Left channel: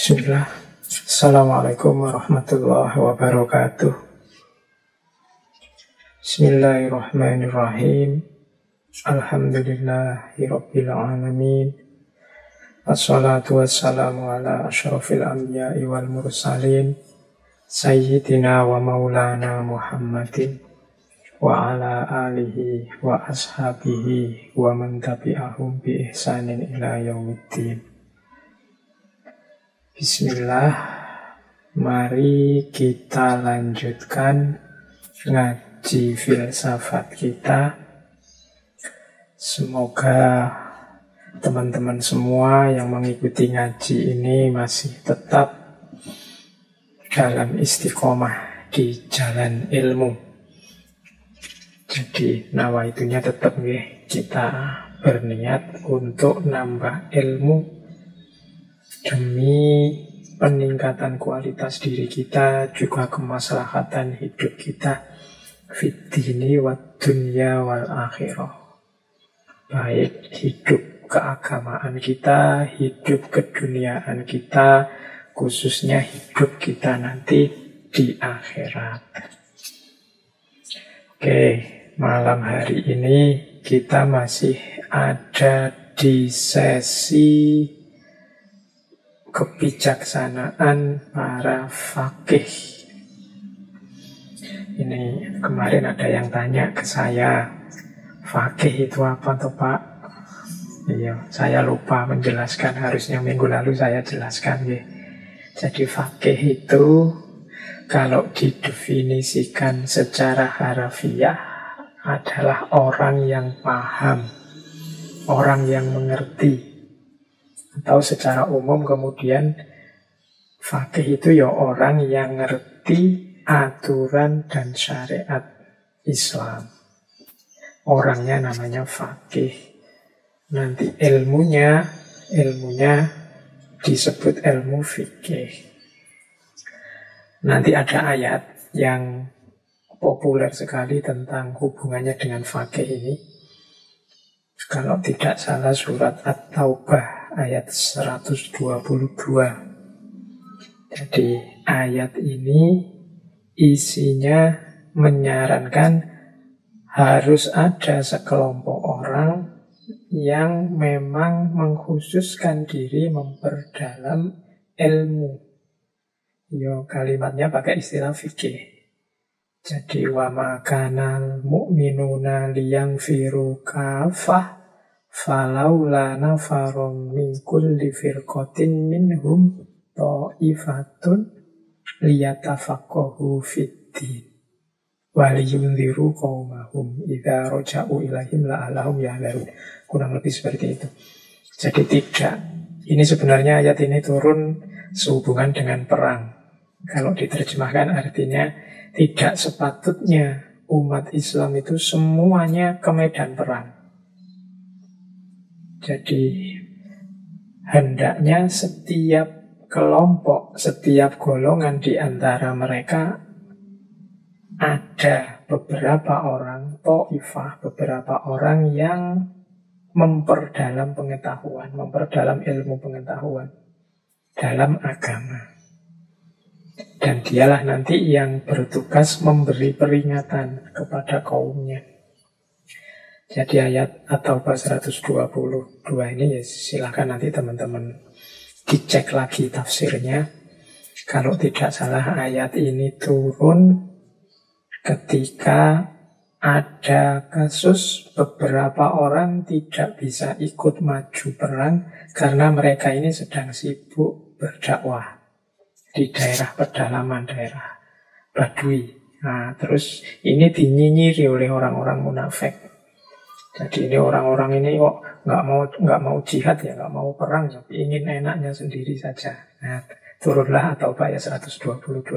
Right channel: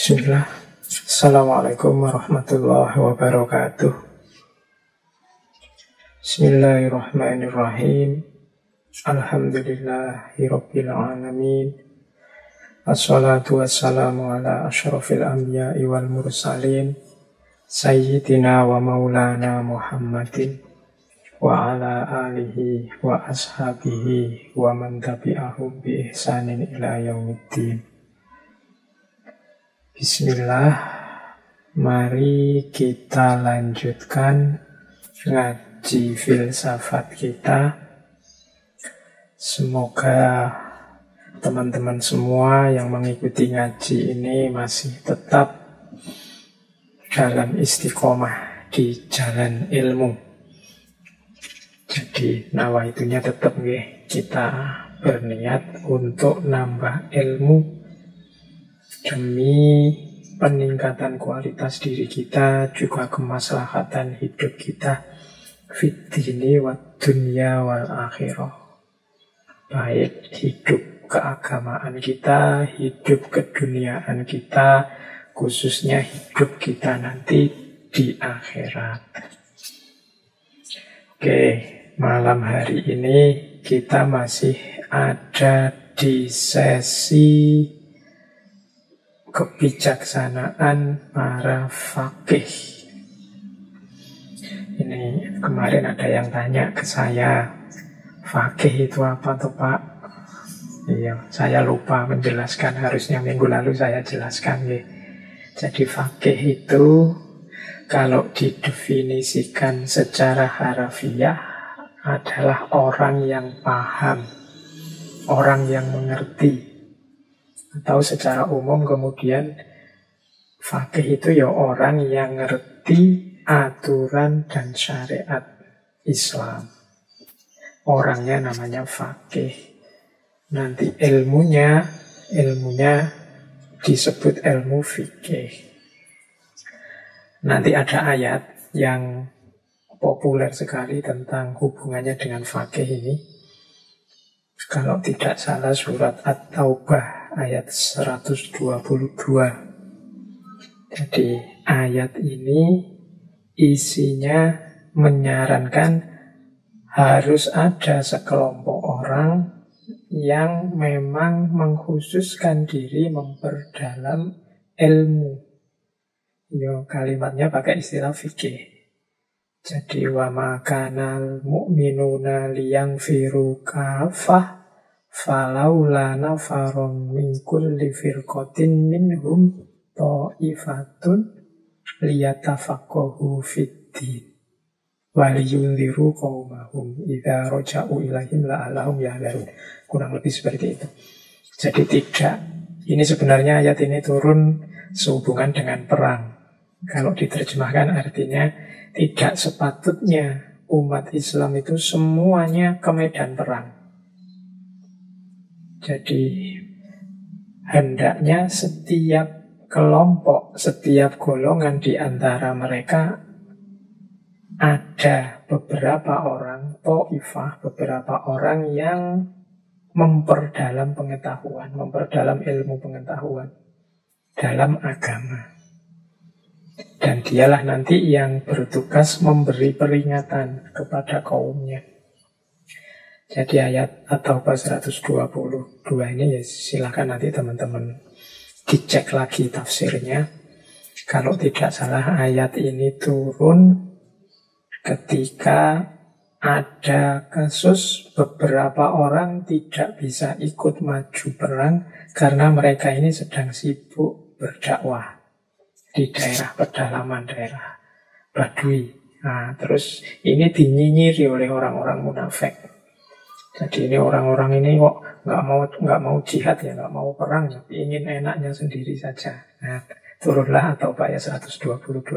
Bismillah. Assalamualaikum warahmatullahi wabarakatuh. Bismillahirrahmanirrahim. Alhamdulillahirabbil alamin. Assalatu wassalamu ala asyrafil anbiya'i wal mursalin sayyidina wa maulana Muhammadin wa ala alihi wa ashabihi wa man tabi'ahum bi ihsanin ila yaumiddin. Bismillah, mari kita lanjutkan ngaji filsafat kita. Semoga teman-teman semua yang mengikuti ngaji ini masih tetap dalam istiqomah di jalan ilmu. Jadi nawaitunya tetap nih, kita berniat untuk nambah ilmu demi peningkatan kualitas diri kita, juga kemaslahatan hidup kita fid dini wad dunya wal akhirah. Baik hidup keagamaan kita, hidup keduniaan kita, khususnya hidup kita nanti di akhirat. Oke, malam hari ini kita masih ada di sesi kebijaksanaan para faqih. Ini kemarin ada yang tanya ke saya, faqih itu apa toh Pak? Iya, saya lupa menjelaskan, harusnya minggu lalu saya jelaskan ya. Jadi faqih itu kalau didefinisikan secara harafiah adalah orang yang paham, orang yang mengerti. Atau secara umum kemudian faqih itu ya orang yang ngerti aturan dan syariat Islam. Orangnya namanya faqih. Nanti ilmunya disebut ilmu fikih. Nanti ada ayat yang populer sekali tentang hubungannya dengan faqih ini. Kalau tidak salah surat At-Taubah ayat 122. Jadi ayat ini isinya menyarankan harus ada sekelompok orang yang memang mengkhususkan diri memperdalam ilmu. Yo, kalimatnya pakai istilah fikih. Jadi wa makanal mu'minuna liyanfiru kafah falaula nafarum min kulli firqatin minhum ta'ifatun liyatafaqahu fid-din wa liyunziru qaumahum idza raja'u ilaihim la'allahum yahdharun. Kurang lebih seperti itu. Jadi ini sebenarnya ayat ini turun sehubungan dengan perang. Kalau diterjemahkan artinya tidak sepatutnya umat Islam itu semuanya ke medan perang. Jadi hendaknya setiap kelompok, setiap golongan di antara mereka ada beberapa orang, ta'ifah, beberapa orang yang memperdalam pengetahuan, memperdalam ilmu pengetahuan dalam agama. Dan dialah nanti yang bertugas memberi peringatan kepada kaumnya. Jadi ayat At-Taubah 122 ini ya silakan nanti teman-teman dicek lagi tafsirnya. Kalau tidak salah ayat ini turun ketika ada kasus beberapa orang tidak bisa ikut maju perang karena mereka ini sedang sibuk berdakwah di daerah pedalaman, daerah Badui. Nah, terus ini dinyinyiri oleh orang-orang munafik. Jadi ini orang-orang ini kok nggak mau jihad ya, nggak mau perang, tapi ingin enaknya sendiri saja. Nah, turunlah atau ayat 122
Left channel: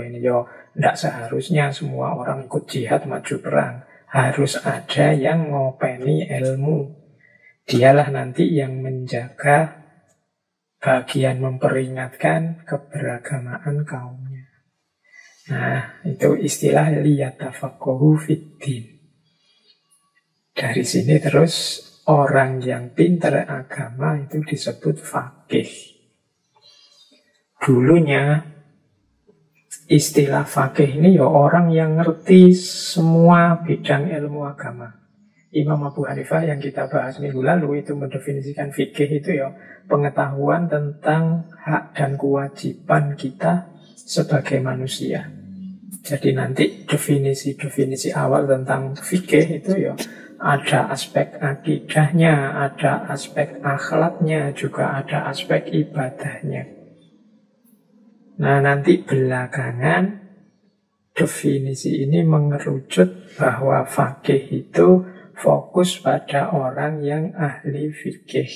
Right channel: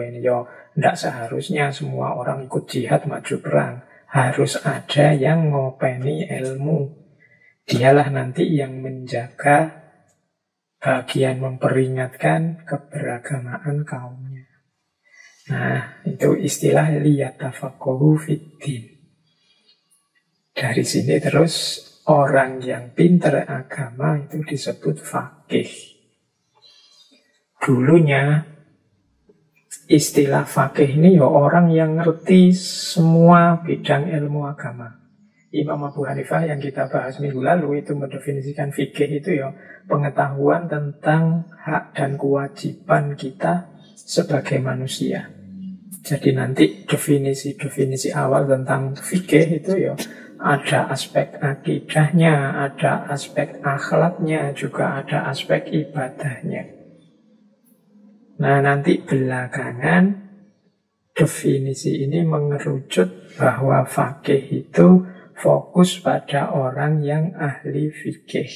ini. Yo, tidak seharusnya semua orang ikut jihad maju perang. Harus ada yang ngopeni ilmu. Dialah nanti yang menjaga bagian memperingatkan keberagamaan kaumnya. Nah, itu istilah liyatafaqahu fid-din. Dari sini terus orang yang pintar agama itu disebut faqih. dulunya istilah fakih ini ya orang yang ngerti semua bidang ilmu agama. Imam Abu Hanifah yang kita bahas minggu lalu itu mendefinisikan fikih itu ya pengetahuan tentang hak dan kewajiban kita sebagai manusia. Jadi nanti definisi-definisi awal tentang fikih itu ya ada aspek akidahnya, ada aspek akhlaknya, juga ada aspek ibadahnya. Nah nanti belakangan definisi ini mengerucut bahwa fakih itu fokus pada orang yang ahli fikih.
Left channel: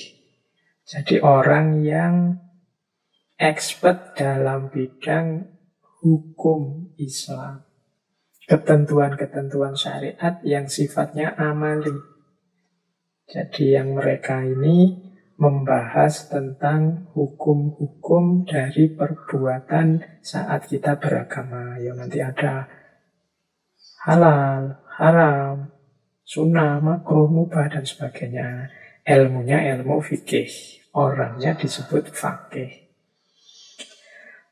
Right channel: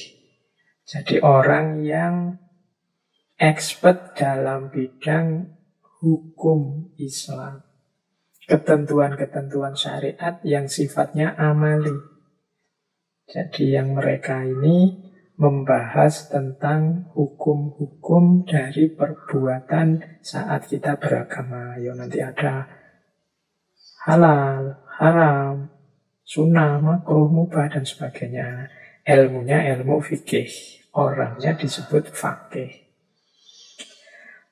Jadi orang yang expert dalam bidang hukum Islam. Ketentuan-ketentuan syariat yang sifatnya amali. Jadi yang mereka ini membahas tentang hukum-hukum dari perbuatan saat kita beragama. Ya nanti ada halal, haram, sunnah, makruh, mubah, dan sebagainya. Ilmunya ilmu fikih. Orangnya disebut fakih.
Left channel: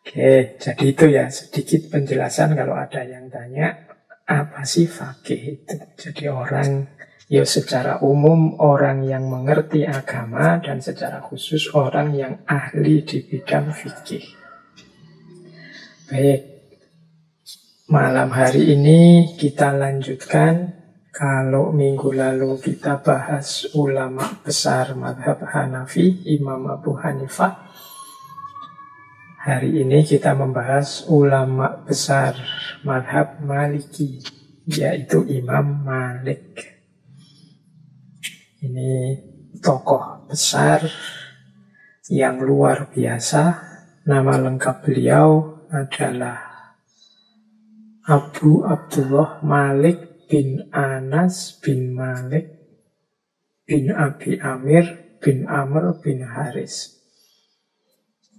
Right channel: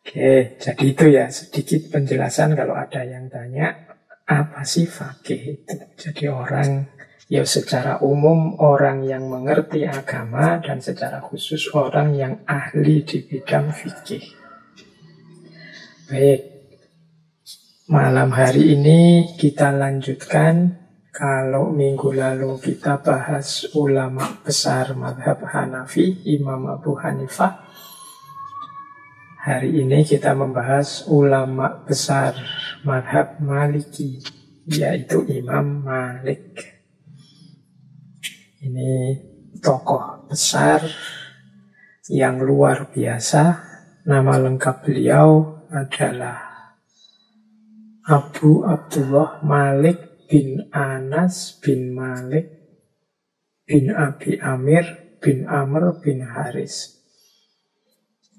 Oke, jadi itu ya sedikit penjelasan kalau ada yang tanya, apa sih fakih itu? Jadi orang, ya secara umum orang yang mengerti agama dan secara khusus orang yang ahli di bidang fikih. Baik, malam hari ini kita lanjutkan. Kalau minggu lalu kita bahas ulama besar mazhab Hanafi, Imam Abu Hanifah. Hari ini kita membahas ulama besar mazhab Maliki, yaitu Imam Malik. Ini tokoh besar yang luar biasa. Nama lengkap beliau adalah Abu Abdullah Malik bin Anas bin Malik bin Abi Amir bin Amr bin Haris.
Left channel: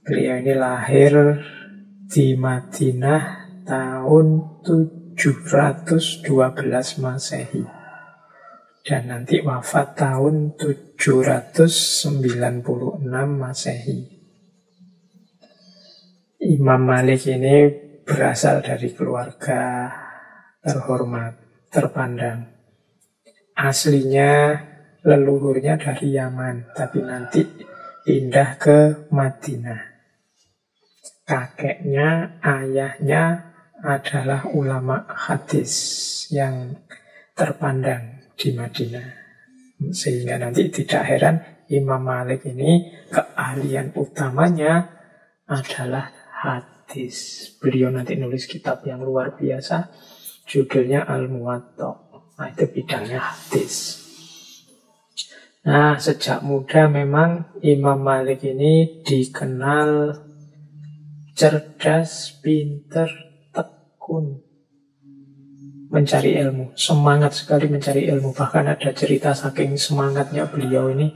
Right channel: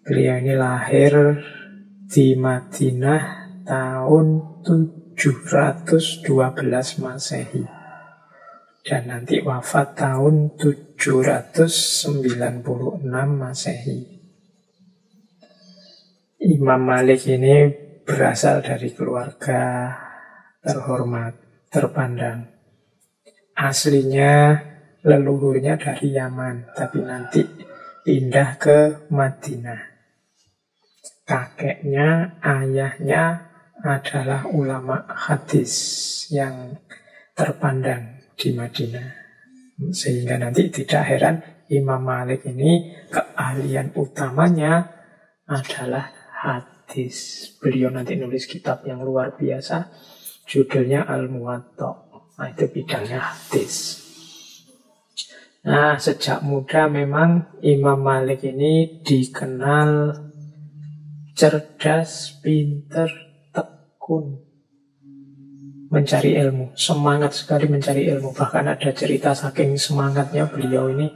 Beliau ini lahir di Madinah tahun 712 Masehi. Dan nanti wafat tahun 796 Masehi. Imam Malik ini berasal dari keluarga terhormat, terpandang. Aslinya leluhurnya dari Yaman, tapi nanti pindah ke Madinah. Kakeknya, ayahnya adalah ulama hadis yang terpandang di Madinah. Sehingga nanti tidak heran Imam Malik ini keahlian utamanya adalah hadis. Beliau nanti nulis kitab yang luar biasa, judulnya Al-Muwatta. Nah, itu bidangnya hadis. Nah, sejak muda memang Imam Malik ini dikenal cerdas, pinter, tekun mencari ilmu, semangat sekali mencari ilmu. Bahkan ada cerita saking semangatnya beliau ini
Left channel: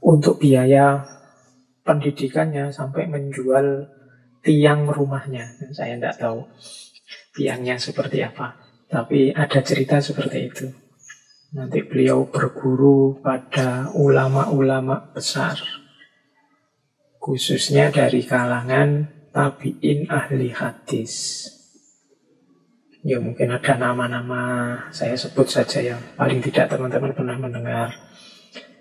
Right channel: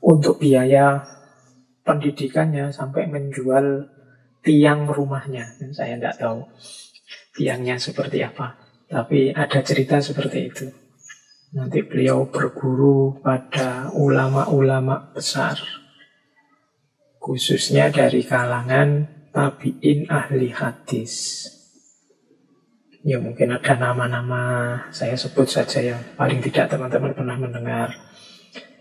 untuk biaya pendidikannya sampai menjual tiang rumahnya. Dan saya tidak tahu tiangnya seperti apa, tapi ada cerita seperti itu. Nanti beliau berguru pada ulama-ulama besar, khususnya dari kalangan tabi'in ahli hadis. Ya mungkin ada nama-nama, saya sebut saja yang paling tidak teman-teman pernah mendengar.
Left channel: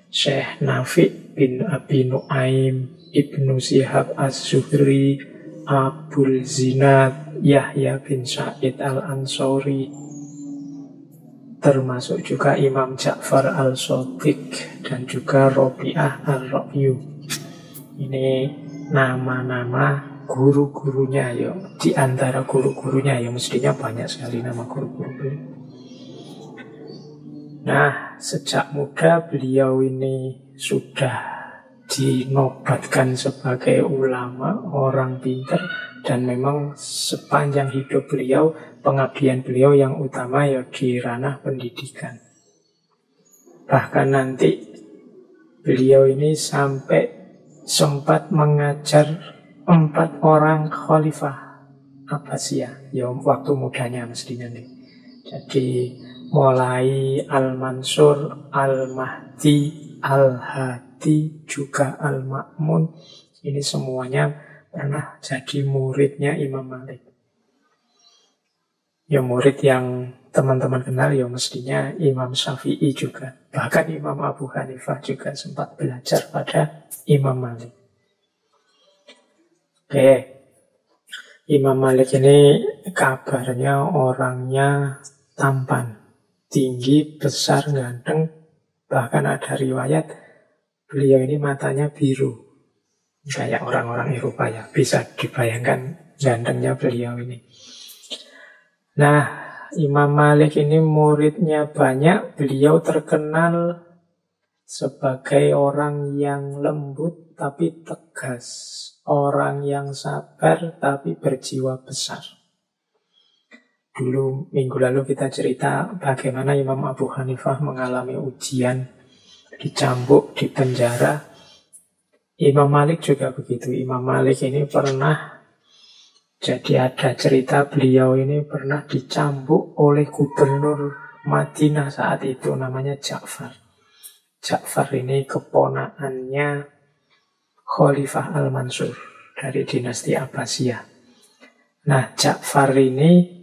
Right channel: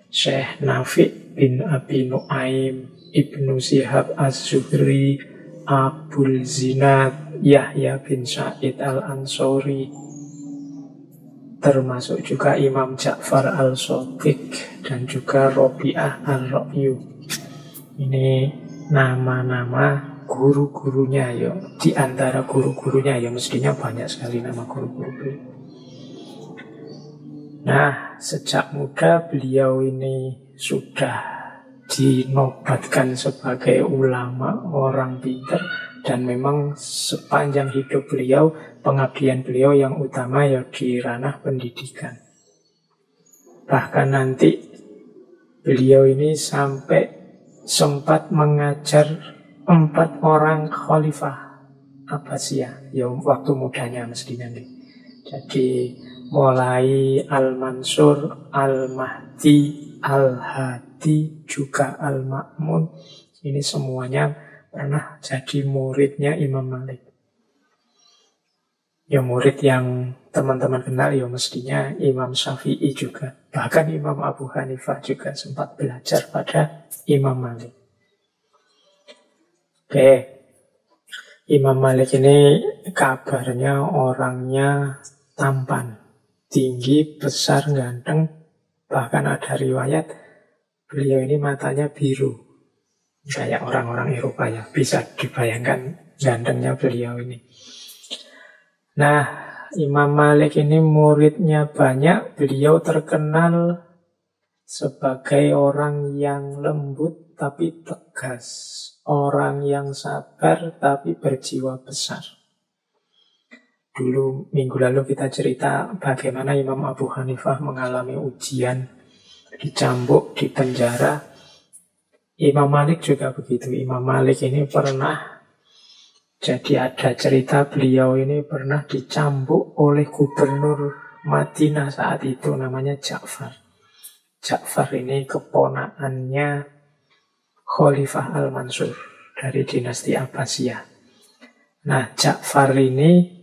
Syekh Nafi bin Abi Nu'aim, Ibnu Syihab Az-Zuhri, Abul Zinad, Yahya bin Sa'id Al-Ansori, termasuk juga Imam Ja'far Al-Shadiq dan juga Robi'ah Al-Ra'yu. Ini nama-nama guru-gurunya ya. Di antara guru-gurunya ya mestinya banyak sekali nama guru-guru. Nah, sejak muda beliau ini sudah dinobatkan sebagai ulama, orang pintar, dan memang sepanjang hidup beliau, pengabdian beliau yang utama ya di ranah pendidikan. Bahkan nanti beliau ini sampai sempat mengajar 4 orang khalifah Abbasiyah, ya waktu mudanya mestinya nih. Jadi mulai Al-Mansur, Al-Mahdi, Al-Hadi, juga Al-Ma'mun, ini semuanya pernah jadi muridnya Imam Malik. Ya murid yang teman-teman kenal ya mestinya Imam Syafi'i juga. Bahkan Imam Abu Hanifah juga sempat belajar pada Imam Malik. Oke, Imam Malik ini kabarnya orangnya tampan, tinggi, besar, ganteng. Bahkan ada riwayat beliau ini matanya biru. Kayak orang-orang Eropa ya, bisa dibayangkan gantengnya beliau ini. Nah, Imam Malik ini muridnya banyak. Beliau terkenal sebagai orang yang lembut tapi tegas, orang yang sabar tapi berjiwa besar. Dulu minggu lalu kita cerita bagaimana Imam Abu Hanifah mengalami ujian, dicambuk, dipenjara. Imam Malik juga begitu. Imam Malik ini pernah, jadi ada cerita beliau ini pernah dicambuk oleh gubernur Madinah saat itu, namanya Ja'far. Ja'far ini keponakannya Khalifah Al-Mansur dari dinasti Abbasiyah. Nah, Ja'far ini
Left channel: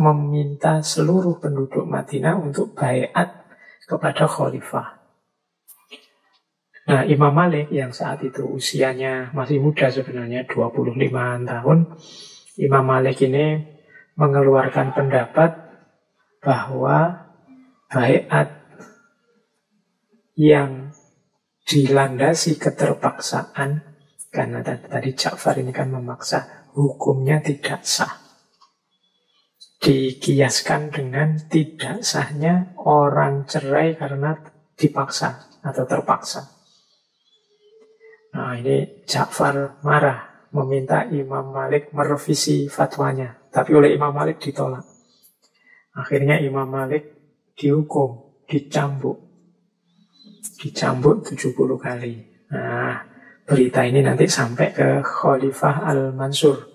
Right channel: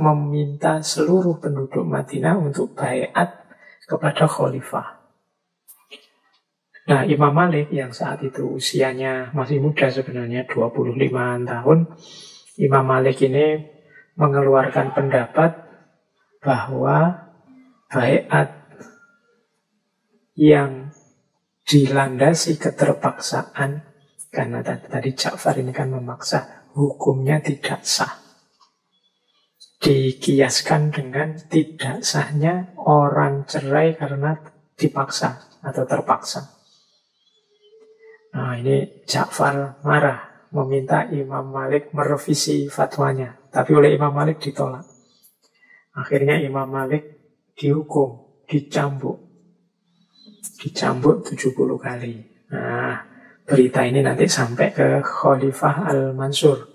meminta seluruh penduduk Madinah untuk baiat kepada Khalifah. Nah, Imam Malik yang saat itu usianya masih muda sebenarnya, 25 tahun. Imam Malik ini mengeluarkan pendapat bahwa baiat yang dilandasi keterpaksaan, karena tadi Ja'far ini kan memaksa, hukumnya tidak sah. Dikiaskan dengan tidak sahnya orang cerai karena dipaksa atau terpaksa. Nah, ini Ja'far marah, meminta Imam Malik merevisi fatwanya. Tapi oleh Imam Malik ditolak. Akhirnya Imam Malik dihukum, dicambuk 70 kali. Nah, berita ini nanti sampai ke Khalifah Al-Mansur.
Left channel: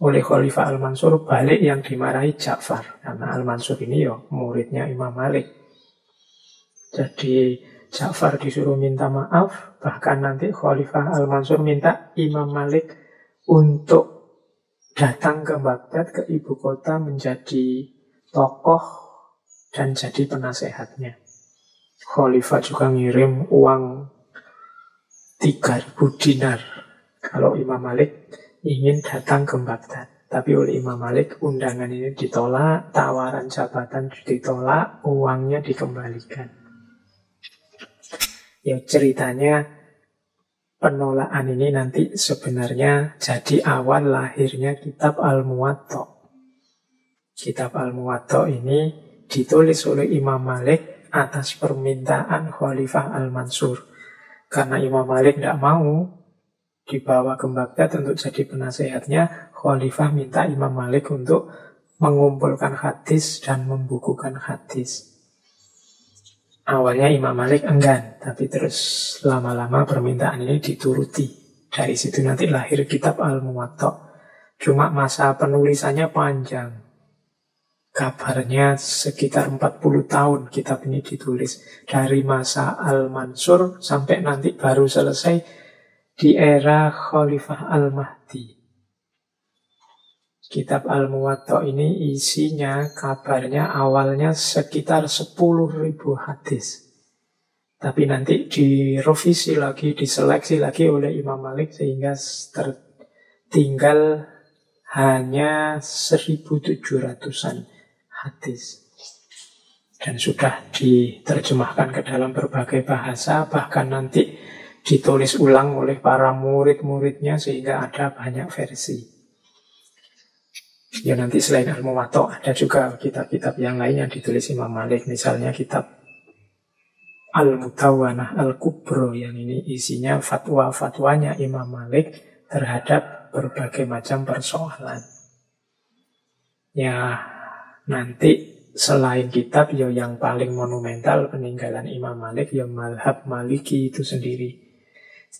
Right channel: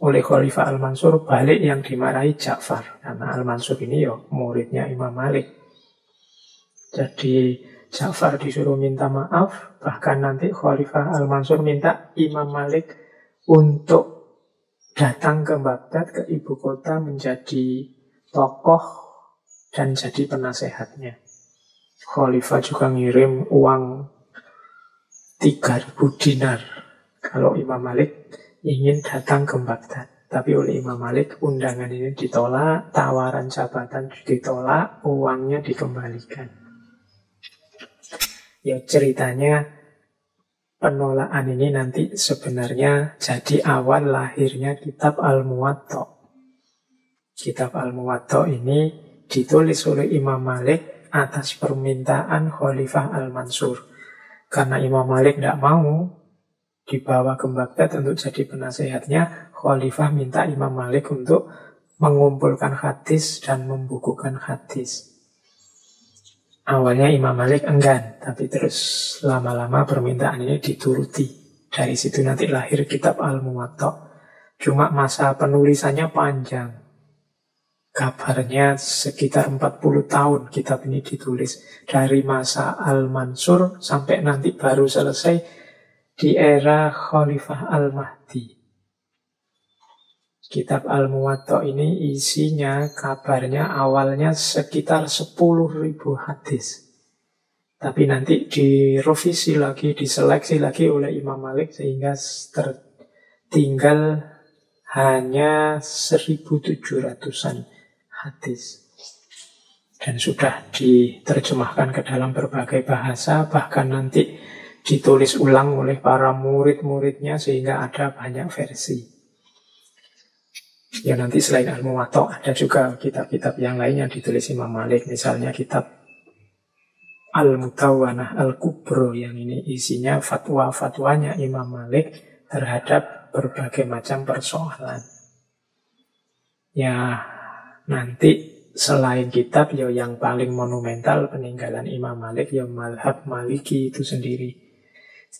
Oleh Khalifah Al-Mansur balik yang dimarahi Ja'far. Karena Al-Mansur ini ya muridnya Imam Malik. Jadi Ja'far disuruh minta maaf. Bahkan nanti Khalifah Al-Mansur minta Imam Malik untuk datang ke Baghdad, ke ibu kota, menjadi tokoh dan jadi penasehatnya. Khalifah juga ngirim uang 3.000 dinar kalau Imam Malik ingin datang ke Baghdad. Tapi oleh Imam Malik undangan ini ditolak, tawaran jabatan ditolak, uangnya dikembalikan. Ya ceritanya penolakan ini nanti sebenarnya jadi awal lahirnya kitab Al-Muwatta. Kitab Al-Muwatta ini ditulis oleh Imam Malik atas permintaan Khalifah Al-Mansur. Karena Imam Malik tidak mau dibawa ke Baghdad untuk jadi penasehatnya, Khalifah minta Imam Malik untuk mengumpulkan hadis dan membukukan hadis. Awalnya Imam Malik enggan, tapi terus lama-lama permintaan ini dituruti. Dari situ nanti lahir kitab Al-Muwatta. Cuma masa penulisannya panjang. Kabarnya sekitar 40 tahun kitab ini ditulis. Dari masa Al-Mansur sampai nanti baru selesai di era Khalifah Al-Mahdi. Kitab Al-Muwatta ini isinya kabarnya awalnya sekitar 10.000 hadis. Tapi nanti direvisi lagi, diseleksi lagi oleh Imam Malik sehingga tertinggal hanya 1.700-an hadis. Dan sudah diterjemahkan ke dalam berbagai bahasa, bahkan nanti ditulis ulang oleh para murid-muridnya sehingga ada banyak versi. Ya nanti selain Al-Muwatta ada juga kitab-kitab yang lain yang ditulis Imam Malik. Misalnya kitab Al-Mutawwanah Al-Kubro, yang ini isinya fatwa-fatwanya Imam Malik terhadap berbagai macam persoalan. Ya nanti selain kitab ya yang paling monumental peninggalan Imam Malik ya mazhab Maliki itu sendiri.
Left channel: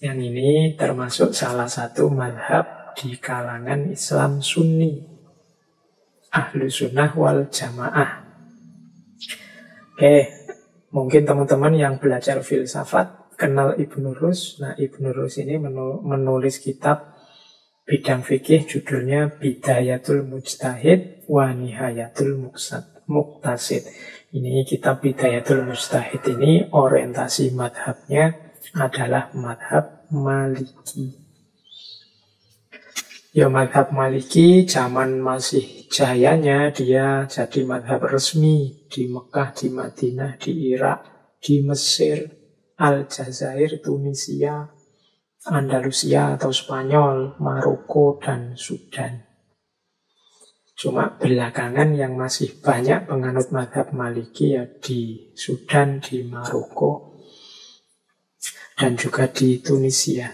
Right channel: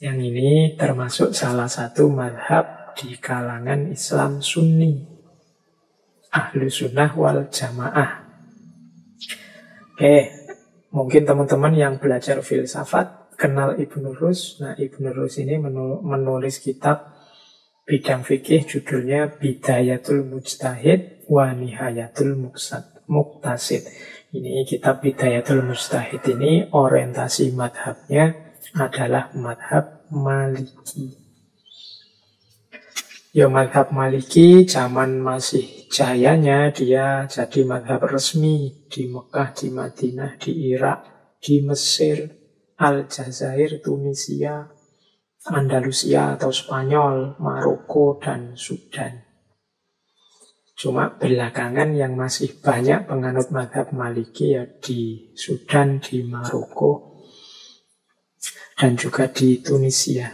Yang ini termasuk salah satu mazhab di kalangan Islam Sunni, Ahlu Sunnah wal Jamaah. Oke, mungkin teman-teman yang belajar filsafat kenal Ibnu Rus. Nah, Ibnu Rus ini menulis kitab bidang fikih judulnya Bidayatul Mujtahid wa Nihayatul Muqtasid. Ini kitab Bidayatul Mujtahid ini orientasi madhabnya adalah madhab Maliki. Ya, madhab Maliki zaman masih jayanya dia jadi madhab resmi di Mekah, di Madinah, di Irak, di Mesir, Aljazair, Tunisia, Andalusia atau Spanyol, Maroko, dan Sudan. Cuma belakangan yang masih banyak penganut madhab Maliki ya di Sudan, di Maroko, dan juga di Tunisia.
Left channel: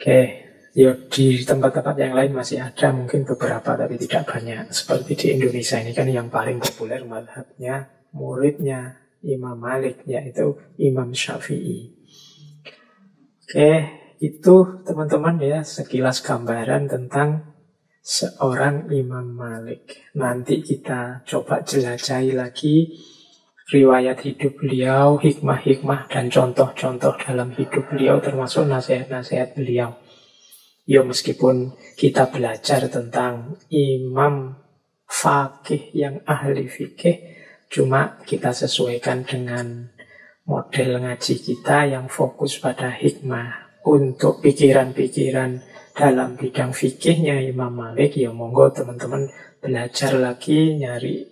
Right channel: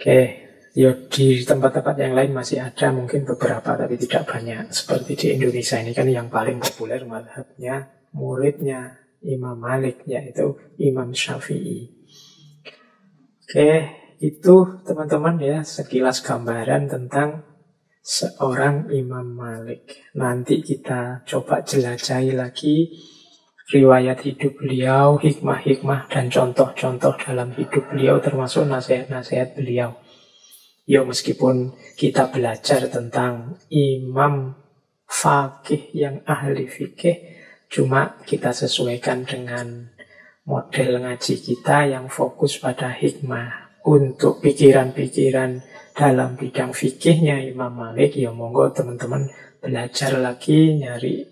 Oke. Ya, di tempat-tempat yang lain masih ada mungkin beberapa tapi tidak banyak. Seperti di Indonesia ini kan yang paling populer mazhabnya muridnya Imam Malik, yaitu Imam Syafi'i. Oke, itu teman-teman ya sekilas gambaran tentang seorang Imam Malik. Nanti kita coba jelajahi lagi riwayat hidup beliau, hikmah-hikmah dan contoh-contoh dalam hidup beliau termasuk nasihat-nasihat beliau. Ya, meskipun kita belajar tentang imam fakih yang ahli fikih, cuma kita sesuaikan dengan model ngaji kita yang fokus pada hikmah. Untuk pikiran-pikiran dalam bidang fikihnya Imam Malik, ya monggo teman-teman belajar lagi, nyari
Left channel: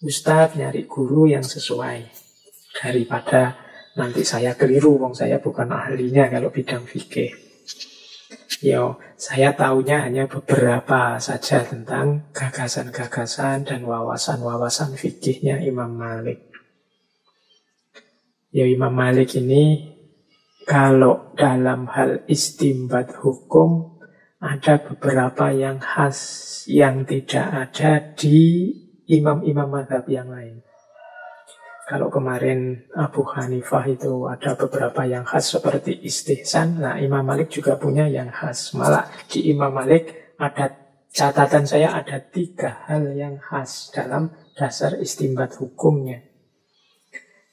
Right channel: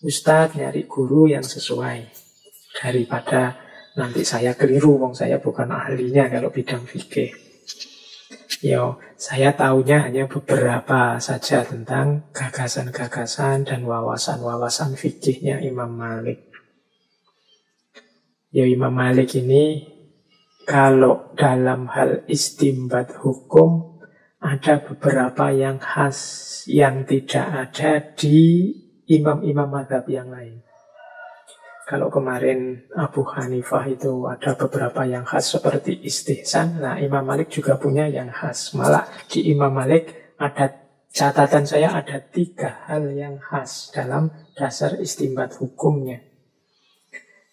ustadz, nyari guru yang sesuai. Daripada nanti saya keliru, wong saya bukan ahlinya kalau bidang fikih. Ya, saya tahunya hanya beberapa saja tentang gagasan-gagasan dan wawasan-wawasan fikihnya Imam Malik. Ya, Imam Malik ini kalau dalam hal istimbat hukum ada beberapa yang khas yang tidak ada di imam-imam mazhab yang lain. Kalau kemarin Abu Hanifah itu ada beberapa yang khas seperti istihsan. Nah, Imam Malik juga punya yang khas. Malah di Imam Malik ada catatan saya ada 3 hal yang khas dalam dasar istimbat hukumnya.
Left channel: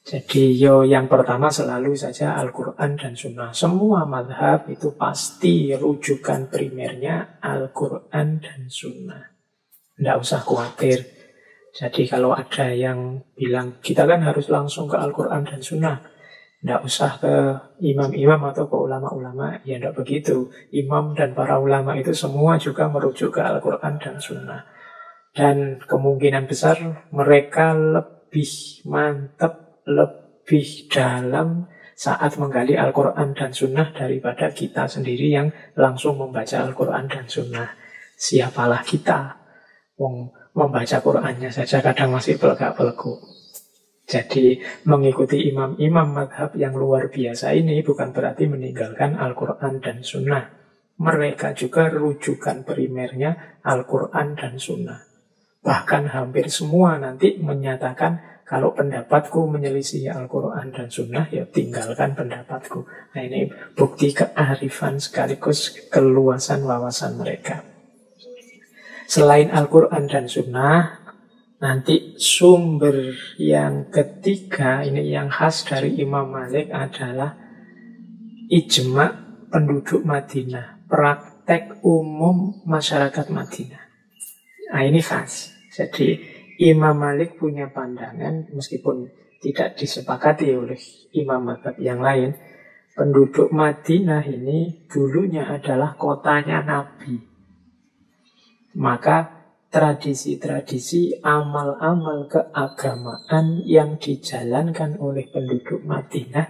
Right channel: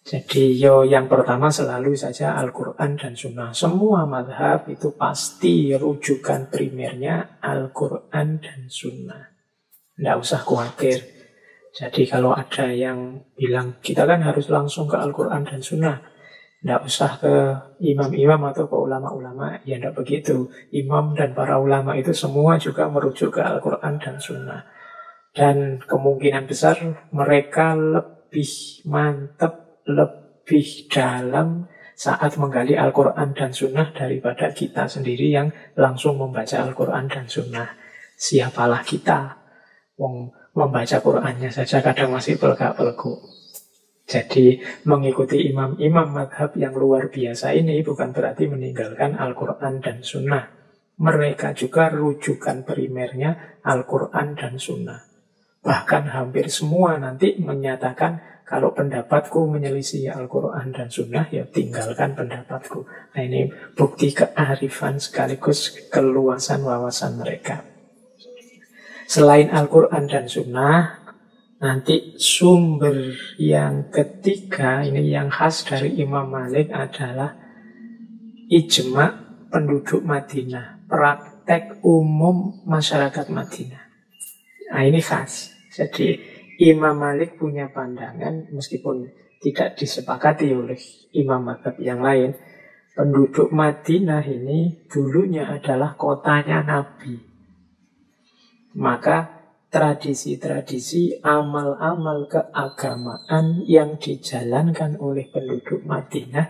Jadi yang pertama selalu saja Al-Quran dan Sunnah. Semua mazhab itu pasti rujukan primernya Al-Quran dan Sunnah. Tidak usah khawatir. Jadi kalau ada yang bilang kita kan harus langsung ke Al-Quran dan Sunnah, tidak usah ke imam-imam atau ke ulama-ulama, ya tidak begitu. Imam dan para ulama itu semua juga merujuk ke Al-Quran dan Sunnah. Dan kemungkinan besar mereka lebih mantap, lebih dalam saat menggali Al-Quran dan Sunnah daripada kita sendiri yang langsung membaca Al-Quran dan Sunnah. Siapalah kita, wong membaca Qur'annya saja kadang masih pelegak-pelegu. Jadi mengikuti imam-imam madhab yang luar biasa ini bukan berarti meninggalkan Al-Quran dan Sunnah. Mereka juga rujukan primernya Al-Quran dan Sunnah. Bahkan hampir semua nanti menyatakan kalau pendapatku menyelisih Al-Quran dan Sunnah, ya tinggalkan pendapatku. Nah, ini bukti kearifan sekaligus keluasan wawasan mereka. Selain Al-Quran dan Sunnah, nanti sumber yang ketiga, ini yang khas dari Imam Malik adalah ijma' penduduk Madinah, praktek umum masyarakat Madinah. Nah, ini khas. Jadi Imam Malik punya pandangan, meskipun tidak disepakati oleh imam mazhab yang lain, penduduk Madinah ini dulunya adalah kotanya Nabi. Maka tradisi-tradisi, amal-amal keagamaan yang dijalankan oleh penduduk Madinah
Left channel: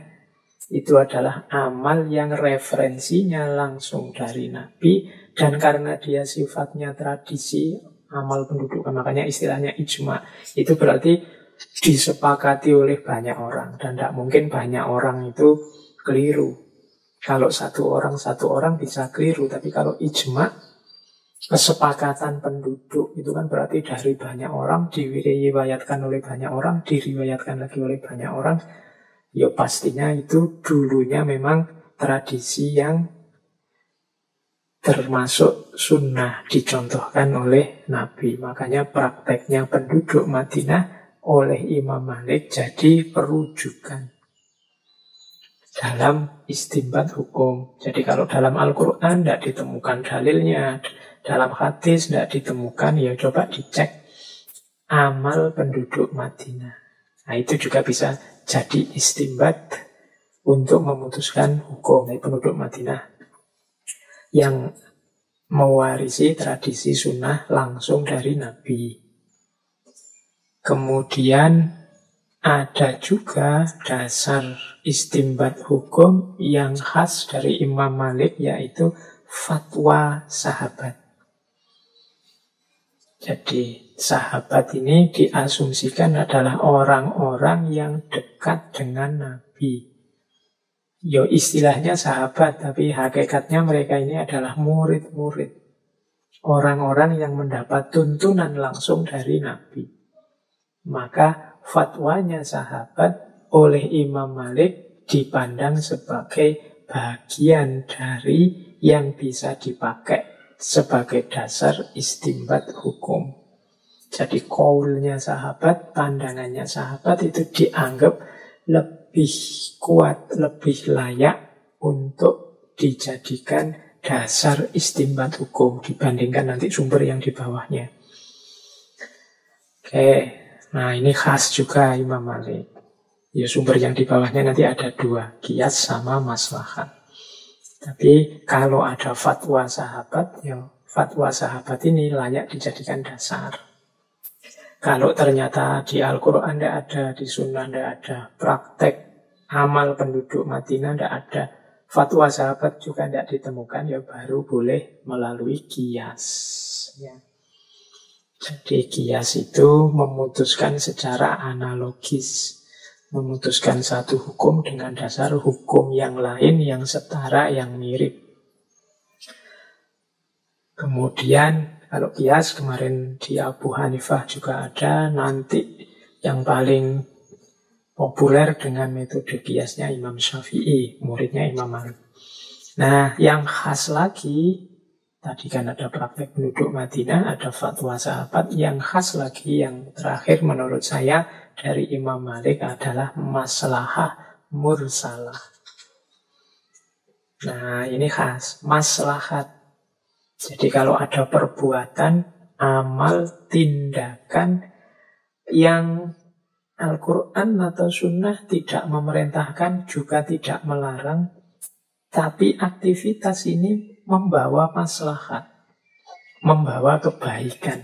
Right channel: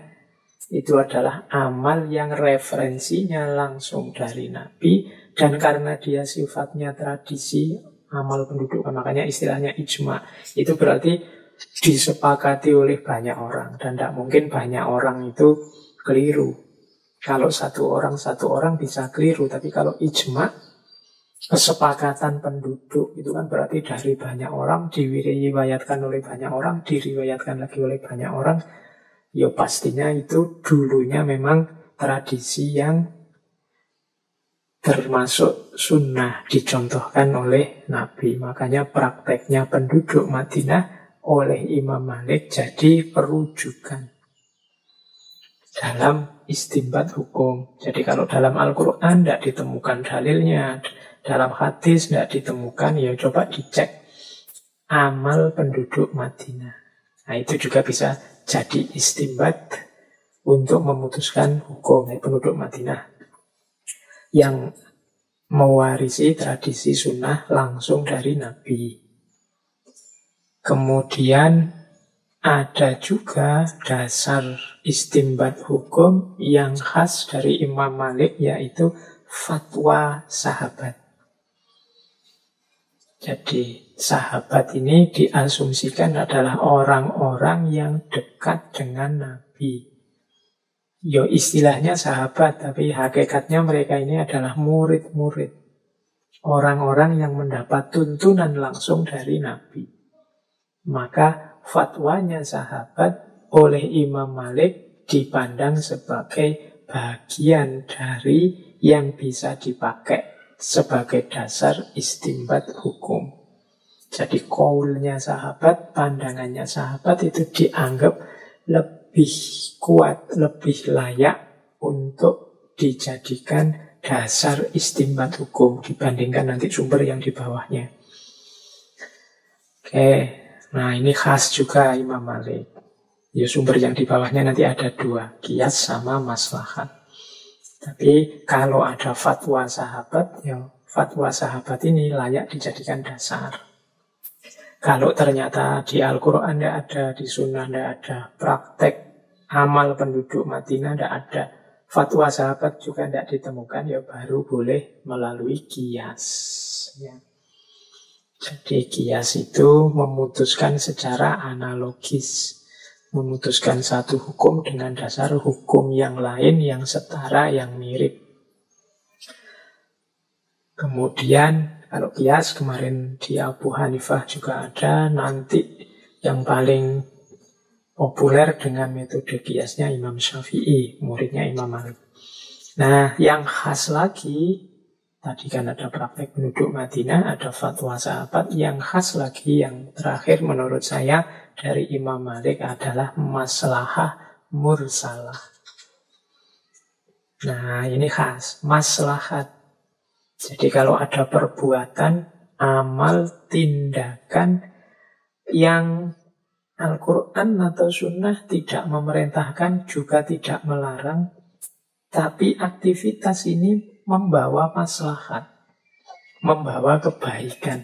itu adalah amal yang referensinya langsung dari Nabi. Dan karena dia sifatnya tradisi, amal penduduk, makanya istilahnya ijma. Itu berarti disepakati oleh banyak orang. Dan tidak mungkin banyak orang itu keliru. Kalau satu orang bisa keliru. Tapi kalau ijma, kesepakatan penduduk itu kan berarti dari banyak orang, diriwayatkan oleh banyak orang, diriwayatkan lagi oleh banyak orang. Ya pastinya itu dulunya memang tradisi yang termasuk sunnah, dicontohkan oleh Nabi. Makanya prakteknya penduduk Madinah oleh Imam Malik jadi perujukan. dalam istinbat hukum. Jadi kalau dalam Al-Quran tidak ditemukan dalilnya, dalam hadis tidak ditemukan, ya coba dicek amal penduduk Madinah. Nah itu juga bisa jadi istinbat untuk memutuskan hukum. Penduduk Madinah yang mewarisi tradisi sunnah langsung dari Nabi. Kemudian ada juga dasar istinbat hukum yang khas dari Imam Malik, yaitu fatwa sahabat. Jadi sahabat ini diasumsikan adalah orang-orang yang dekat dengan Nabi. Ya istilahnya sahabat, tapi hakikatnya mereka ini adalah murid-murid. Orang-orang yang mendapat tuntunan langsung dari Nabi. Maka fatwanya sahabat oleh Imam Malik dipandang sebagai bagian dari yang bisa dipakai sebagai dasar istinbat hukum. Jadi qaulnya sahabat, pandangannya sahabat itu dianggap lebih kuat, lebih layak untuk dijadikan dasar istinbat hukum dibandingkan nanti sumber yang di bawahnya. Oke, nah ini khas juga Imam Malik. Ya sumber yang di bawahnya nanti ada dua, qiyas sama maslahat. Tapi kalau ada fatwa sahabat, ya fatwa sahabat ini layak dijadikan dasar. Kalau ternyata di Al-Quran tidak ada, di Sunnah tidak ada, praktek amal penduduk Madinah tidak ada, fatwa sahabat juga tidak ditemukan, ya baru boleh melalui qiyas. Ya. Jadi qiyas itu memutuskan secara analogis, memutuskan satu hukum dengan dasar hukum yang lain yang setara, yang mirip. Kemudian kalau qiyas kemarin di Abu Hanifah juga ada, nanti yang paling populer dengan metode qiyasnya Imam Syafi'i, muridnya Imam Malik. Nah, yang khas lagi, tadi kan ada praktek penduduk Madinah, ada fatwa sahabat, yang khas lagi, yang terakhir menurut saya dari Imam Malik adalah maslahah mursalah. Nah, ini khas, maslahat. Jadi kalau ada perbuatan, amal, tindakan yang Al-Quran atau Sunnah tidak memerintahkan, juga tidak melarang, tapi aktivitas ini membawa maslahat, membawa kebaikan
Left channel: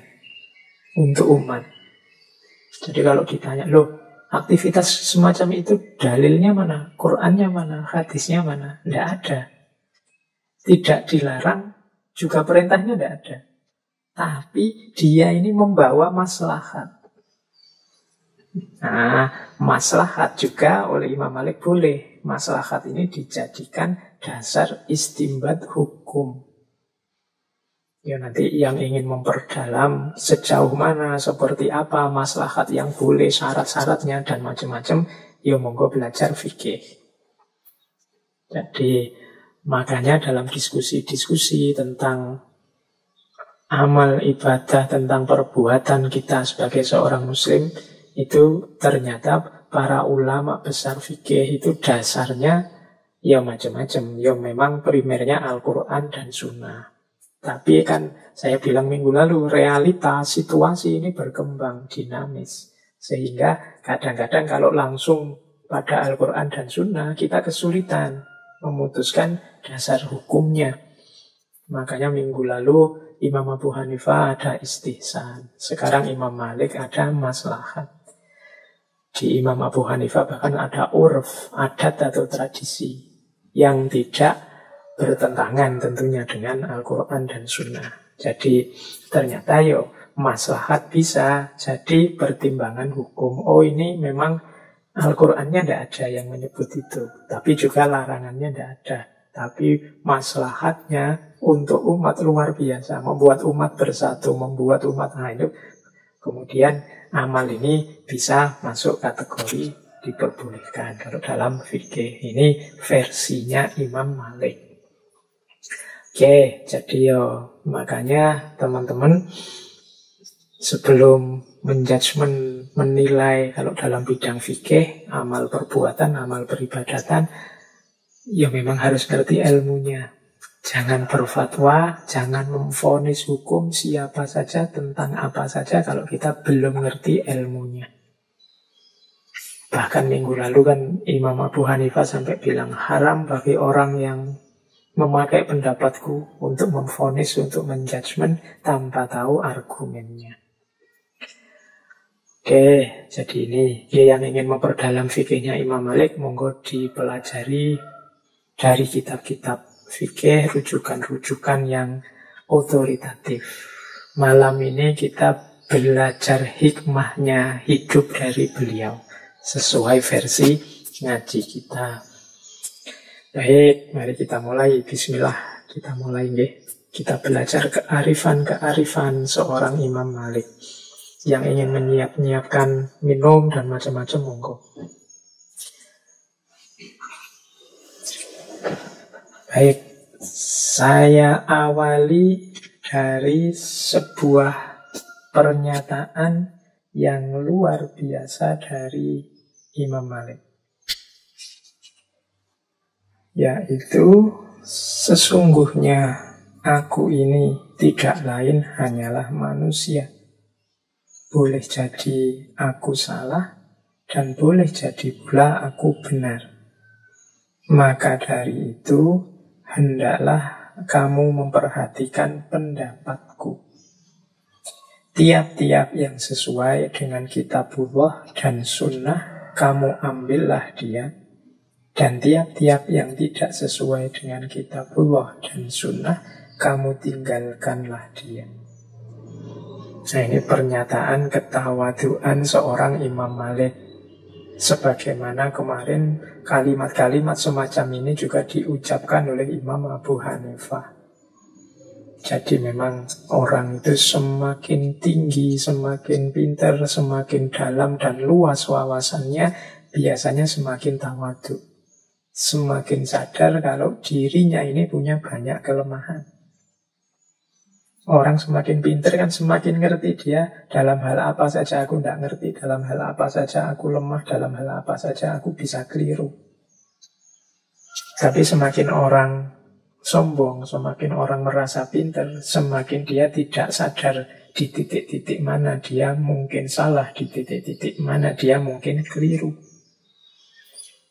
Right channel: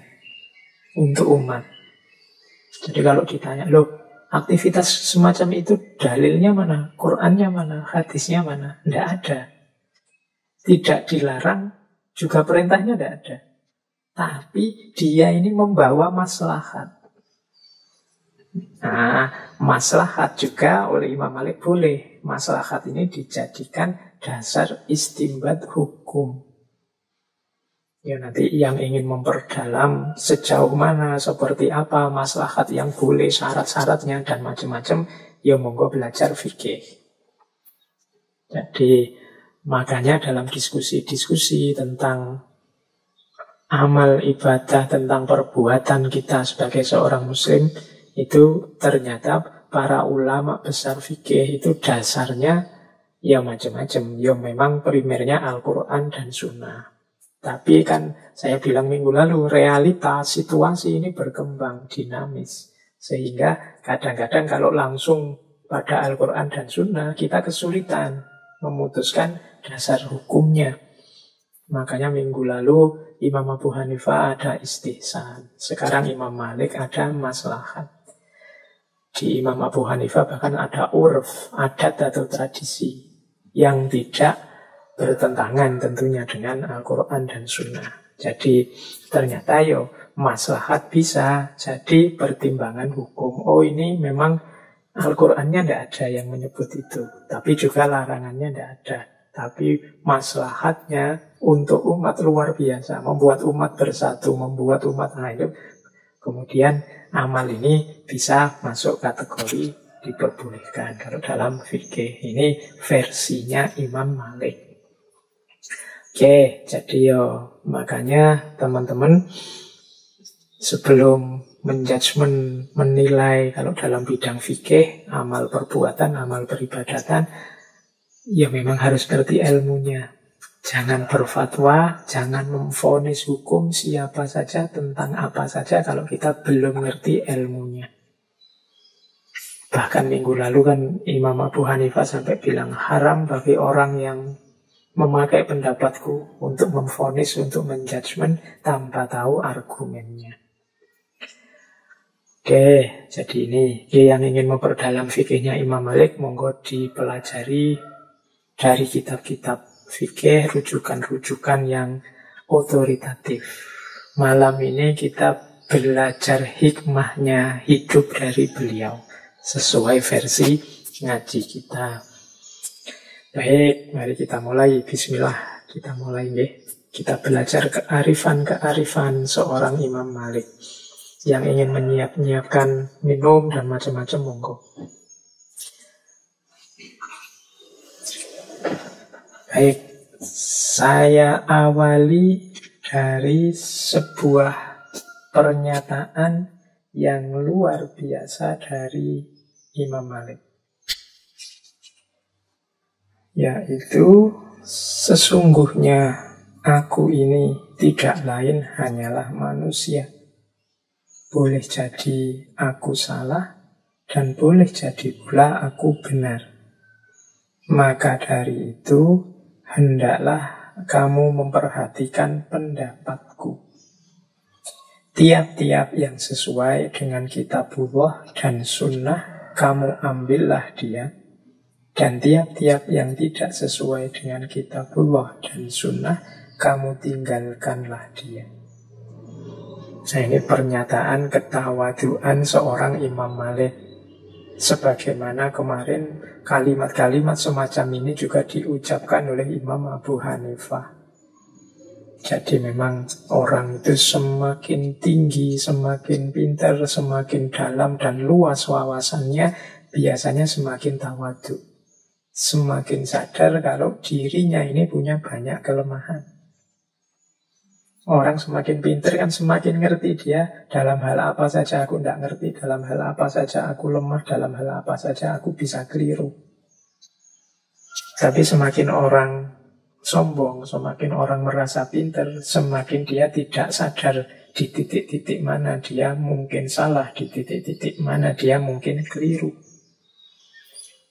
untuk umat. Jadi kalau ditanya, loh aktivitas semacam itu dalilnya mana? Qurannya mana? Hadisnya mana? Tidak ada. Tidak dilarang, juga perintahnya tidak ada. Tapi dia ini membawa maslahat. Nah, maslahat juga oleh Imam Malik boleh. Maslahat ini dijadikan dasar istinbat hukum. Ya nanti yang ingin memperdalam sejauh mana, seperti apa maslahat yang boleh, syarat-syaratnya dan macam-macam, ya monggo belajar fikih. Jadi makanya dalam diskusi-diskusi tentang amal ibadah, tentang perbuatan kita sebagai seorang muslim, itu ternyata para ulama besar fikih itu dasarnya ya macam-macam. Ya memang primernya Al-Quran dan Sunnah. Tapi kan saya bilang minggu lalu, realitas situasi ini berkembang dinamis. Sehingga kadang-kadang kalau langsung pada Al-Quran dan Sunnah, kita kesulitan memutuskan dasar hukumnya. Makanya minggu lalu Imam Abu Hanifah ada istihsan. Sekarang Imam Malik ada maslahat. Di Imam Abu Hanifah bahkan ada urf, adat atau tradisi yang tidak bertentangan tentunya dengan Al-Quran dan Sunnah. Jadi ternyata maslahat bisa jadi pertimbangan hukum. Oh ini memang Al-Qurannya tidak ada yang menyebut itu, tapi juga larangannya tidak ada. Tapi maslahatnya untuk umat luar biasa, membuat umat bersatu, membuat umat hidup. Kemudian amal ini bisa masuk kategori diperbolehkan. Kalau dalam fikih ini versinya Imam Malik. Oke, jadi makanya teman-teman sebelum menjudgment, menilai kalau dalam bidang fikih, amal perbuatan, amal peribadatan, Ya memang harus ngerti ilmunya. Jangan berfatwa, jangan memvonis hukum siapa saja tentang apa saja kalau kita belum ngerti ilmunya. Bahkan minggu lalu kan Imam Abu Hanifah sampai bilang haram bagi orang yang memakai pendapatku untuk memvonis, untuk menjudgment tanpa tahu argumennya. Oke, jadi ini yang ingin memperdalam fikihnya Imam Malik, monggo dipelajari dari kitab-kitab fikih, rujukan-rujukan yang otoritatif. Malam ini kita belajar hikmahnya hidup dari beliau sesuai versi ngaji kita. Baik, mari kita mulai. Bismillah, kita mulai nggih. Kita belajar kearifan-kearifan seorang Imam Malik. Yang ingin menyiapkan minum dan macam-macam, monggo. Baik, saya awali dari sebuah pernyataan yang luar biasa dari Imam Malik. Yaitu, sesungguhnya aku ini tidak lain hanyalah manusia. Boleh jadi aku salah, dan boleh jadi pula aku benar. Maka dari itu, hendaklah kamu memperhatikan pendapatku. Tiap-tiap yang sesuai dengan kitabullah dan sunnah, kamu ambillah dia. Dan tiap-tiap yang tidak sesuai dengan kitabullah dan sunnah, kamu tinggalkanlah dia. Nah, ini pernyataan ketawaduan seorang Imam Malik. Sebagaimana kemarin kalimat-kalimat semacam ini juga diucapkan oleh Imam Abu Hanifah. Jadi memang orang itu semakin tinggi, semakin pintar, semakin dalam dan luas wawasannya, biasanya semakin tawadhu. Semakin sadar kalau dirinya ini punya banyak kelemahan. Orang semakin pintar kan semakin ngerti dia dalam hal apa saja aku tidak ngerti, dalam hal apa saja aku lemah, dalam hal apa saja aku bisa keliru. Tapi semakin orang sombong, semakin orang merasa pintar, semakin dia tidak sadar di titik-titik mana dia mungkin salah, di titik-titik mana dia mungkin keliru.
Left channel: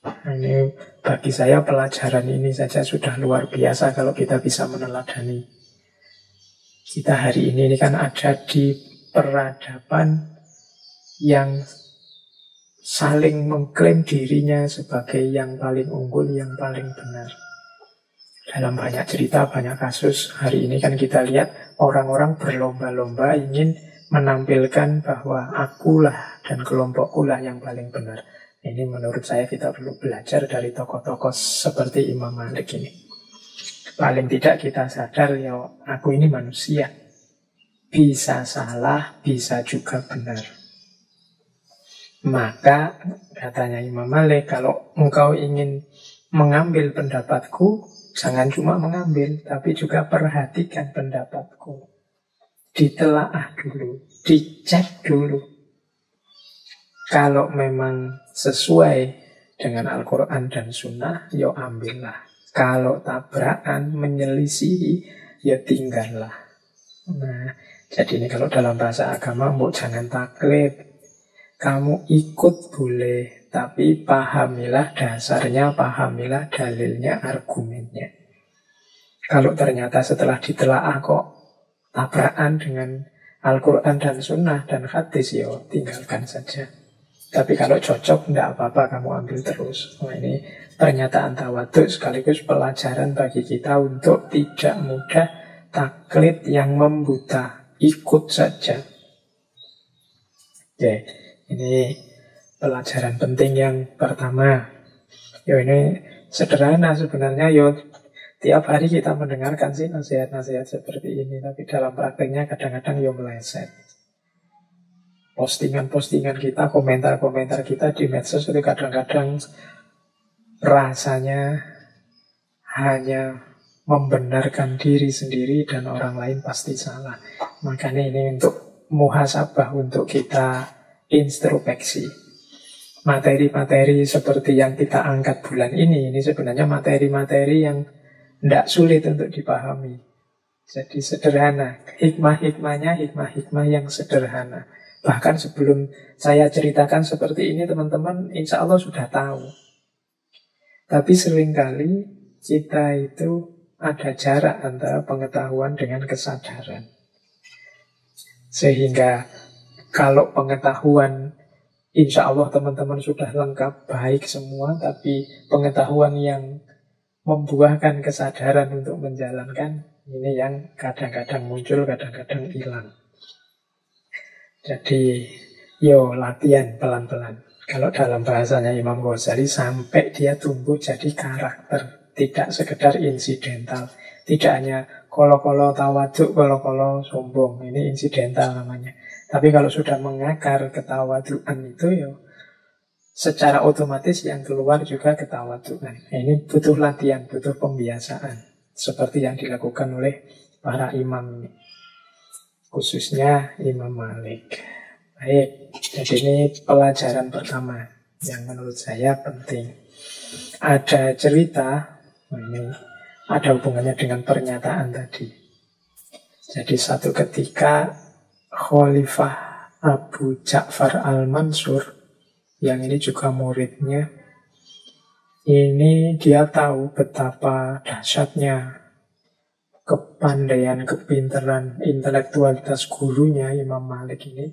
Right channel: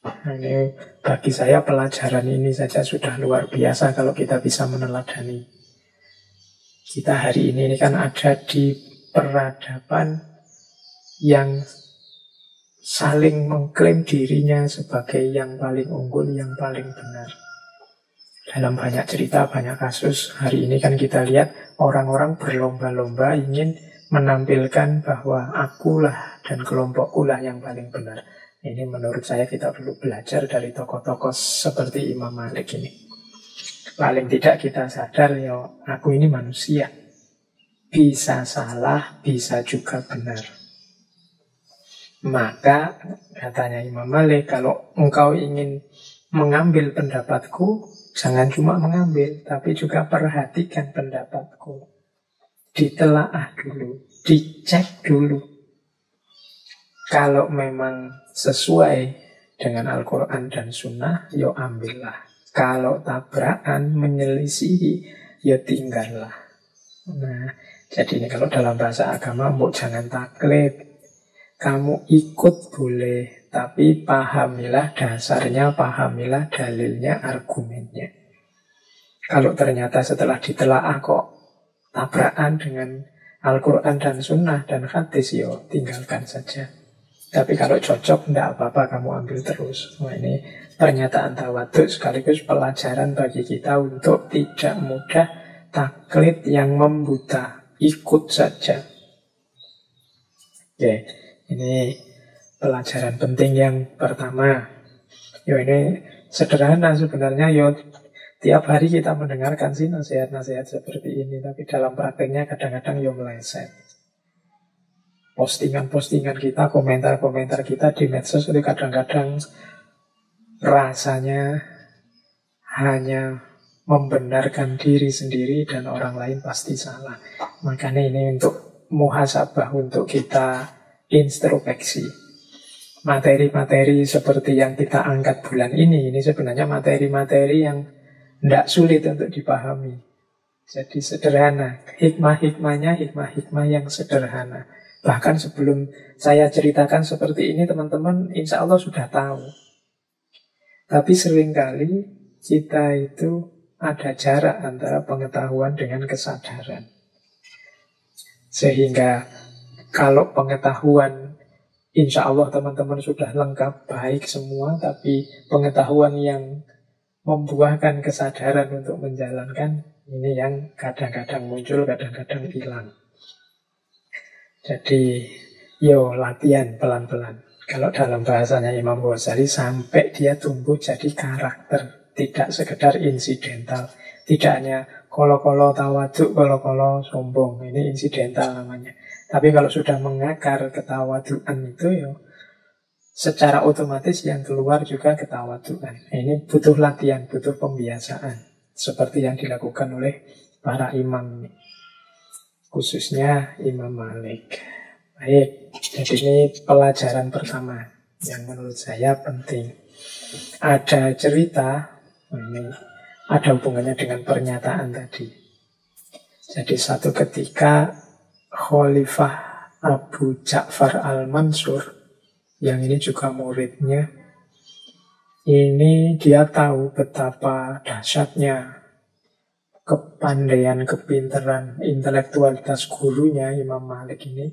Nah, ini bagi saya pelajaran ini saja sudah luar biasa kalau kita bisa meneladani. Kita hari ini kan ada di peradaban yang saling mengklaim dirinya sebagai yang paling unggul, yang paling benar. Dalam banyak cerita, banyak kasus, hari ini kan kita lihat orang-orang berlomba-lomba ingin menampilkan bahwa akulah dan kelompokkulah yang paling benar. Ini menurut saya kita perlu belajar dari tokoh-tokoh seperti Imam Malik ini. Paling tidak kita sadar, ya aku ini manusia. Bisa salah, bisa juga benar. Maka, katanya Imam Malik, kalau engkau ingin mengambil pendapatku, jangan cuma mengambil, tapi juga perhatikan pendapatku. Ditelaah dulu, dicek dulu. Kalau memang sesuai dengan Al-Quran dan Sunnah, ya ambillah. Kalau tabrakan, menyelisihi, ya tinggallah. Nah, jadi ini kalau dalam bahasa agama, jangan taklid. Kamu ikut boleh, tapi pahamilah dasarnya, pahamilah dalilnya, argumennya. Kalau ternyata setelah ditelaah kok tabrakan dengan Al-Quran dan Sunnah dan hadis, ya tinggalkan saja. Tapi kalau cocok, tidak apa-apa, kamu ambil terus. Nah, ini pernyataan tawadhu sekaligus pelajaran bagi kita untuk tidak mudah taklid yang membuta, ikut saja. Oke, ini pelajaran penting yang pertama. Yo, ini sederhana sebenarnya. Yo, tiap hari kita mendengarkan sih nasihat-nasihat seperti ini, tapi dalam prakteknya kadang-kadang yo meleset. Postingan-postingan kita, komentar-komentar kita di medsos itu kadang-kadang rasanya hanya membenarkan diri sendiri dan orang lain pasti salah. Makanya ini untuk muhasabah, untuk kita introspeksi. Materi-materi seperti yang kita angkat bulan ini sebenarnya materi-materi yang tidak sulit untuk dipahami. Jadi sederhana. Hikmah-hikmahnya hikmah-hikmah yang sederhana. Bahkan sebelum saya ceritakan seperti ini, teman-teman insya Allah sudah tahu. Tapi seringkali kita itu ada jarak antara pengetahuan dengan kesadaran. Sehingga kalau pengetahuan insya Allah teman-teman sudah lengkap, baik semua, tapi pengetahuan yang membuahkan kesadaran untuk menjalankan, ini yang kadang-kadang muncul, kadang-kadang hilang. Jadi, latihan pelan-pelan. Kalau dalam bahasanya Imam Ghazali, sampai dia tumbuh jadi karakter, tidak sekedar insidental. Tidak hanya kolo-kolo tawaduk, kolo-kolo sombong. Ini insidental namanya. Tapi kalau sudah mengakar ketawaduan itu, secara otomatis yang keluar juga ketawaduan. Ini butuh latihan, butuh pembiasaan. Seperti yang dilakukan oleh para imam, khususnya Imam Malik. Baik, jadi ini pelajaran pertama yang menurut saya penting. Ada cerita, ini ada hubungannya dengan pernyataan tadi. Jadi satu ketika Khalifah Abu Ja'far al-Mansur, yang ini juga muridnya, ini dia tahu betapa dahsyatnya kepandaian, kepintaran, intelektualitas gurunya Imam Malik ini.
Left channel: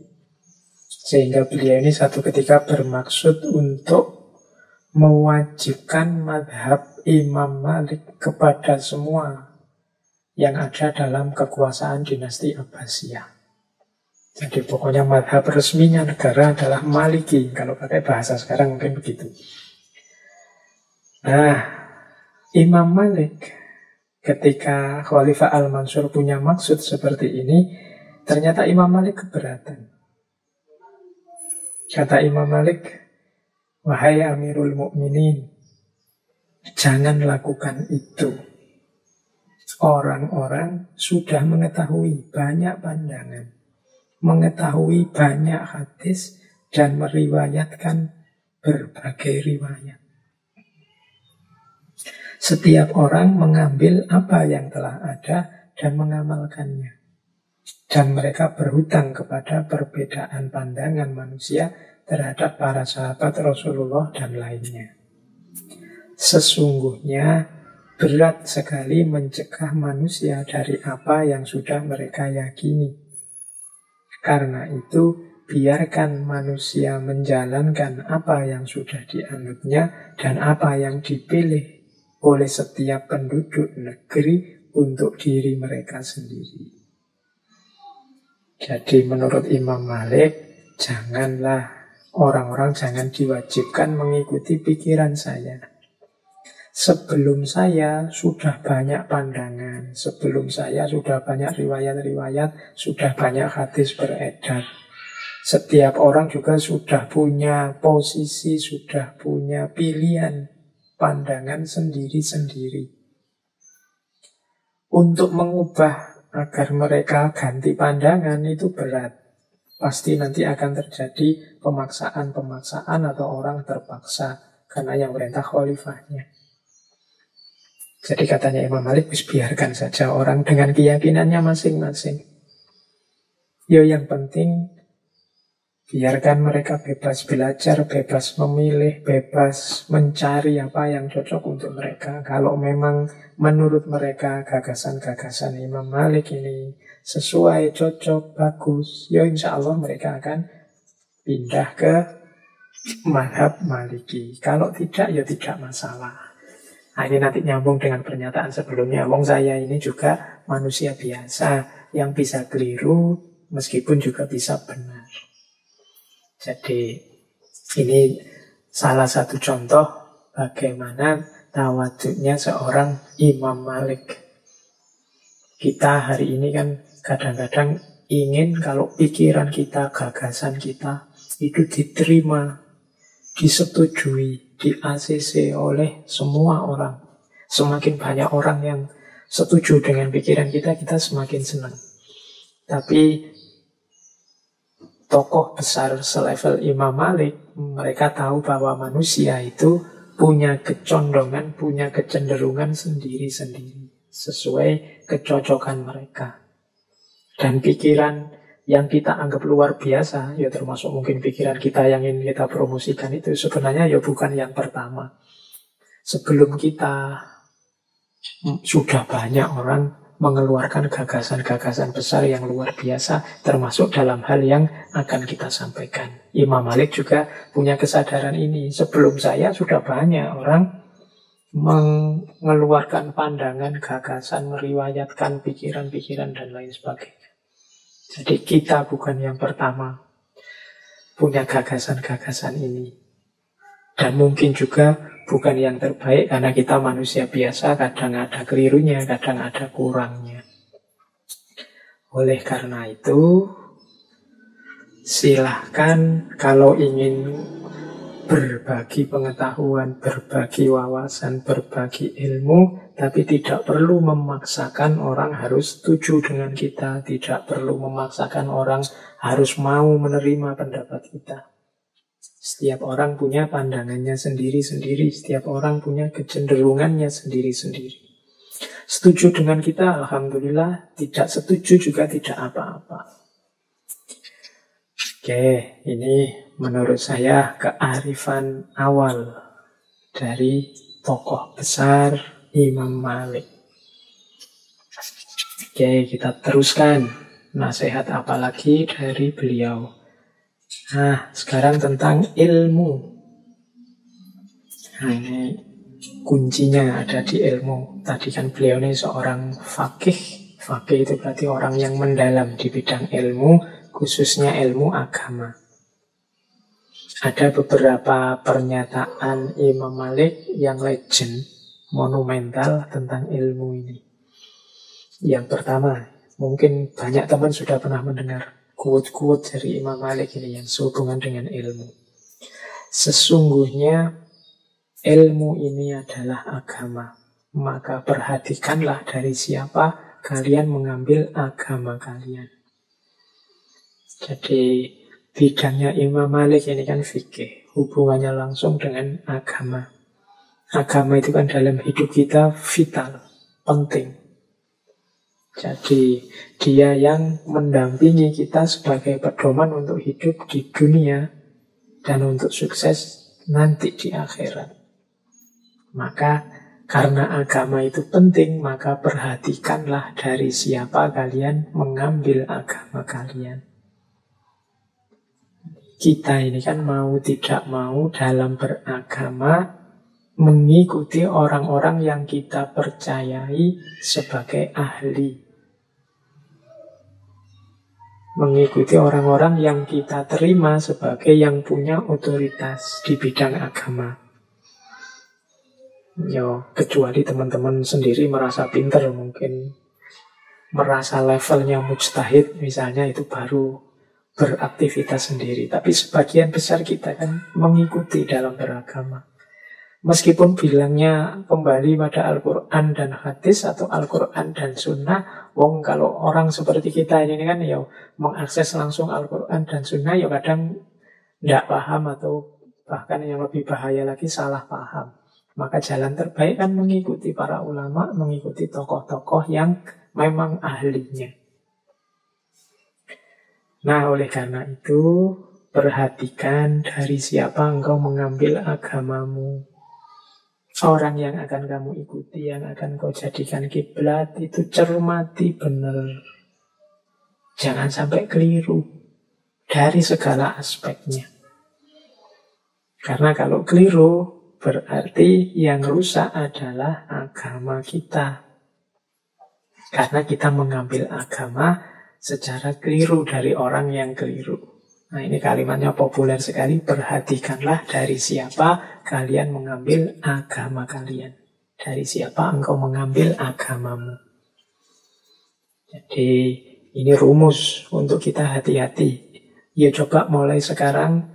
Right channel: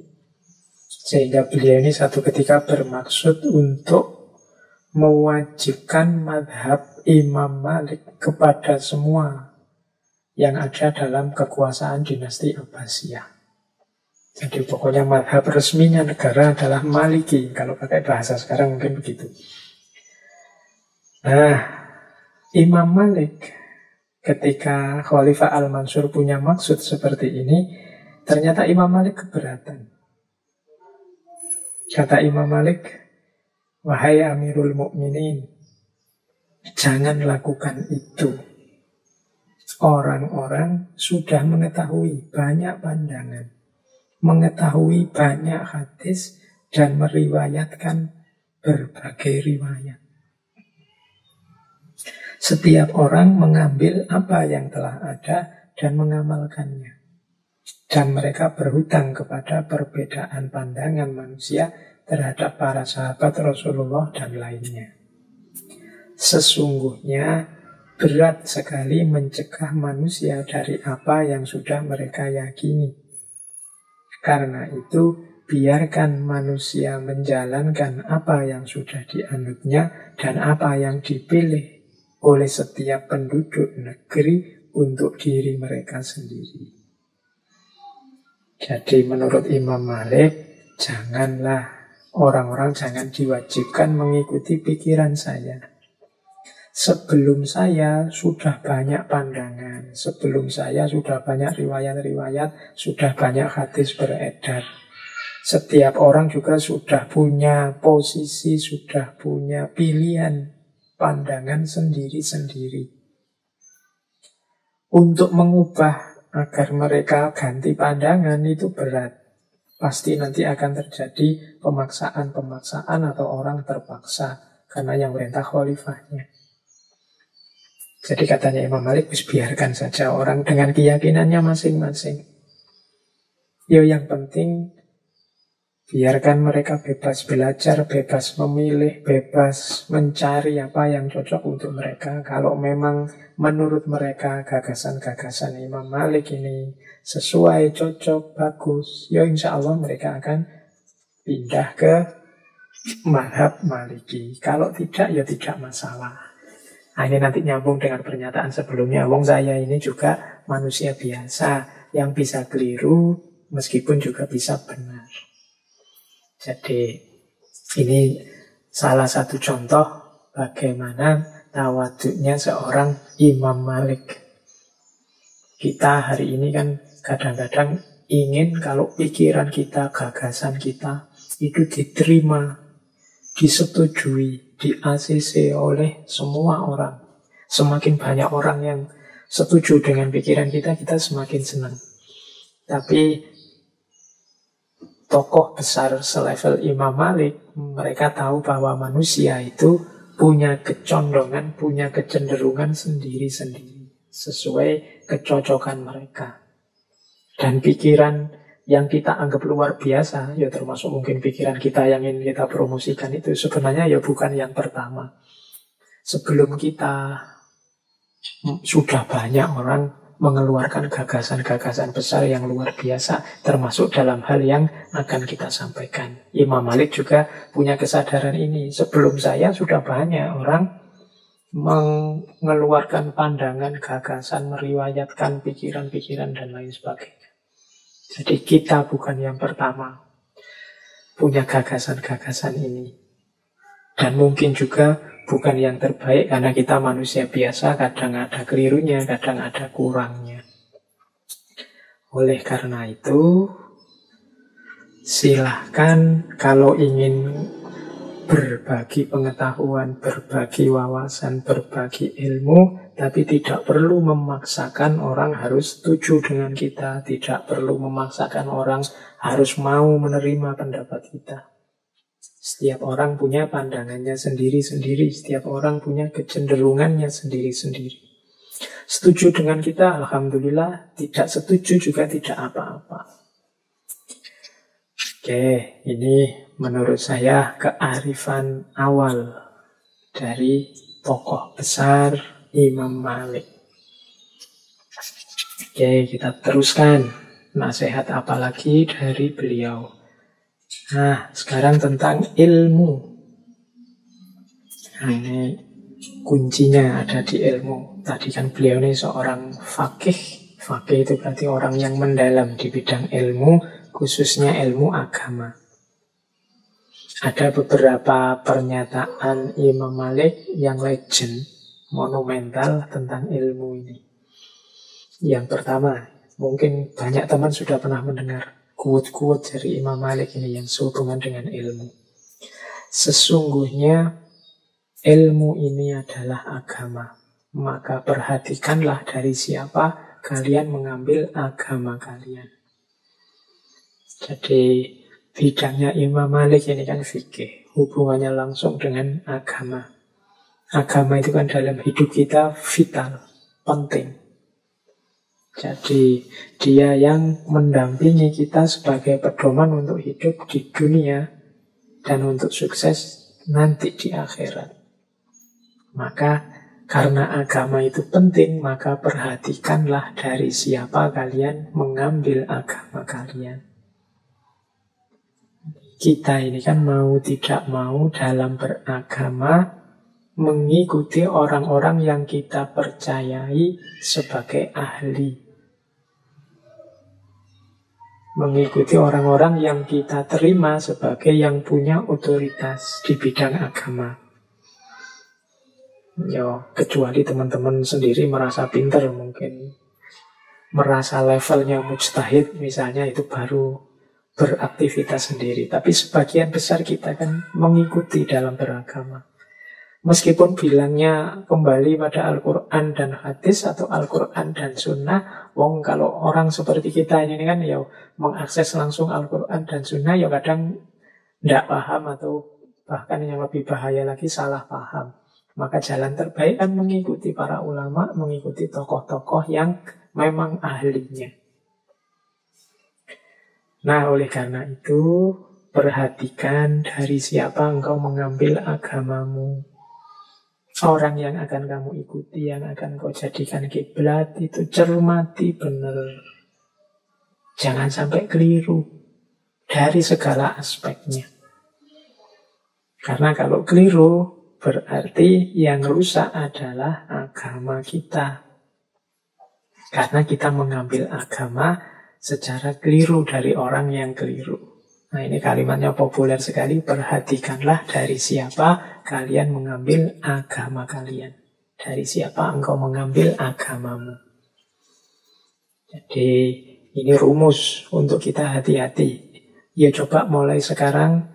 Sehingga beliau ini satu ketika bermaksud untuk mewajibkan madhab Imam Malik kepada semua yang ada dalam kekuasaan dinasti Abbasiyah. Jadi pokoknya madhab resminya negara adalah Maliki. Kalau pakai bahasa sekarang mungkin begitu. Nah, Imam Malik ketika Khalifah Al-Mansur punya maksud seperti ini, ternyata Imam Malik keberatan. Kata Imam Malik, wahai Amirul Mukminin, jangan lakukan itu. Orang-orang sudah mengetahui banyak pandangan, mengetahui banyak hadis, dan meriwayatkan berbagai riwayat. Setiap orang mengambil apa yang telah ada dan mengamalkannya. Dan mereka berhutang kepada perbedaan pandangan manusia terhadap para sahabat Rasulullah dan lainnya. Sesungguhnya berat sekali mencegah manusia dari apa yang sudah mereka yakini. Karena itu, biarkan manusia menjalankan apa yang sudah dianutnya dan apa yang dipilih oleh setiap penduduk negeri untuk diri mereka sendiri. Jadi menurut Imam Malik, orang-orang jangan diwajibkan mengikuti pikiran saya. Sebelum saya sudah banyak pandangan, sebelum saya sudah banyak riwayat-riwayat, sudah banyak hadis beredar. Setiap orang juga sudah punya posisi, sudah punya pilihan, pandangan sendiri-sendiri. Untuk mengubah agar mereka ganti pandangan itu berat. Pasti nanti akan terjadi pemaksaan-pemaksaan atau orang terpaksa karena yang perintah khalifahnya. Jadi katanya Imam Malik, biarkan saja orang dengan keyakinannya masing-masing. Yang penting biarkan mereka bebas belajar, bebas memilih, bebas mencari apa yang cocok untuk mereka. Kalau memang menurut mereka gagasan-gagasan Imam Malik ini sesuai, cocok, bagus, insya Allah mereka akan pindah ke mazhab Maliki. Kalau tidak, tidak masalah. Nah, ini nanti nyambung dengan pernyataan sebelumnya. Wong saya ini juga manusia biasa yang bisa keliru meskipun juga bisa benar. Jadi ini salah satu contoh bagaimana tawaduknya seorang Imam Malik. Kita hari ini kan kadang-kadang ingin kalau pikiran kita, gagasan kita itu diterima, disetujui, di-ACC oleh semua orang. Semakin banyak orang yang setuju dengan pikiran kita, kita semakin senang. Tapi tokoh besar selevel Imam Malik, mereka tahu bahwa manusia itu punya kecondongan, punya kecenderungan sendiri-sendiri sesuai kecocokan mereka. Dan pikiran yang kita anggap luar biasa, ya termasuk mungkin pikiran kita yang ingin kita promosikan itu sebenarnya ya bukan yang pertama. Sebelum kita sudah banyak orang mengeluarkan gagasan-gagasan besar yang luar biasa, termasuk dalam hal yang akan kita sampaikan. Imam Malik juga punya kesadaran ini. Sebelum saya sudah banyak orang mengeluarkan pandangan, gagasan, meriwayatkan pikiran-pikiran dan lain sebagainya. Jadi kita bukan yang pertama punya gagasan-gagasan ini. Dan mungkin juga bukan yang terbaik karena kita manusia biasa, kadang ada kelirunya, kadang ada kurangnya. Oleh karena itu, silahkan kalau ingin berbagi pengetahuan, berbagi wawasan, berbagi ilmu, tapi tidak perlu memaksakan orang harus setuju dengan kita, tidak perlu memaksakan orang harus mau menerima pendapat kita. Setiap orang punya pandangannya sendiri-sendiri, setiap orang punya kecenderungannya sendiri-sendiri. Setuju dengan kita, alhamdulillah. Tidak setuju juga tidak apa-apa. Oke, ini menurut saya kearifan awal dari tokoh besar Imam Malik. Oke, kita teruskan. Nasihat apa lagi dari beliau? Nah, sekarang tentang ilmu. Nah, ini kuncinya ada di ilmu. Tadi kan beliau ini seorang faqih. Faqih itu berarti orang yang mendalam di bidang ilmu, khususnya ilmu agama. Ada beberapa pernyataan Imam Malik yang legend, monumental tentang ilmu ini. Yang pertama, mungkin banyak teman sudah pernah mendengar quote-quote dari Imam Malik ini yang sehubungan dengan ilmu. Sesungguhnya ilmu ini adalah agama. Maka perhatikanlah dari siapa kalian mengambil agama kalian. Jadi bidangnya Imam Malik ini kan fikih, hubungannya langsung dengan agama. Agama itu kan dalam hidup kita vital, penting. Jadi dia yang mendampingi kita sebagai pedoman untuk hidup di dunia dan untuk sukses nanti di akhirat. Maka karena agama itu penting, maka perhatikanlah dari siapa kalian mengambil agama kalian. Kita ini kan mau tidak mau dalam beragama mengikuti orang-orang yang kita percayai sebagai ahli. Mengikuti orang-orang yang kita terima sebagai yang punya otoritas di bidang agama. Kecuali teman-teman sendiri merasa pintar, mungkin merasa levelnya mujtahid misalnya, itu baru beraktivitas sendiri. Tapi sebagian besar kita kan mengikuti dalam beragama. Meskipun bilangnya kembali pada Al-Quran dan hadis atau Al-Quran dan sunnah, kalau orang seperti kita ini kan ya mengakses langsung Al-Quran dan sunnah ya kadang tidak paham atau bahkan yang lebih bahaya lagi salah paham. Maka jalan terbaik kan mengikuti para ulama, mengikuti tokoh-tokoh yang memang ahlinya. Nah, oleh karena itu perhatikan dari siapa engkau mengambil agamamu. Orang yang akan kamu ikuti, yang akan kau jadikan kiblat, itu cermati benar. Jangan sampai keliru dari segala aspeknya. Karena kalau keliru, berarti yang rusak adalah agama kita. Karena kita mengambil agama secara keliru dari orang yang keliru. Nah, ini kalimatnya populer sekali. Perhatikanlah dari siapa kalian mengambil agama kalian. Dari siapa engkau mengambil agamamu. Jadi ini rumus untuk kita hati-hati. Ya coba mulai sekarang.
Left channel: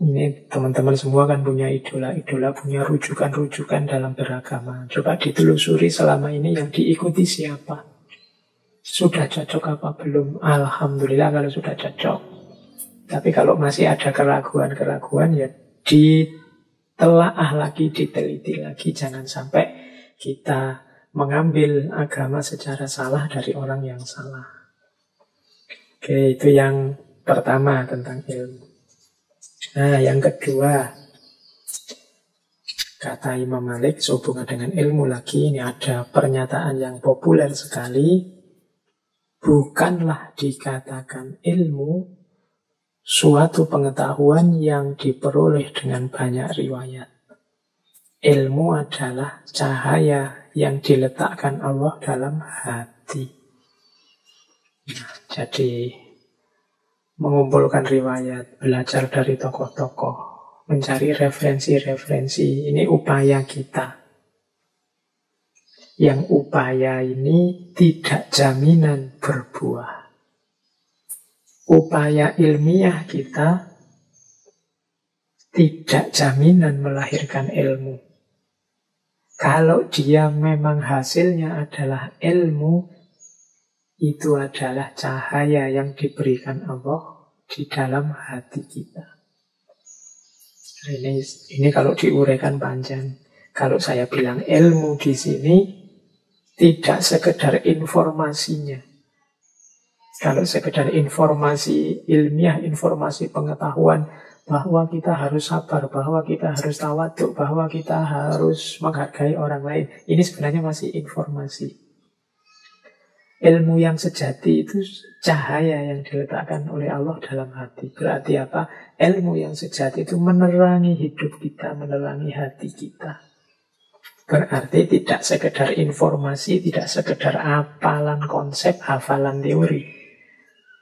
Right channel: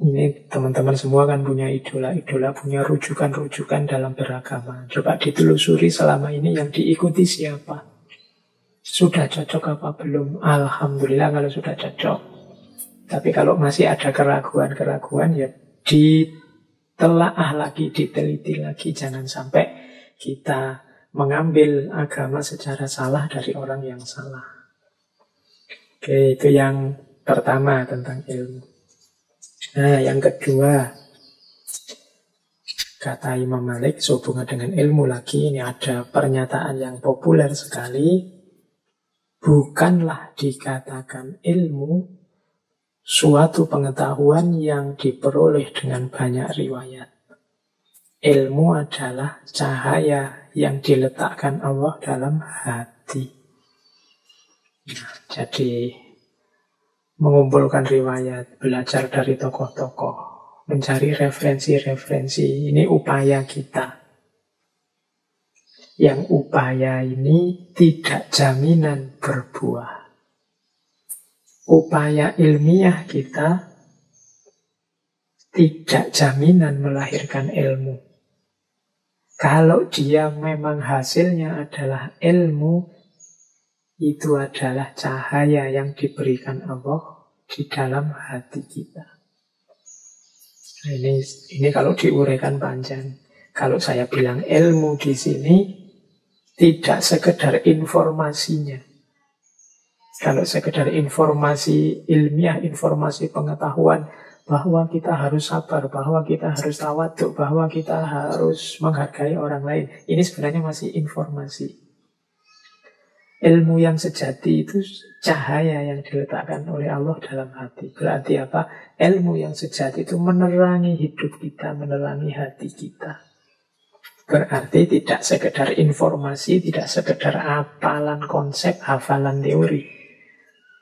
Ini teman-teman semua kan punya idola-idola, punya rujukan-rujukan dalam beragama. Coba ditelusuri selama ini yang diikuti siapa. Sudah cocok apa belum? Alhamdulillah kalau sudah cocok. Tapi kalau masih ada keraguan-keraguan, ya ditelaah lagi, diteliti lagi. Jangan sampai kita mengambil agama secara salah dari orang yang salah. Oke, itu yang pertama tentang ilmu. Nah, yang kedua, kata Imam Malik sehubungan dengan ilmu lagi, ini ada pernyataan yang populer sekali. Bukanlah dikatakan ilmu suatu pengetahuan yang diperoleh dengan banyak riwayat. Ilmu adalah cahaya yang diletakkan Allah dalam hati. Nah, jadi mengumpulkan riwayat, belajar dari tokoh-tokoh, mencari referensi-referensi, ini upaya kita. Yang upaya ini tidak jaminan berbuah. Upaya ilmiah kita tidak jaminan melahirkan ilmu. Kalau dia memang hasilnya adalah ilmu, itu adalah cahaya yang diberikan Allah di dalam hati kita. Nah, ini kalau diuraikan panjang. Kalau saya bilang ilmu di sini tidak sekedar informasinya. Kalau sekedar informasi ilmiah, informasi pengetahuan bahwa kita harus sabar, bahwa kita harus tawaduk, bahwa kita harus menghargai orang lain. Ini sebenarnya masih informasi. Ilmu yang sejati itu cahaya yang diletakkan oleh Allah dalam hati. Berarti apa? Ilmu yang sejati itu menerangi hidup kita, menerangi hati kita. Berarti tidak sekedar informasi, tidak sekedar hafalan konsep, hafalan teori.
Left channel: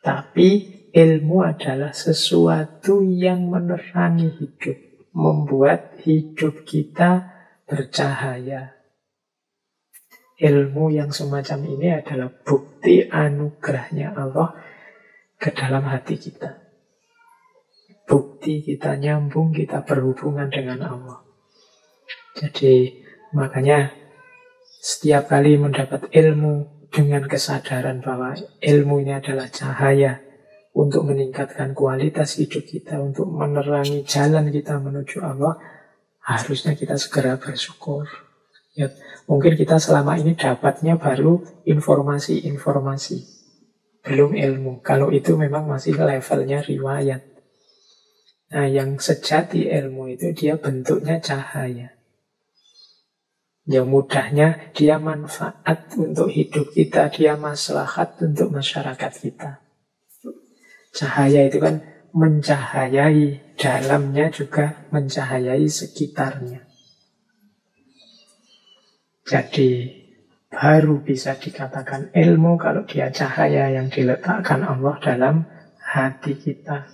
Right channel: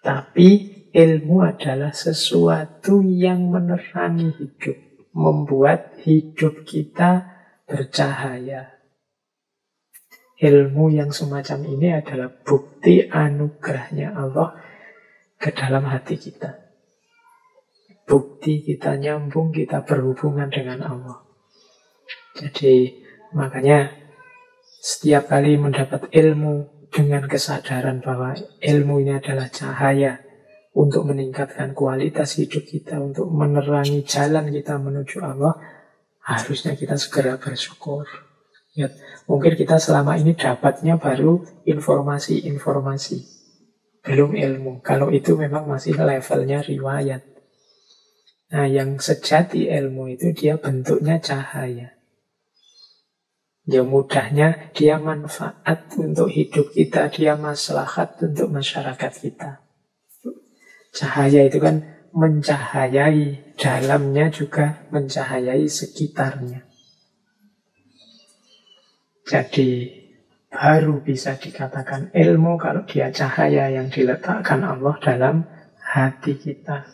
Tapi ilmu adalah sesuatu yang menerangi hidup, membuat hidup kita bercahaya. Ilmu yang semacam ini adalah bukti anugerahnya Allah ke dalam hati kita. Bukti kita nyambung, kita berhubungan dengan Allah. Jadi makanya setiap kali mendapat ilmu dengan kesadaran bahwa ilmu ini adalah cahaya untuk meningkatkan kualitas hidup kita, untuk menerangi jalan kita menuju Allah, harusnya kita segera bersyukur. Ya, mungkin kita selama ini dapatnya baru informasi-informasi, belum ilmu. Kalau itu memang masih levelnya riwayat. Nah, yang sejati ilmu itu dia bentuknya cahaya. Ya mudahnya dia manfaat untuk hidup kita, dia maslahat untuk masyarakat kita. Cahaya itu kan mencahayai, dalamnya juga mencahayai sekitarnya. Jadi baru bisa dikatakan ilmu kalau dia cahaya yang diletakkan Allah dalam hati kita.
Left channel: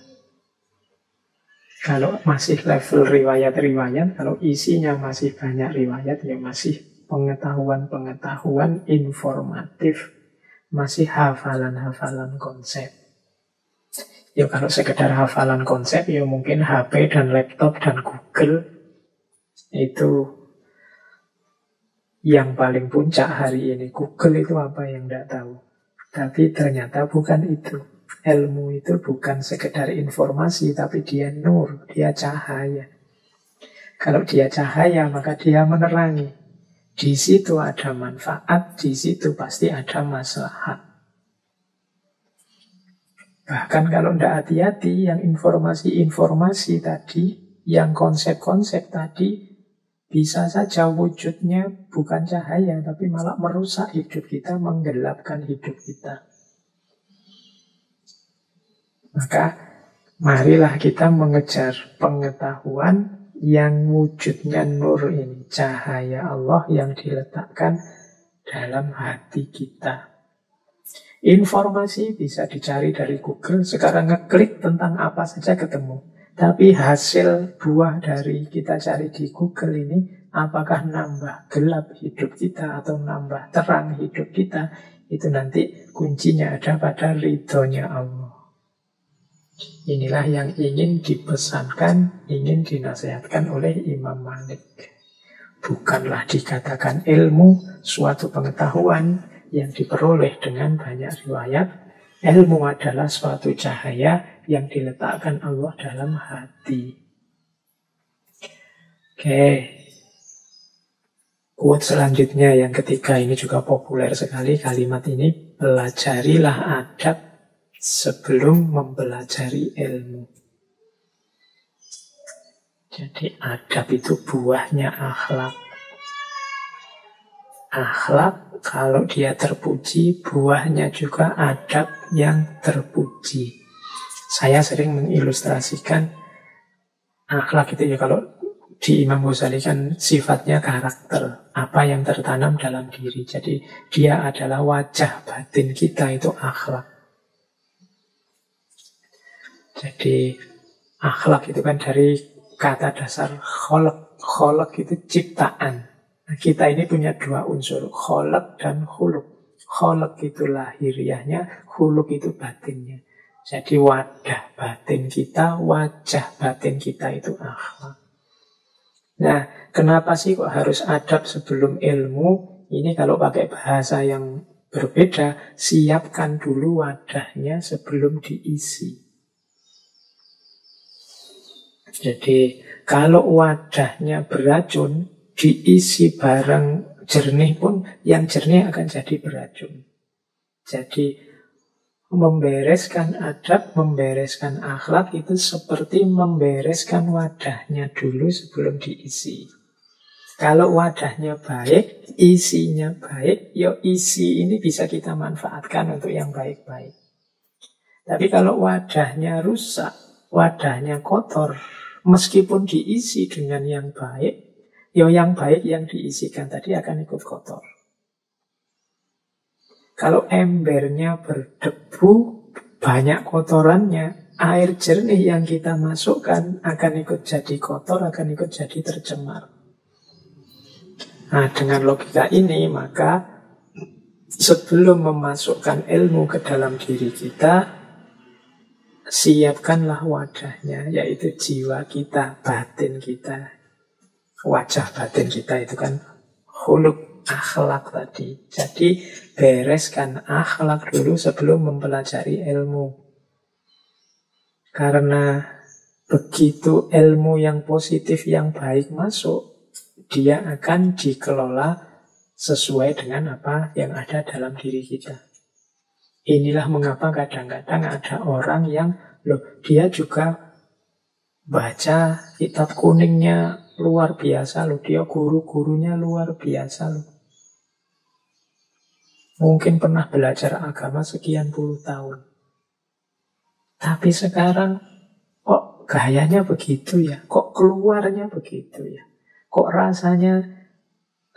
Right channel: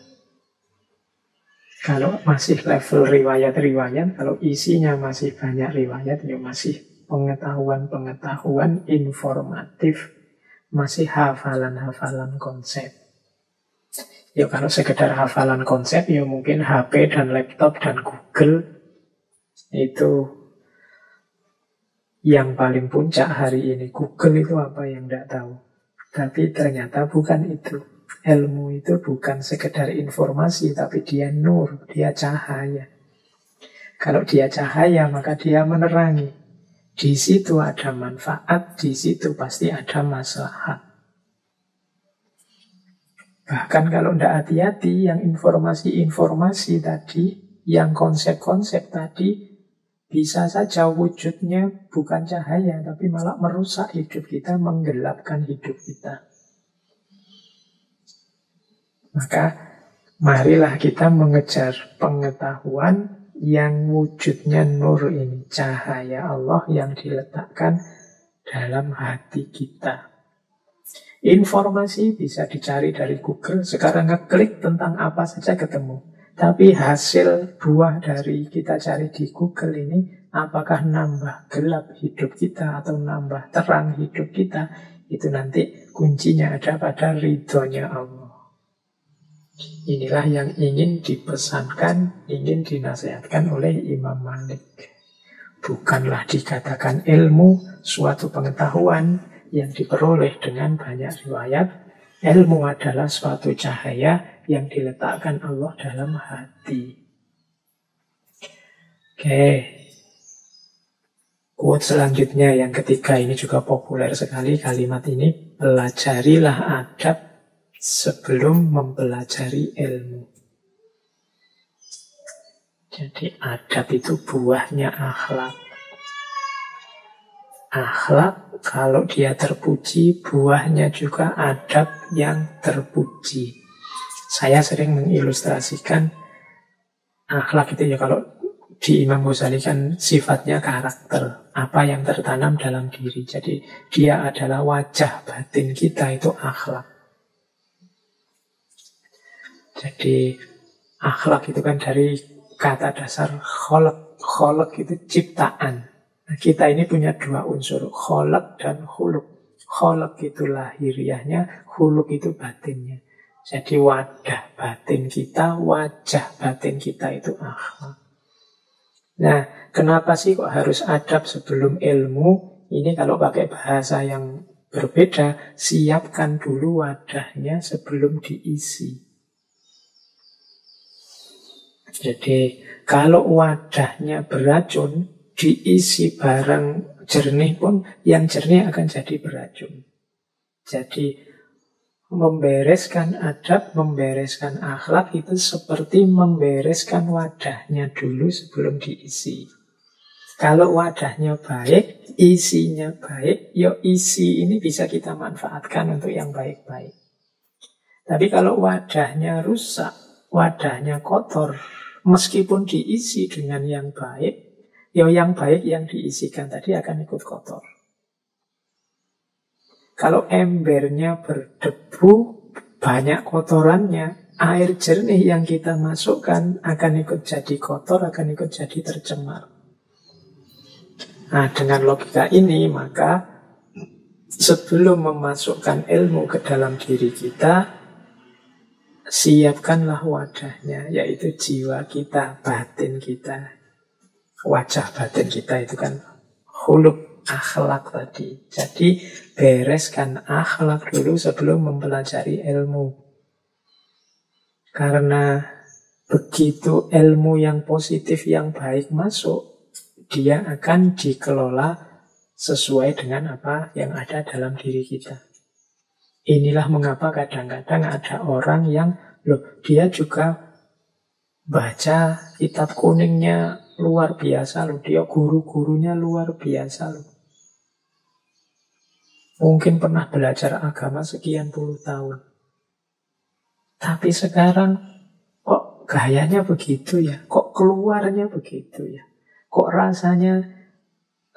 Kalau masih level riwayat-riwayat, kalau isinya masih banyak riwayat, ya masih pengetahuan-pengetahuan informatif, masih hafalan-hafalan konsep. Ya kalau sekedar hafalan konsep, ya mungkin HP dan laptop dan Google itu yang paling puncak hari ini. Google itu apa yang tidak tahu. Tapi ternyata bukan itu. Ilmu itu bukan sekedar informasi, tapi dia nur, dia cahaya. Kalau dia cahaya, maka dia menerangi. Di situ ada manfaat, di situ pasti ada maslahat. Bahkan kalau tidak hati-hati, yang informasi-informasi tadi, yang konsep-konsep tadi, bisa saja wujudnya bukan cahaya, tapi malah merusak hidup kita, menggelapkan hidup kita. Maka marilah kita mengejar pengetahuan yang wujudnya nur ini, cahaya Allah yang diletakkan dalam hati kita. Informasi bisa dicari dari Google, sekarang ngeklik tentang apa saja ketemu. Tapi hasil buah dari kita cari di Google ini, apakah nambah gelap hidup kita atau nambah terang hidup kita, itu nanti kuncinya ada pada ridhonya Allah. Inilah yang ingin dipesankan, ingin dinasihatkan oleh Imam Malik. Bukanlah dikatakan ilmu suatu pengetahuan yang diperoleh dengan banyak riwayat, Ilmu adalah suatu cahaya yang diletakkan Allah dalam hati. Oke. Quote selanjutnya yang ketiga ini juga populer sekali kalimat ini. Pelajarilah adab sebelum mempelajari ilmu. Jadi adab itu buahnya akhlak. Akhlak kalau dia terpuji, buahnya juga adab yang terpuji. Saya sering mengilustrasikan akhlak itu ya, kalau di Imam Ghazali kan sifatnya karakter, apa yang tertanam dalam diri. Jadi dia adalah wajah batin kita, itu akhlak. Jadi akhlak itu kan dari kata dasar kholak. Kholak itu ciptaan. Nah, kita ini punya dua unsur, kholak dan khuluk. Kholak itu lahiriahnya, khuluk itu batinnya. Jadi wadah batin kita, wajah batin kita itu akhlak. Nah, kenapa sih kok harus adab sebelum ilmu? Ini kalau pakai bahasa yang berbeda, siapkan dulu wadahnya sebelum diisi. Jadi kalau wadahnya beracun, diisi barang jernih pun, yang jernih akan jadi beracun. Jadi membereskan adab, membereskan akhlak itu seperti membereskan wadahnya dulu sebelum diisi. Kalau wadahnya baik, isinya baik, ya isi ini bisa kita manfaatkan untuk yang baik-baik. Tapi kalau wadahnya rusak, wadahnya kotor, meskipun diisi dengan yang baik, ya yang baik yang diisikan tadi akan ikut kotor. Kalau embernya berdebu, banyak kotorannya, air jernih yang kita masukkan akan ikut jadi kotor, akan ikut jadi tercemar. Nah, dengan logika ini, maka sebelum memasukkan ilmu ke dalam diri kita, siapkanlah wadahnya, yaitu jiwa kita, batin kita. Wajah batin kita itu kan khuluk, akhlak tadi. Jadi bereskan akhlak dulu sebelum mempelajari ilmu. Karena begitu ilmu yang positif, yang baik masuk, dia akan dikelola sesuai dengan apa yang ada dalam diri kita. Inilah mengapa kadang-kadang ada orang yang, dia juga baca kitab kuningnya luar biasa loh, dia guru-gurunya luar biasa loh. Mungkin pernah belajar agama sekian puluh tahun. Tapi sekarang kok gayanya begitu ya? Kok keluarnya begitu ya? Kok rasanya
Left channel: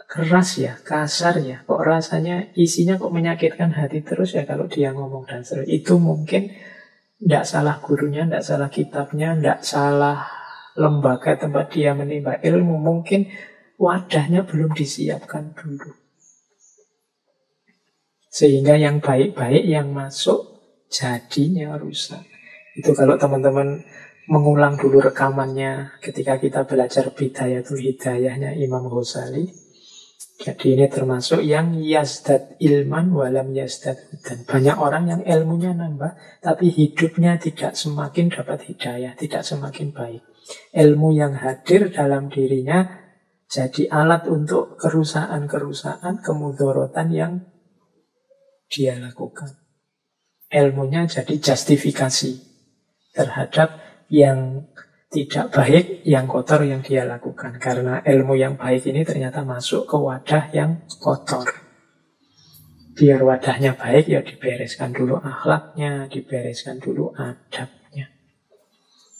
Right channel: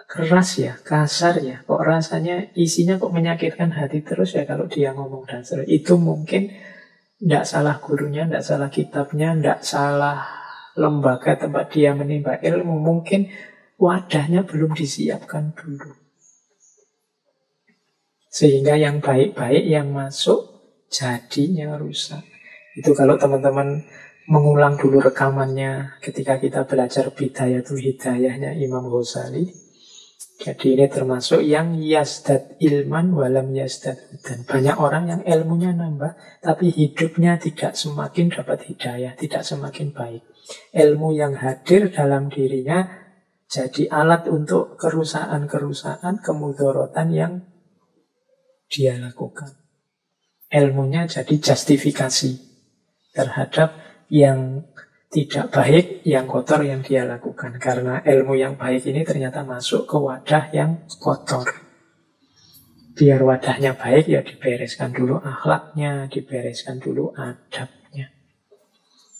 keras ya, kasar ya? Kok rasanya isinya kok menyakitkan hati terus ya kalau dia ngomong dasar? Itu mungkin tidak salah gurunya, tidak salah kitabnya, tidak salah lembaga tempat dia menimba ilmu. Mungkin wadahnya belum disiapkan dulu. Sehingga yang baik-baik yang masuk jadinya rusak. Itu kalau teman-teman mengulang dulu rekamannya ketika kita belajar Bidayatul Hidayahnya Imam Ghazali. Jadi ini termasuk yang yazdad ilman walam yazdad hudan. Banyak orang yang ilmunya nambah, tapi hidupnya tidak semakin dapat hidayah, tidak semakin baik. Ilmu yang hadir dalam dirinya jadi alat untuk kerusakan-kerusakan, kemudorotan yang dia lakukan. Ilmunya jadi justifikasi terhadap yang tidak baik, yang kotor yang dia lakukan. Karena ilmu yang baik ini ternyata masuk ke wadah yang kotor. Biar wadahnya baik, ya dibereskan dulu akhlaknya, dibereskan dulu adabnya.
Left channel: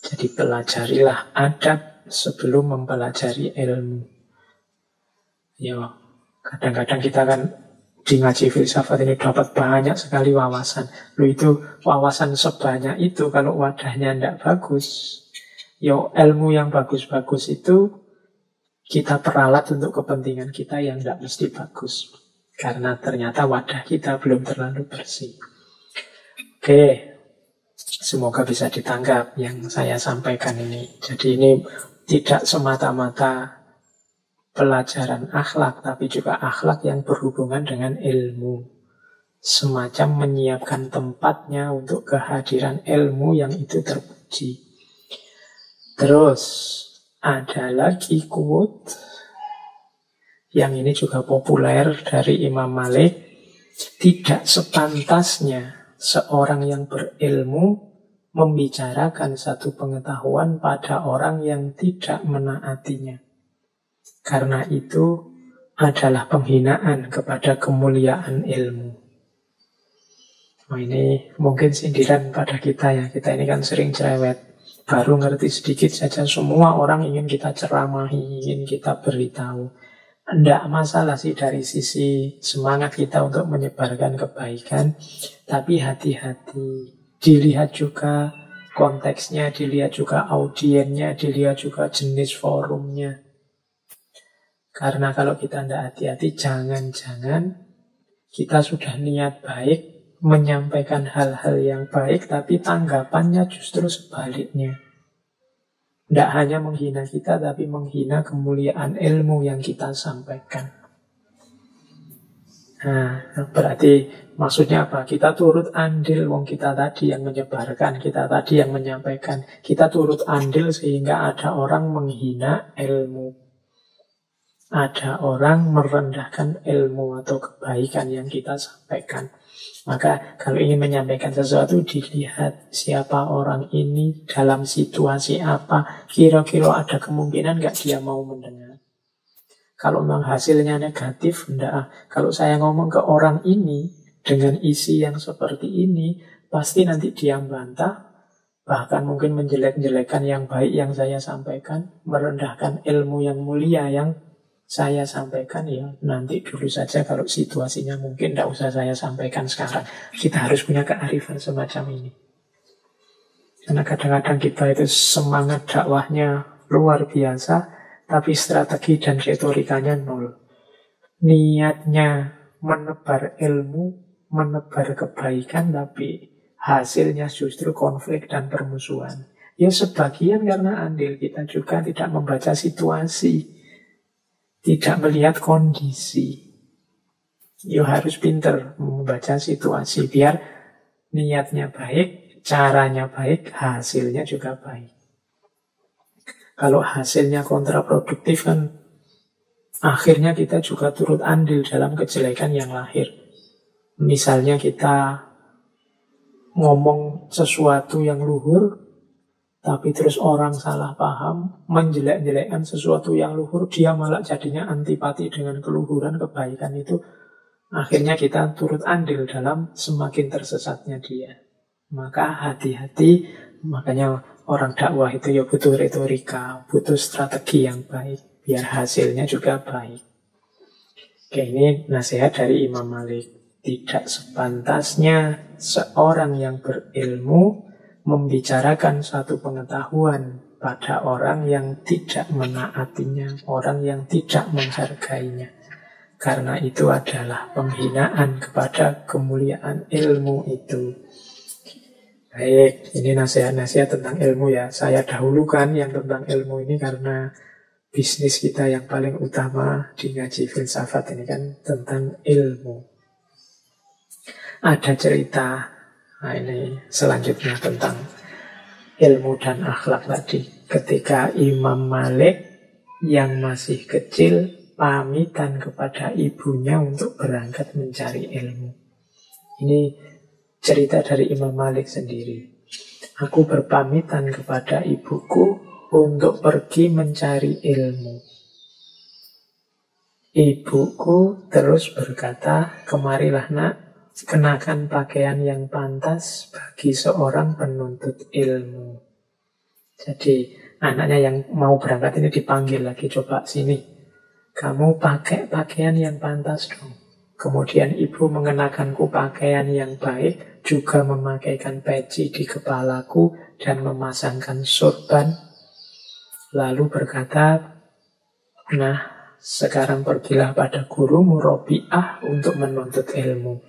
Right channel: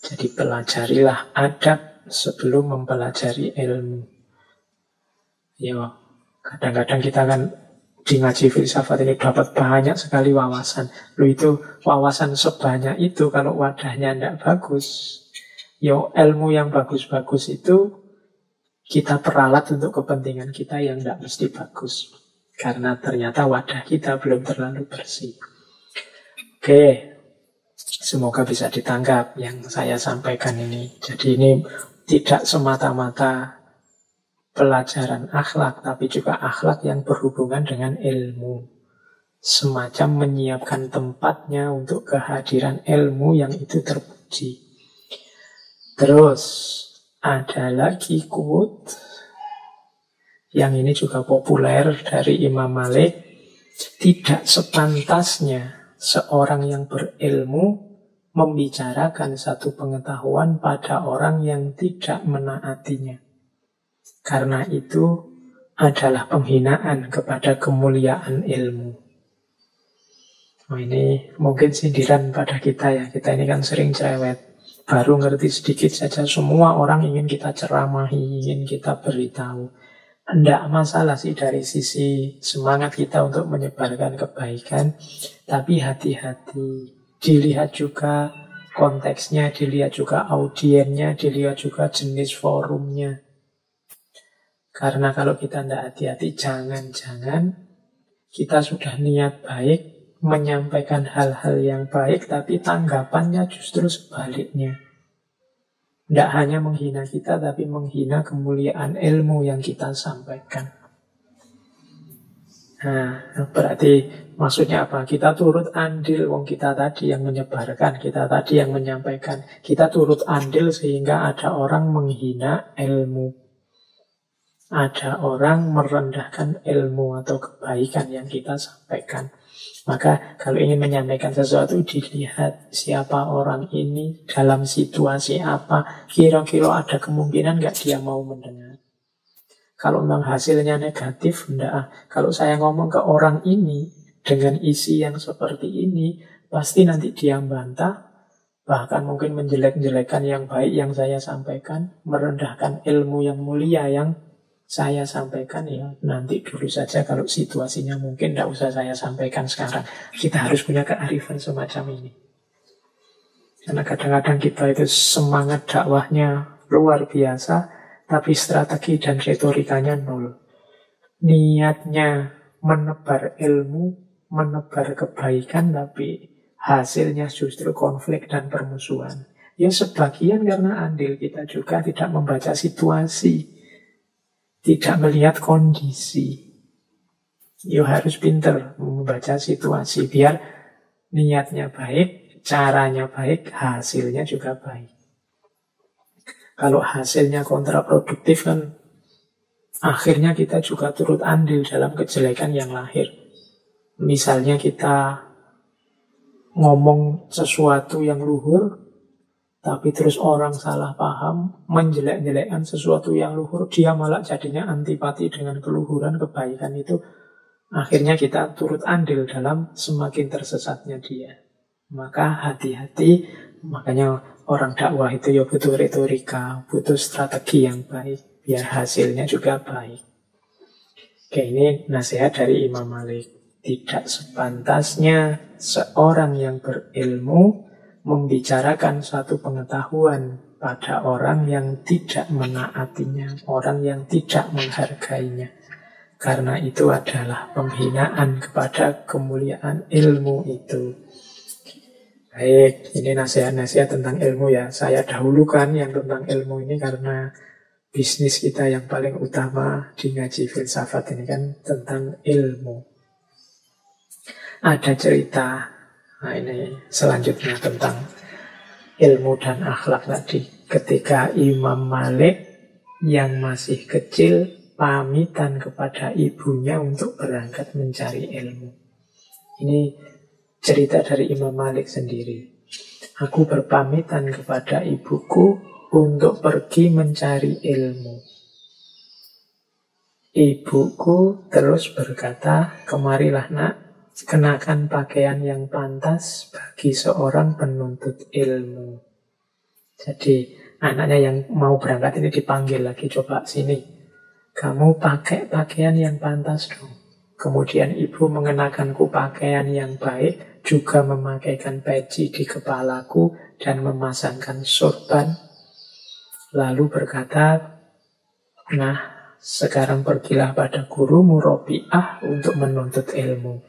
Jadi pelajarilah adab sebelum mempelajari ilmu. Ya, kadang-kadang kita kan di ngaji filsafat ini dapat banyak sekali wawasan. Loh, itu wawasan sebanyak itu kalau wadahnya tidak bagus, yo ilmu yang bagus-bagus itu kita peralat untuk kepentingan kita yang tidak mesti bagus. Karena ternyata wadah kita belum terlalu bersih. Oke, semoga bisa ditangkap yang saya sampaikan ini. Jadi ini tidak semata-mata pelajaran akhlak, tapi juga akhlak yang berhubungan dengan ilmu. semacam menyiapkan tempatnya untuk kehadiran ilmu yang itu terpuji. Terus ada lagi quote yang ini juga populer dari Imam Malik. Tidak sepantasnya seorang yang berilmu membicarakan satu pengetahuan pada orang yang tidak menaatinya. Karena itu adalah penghinaan kepada kemuliaan ilmu. Nah, ini mungkin sindiran pada kita ya. Kita ini kan sering cerewet. Baru ngerti sedikit saja semua orang ingin kita ceramahi, ingin kita beritahu. Tidak masalah sih dari sisi semangat kita untuk menyebarkan kebaikan. Tapi hati-hati. Dilihat juga konteksnya, dilihat juga audiennya, dilihat juga jenis forumnya. Karena kalau kita tidak hati-hati, jangan-jangan kita sudah niat baik, menyampaikan hal-hal yang baik, tapi tanggapannya justru sebaliknya. Tidak hanya menghina kita, tapi menghina kemuliaan ilmu yang kita sampaikan. Nah, berarti maksudnya apa? Kita turut andil, wong kita tadi yang menyebarkan, kita tadi yang menyampaikan. Kita turut andil sehingga ada orang menghina ilmu. Ada orang merendahkan ilmu atau kebaikan yang kita sampaikan. Maka kalau ingin menyampaikan sesuatu, dilihat siapa orang ini, dalam situasi apa, kira-kira ada kemungkinan nggak dia mau mendengar. Kalau memang hasilnya negatif, enggak. Kalau saya ngomong ke orang ini dengan isi yang seperti ini, pasti nanti dia bantah, bahkan mungkin menjelek-jelekan yang baik yang saya sampaikan, merendahkan ilmu yang mulia yang saya sampaikan. Ya nanti dulu saja, kalau situasinya mungkin tidak usah saya sampaikan sekarang. Kita harus punya kearifan semacam ini. Karena kadang-kadang kita itu semangat dakwahnya luar biasa, tapi strategi dan retorikanya nol. Niatnya menebar ilmu, menebar kebaikan, tapi hasilnya justru konflik dan permusuhan. Ya sebagian karena andil kita juga tidak membaca situasi, tidak melihat kondisi. Ya harus pinter membaca situasi biar niatnya baik, caranya baik, hasilnya juga baik. Kalau hasilnya kontraproduktif kan akhirnya kita juga turut andil dalam kejelekan yang lahir. Misalnya kita ngomong sesuatu yang luhur, tapi terus orang salah paham, menjelek-jelekkan sesuatu yang luhur, dia malah jadinya antipati dengan keluhuran kebaikan itu. Akhirnya kita turut andil dalam semakin tersesatnya dia. Maka hati-hati, makanya orang dakwah itu ya butuh retorika, butuh strategi yang baik, biar hasilnya juga baik. Oke, ini nasihat dari Imam Malik. Tidak sepantasnya seorang yang berilmu membicarakan satu pengetahuan pada orang yang tidak menaatinya, orang yang tidak menghargainya. Karena itu adalah penghinaan kepada kemuliaan ilmu itu. Baik, ini nasihat-nasihat tentang ilmu ya. Saya dahulukan yang tentang ilmu ini karena bisnis kita yang paling utama di ngaji filsafat ini kan tentang ilmu. Ada cerita, nah ini selanjutnya tentang ilmu dan akhlak tadi. Ketika Imam Malik yang masih kecil pamitan kepada ibunya untuk berangkat mencari ilmu. Ini cerita dari Imam Malik sendiri. Aku berpamitan kepada ibuku untuk pergi mencari ilmu. Ibuku terus berkata, kemarilah nak, kenakan pakaian yang pantas bagi seorang penuntut ilmu. Jadi anaknya yang mau berangkat ini dipanggil lagi, coba sini, kamu pakai pakaian yang pantas dong. Kemudian ibu mengenakanku pakaian yang baik, juga memakaikan peci di kepalaku dan memasangkan sorban. Lalu berkata, nah sekarang pergilah pada gurumu Robi'ah untuk menuntut ilmu.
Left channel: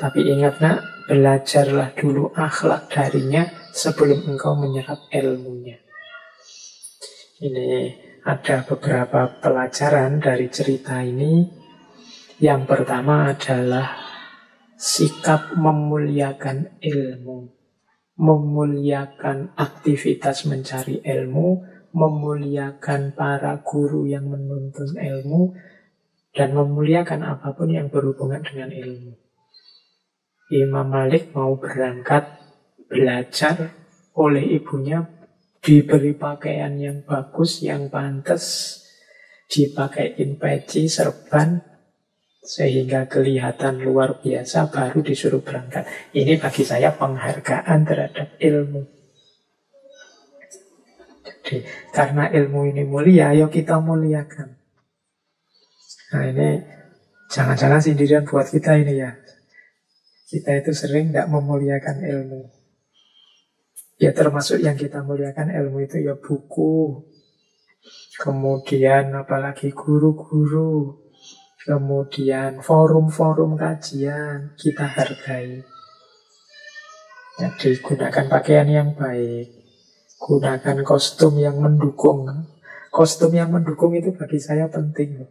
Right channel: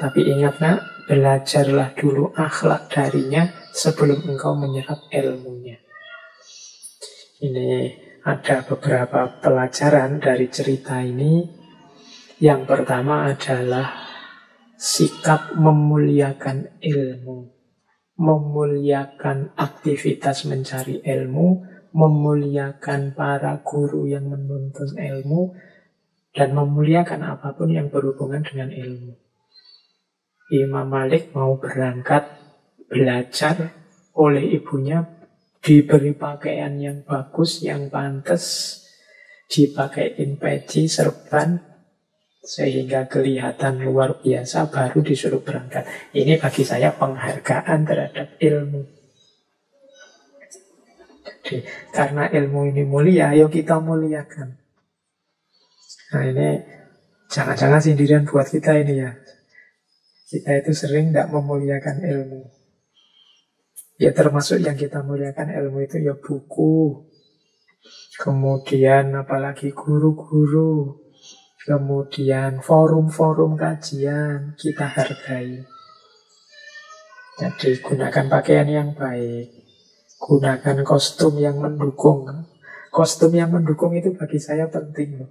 Tapi ingat nak, belajarlah dulu akhlak darinya sebelum engkau menyerap ilmunya. Ini ada beberapa pelajaran dari cerita ini. Yang pertama adalah sikap memuliakan ilmu, memuliakan aktivitas mencari ilmu, memuliakan para guru yang menuntun ilmu, dan memuliakan apapun yang berhubungan dengan ilmu. Imam Malik mau berangkat belajar, oleh ibunya diberi pakaian yang bagus, yang pantas, dipakaiin peci, serban, sehingga kelihatan luar biasa, baru disuruh berangkat. Ini bagi saya penghargaan terhadap ilmu. Jadi, karena ilmu ini mulia, ayo kita muliakan. Nah ini jangan-jangan sindiran buat kita ini ya. Kita itu sering tidak memuliakan ilmu. Ya termasuk yang kita muliakan ilmu itu ya buku, kemudian apalagi guru-guru, kemudian forum-forum kajian, kita hargai. Jadi gunakan pakaian yang baik, gunakan kostum yang mendukung. Kostum yang mendukung itu bagi saya penting loh.